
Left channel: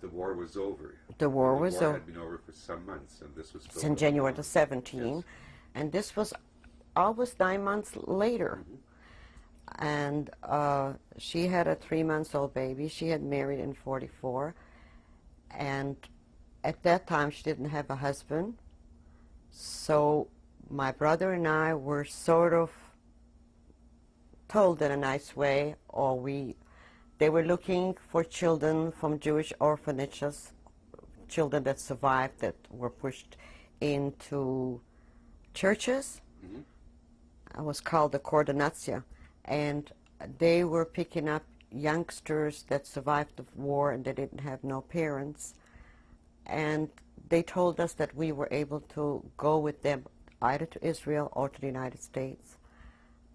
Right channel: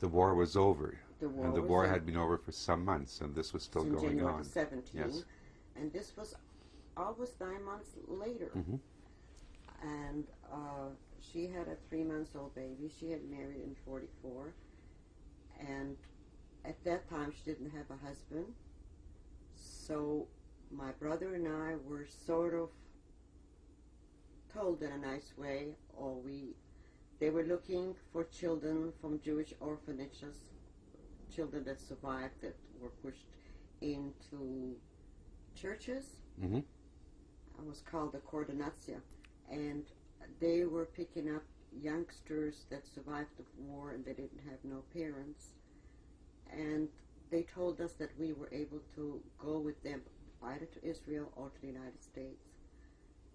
the war was over. The war and was over. The war had been over for some months, and this was still Since going January on. the 17th. Yes. And this was almost 9 months later. Mm-hmm. And she had a 3-month-old baby. She had married in 44. And at that time, she didn't have a husband. So my brother and I were sort of told in a nice way, or they were looking for children from Jewish orphanages, children that survived that were pushed into churches. Mm-hmm. It was called the Coordinatia. And they were picking up youngsters that survived the war and they didn't have no parents. And they told us that we were able to go with them either to Israel or to the United States.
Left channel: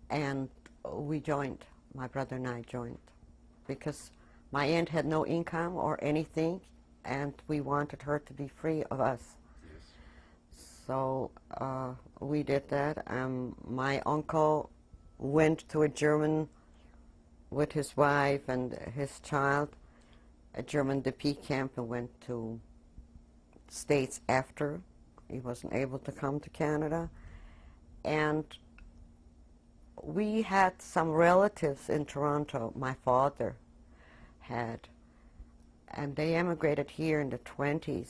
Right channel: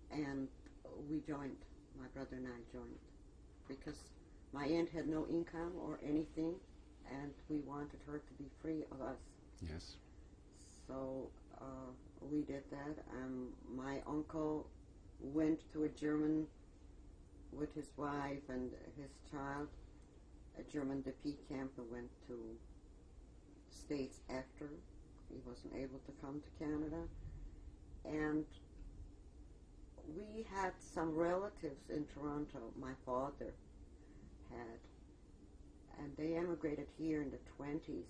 And we joined. My brother and I joined. Because my aunt had no income or anything, and we wanted her to be free of us. Yes. So we did that. My uncle went to a German with his wife and his child, a German DP camp, and went to States after. He wasn't able to come to Canada. And we had some relatives in Toronto, my father had, and they emigrated here in the 20s.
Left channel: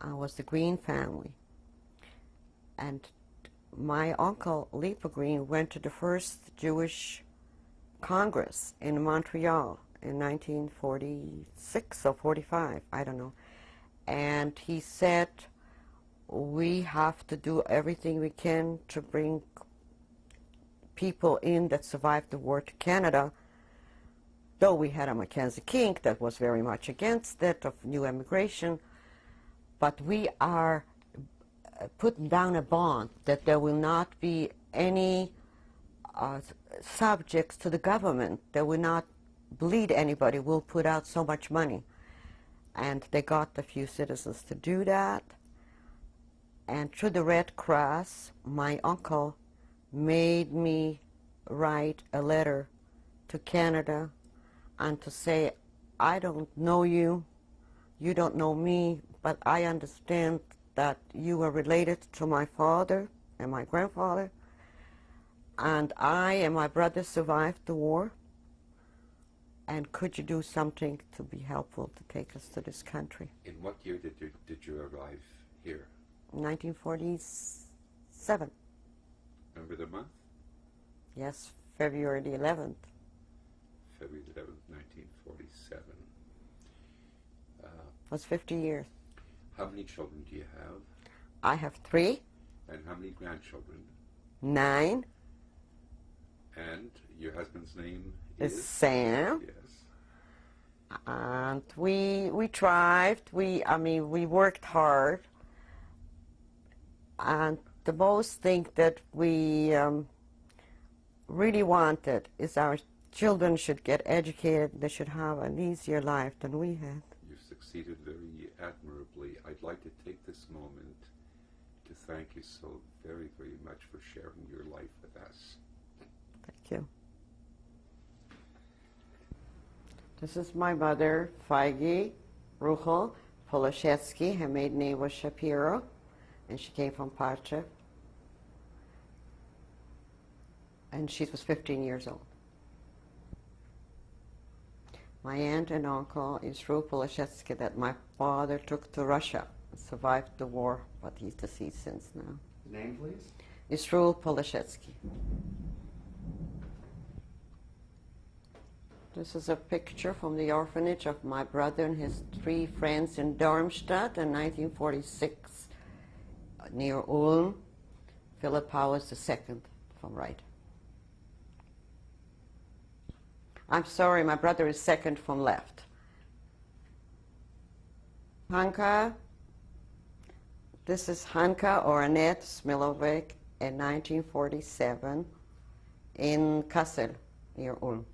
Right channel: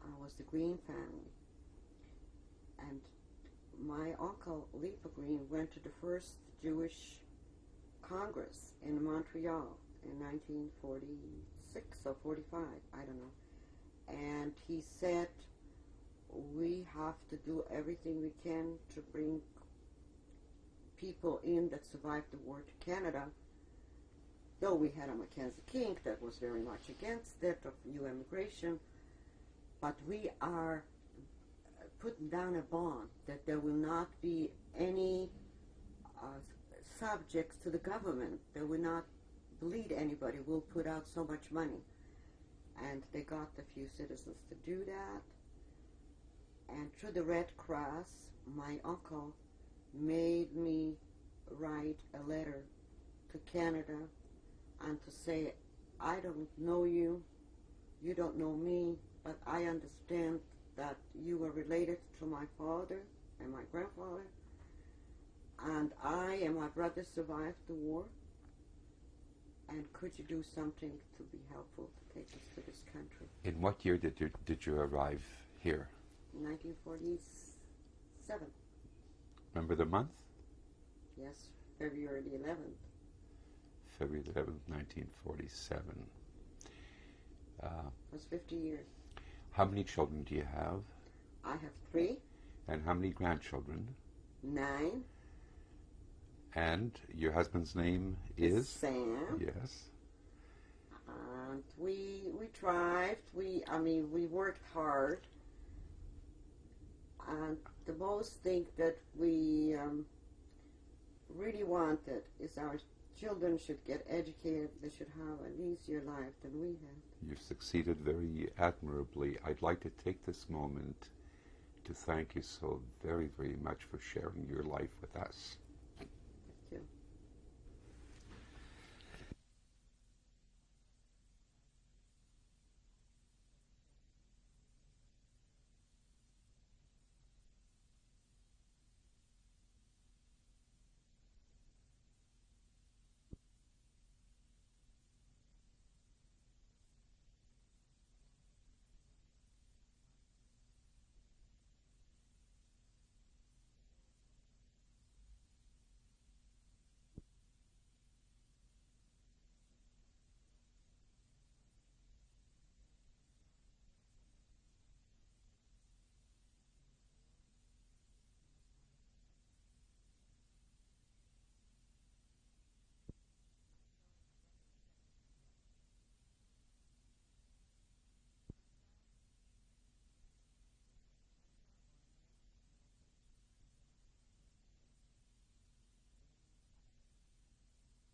I was the Green family. And my uncle, Lipa Green, went to the first Jewish Congress in Montreal in 1946 or 45, I don't know. And he said, we have to do everything we can to bring people in that survived the war to Canada, though we had a Mackenzie King that was very much against it, of new immigration, but we are putting down a bond that there will not be any subjects to the government, that will not bleed anybody, will put out so much money. And they got a few citizens to do that. And through the Red Cross, my uncle made me write a letter to Canada and to say, I don't know you, you don't know me, but I understand that you are related to my father and my grandfather, and I and my brother survived the war, and could you do something to be helpful to take us to this country? In what year did you arrive here? 1947. Remember the month? Yes, February the 11th. February the 11th, 1947. That's 50 years. How many children do you have? I have 3. And how many grandchildren? 9. And your husband's name Is is? Sam. Yes. And we thrived. We worked hard. And the most thing that we really wanted is our children should get educated. They should have an easier life than we had. You've succeeded very admirably. I'd like to take this moment to thank you so very, very much for sharing your life with us. Thank you. This is my mother, Feige Ruchel Poloshetsky. Her maiden name was Shapiro, and she came from Pacha. And she was 15 years old. My aunt and uncle is Israel Poloshetsky that my father took to Russia, survived the war, but he's deceased since now. Name, please? Israel Poloshetsky. This is a picture from the orphanage of my brother and his 3 friends in Darmstadt in 1946, near Ulm. Philip Powers II from right. I'm sorry, my brother is second from left. Hanka, this is Hanka or Annette Smilowik in 1947 in Kassel, near Ulm.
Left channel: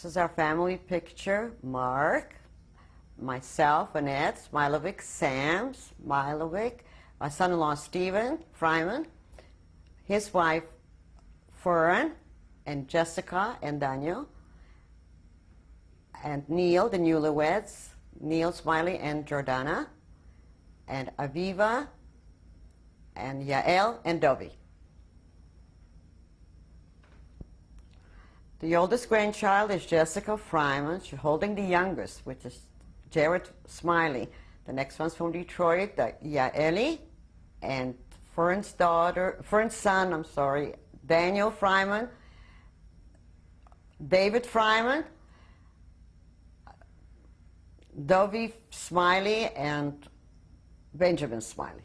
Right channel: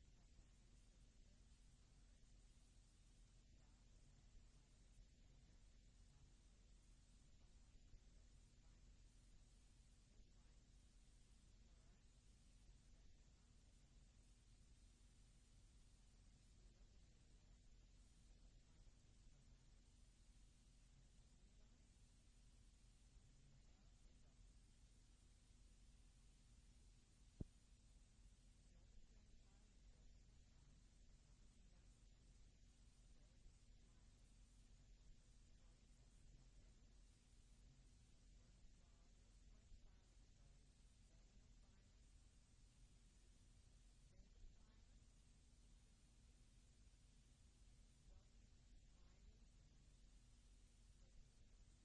This is our family picture. Mark, myself, Annette Smilowicz, Sam Smilowicz, my son-in-law Stephen Fryman, his wife Fern, and Jessica and Daniel, and Neil, the newlyweds, Neil Smiley and Jordana, and Aviva, and Yael and Dovey. The oldest grandchild is Jessica Fryman. She's holding the youngest, which is Jared Smiley. The next one's from Detroit, Yaeli, and Fern's son, Daniel Fryman, David Fryman, Dovey Smiley, and Benjamin Smiley.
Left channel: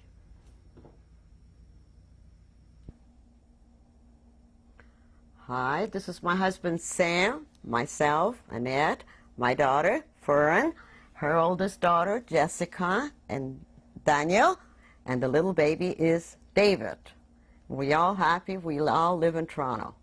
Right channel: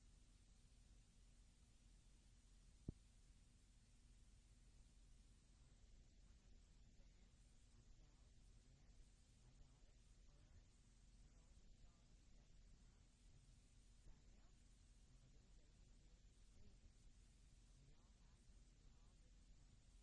Hi, this is my husband Sam, myself, Annette, my daughter Fern, her oldest daughter Jessica, and Daniel, and the little baby is David. We all happy, we all live in Toronto.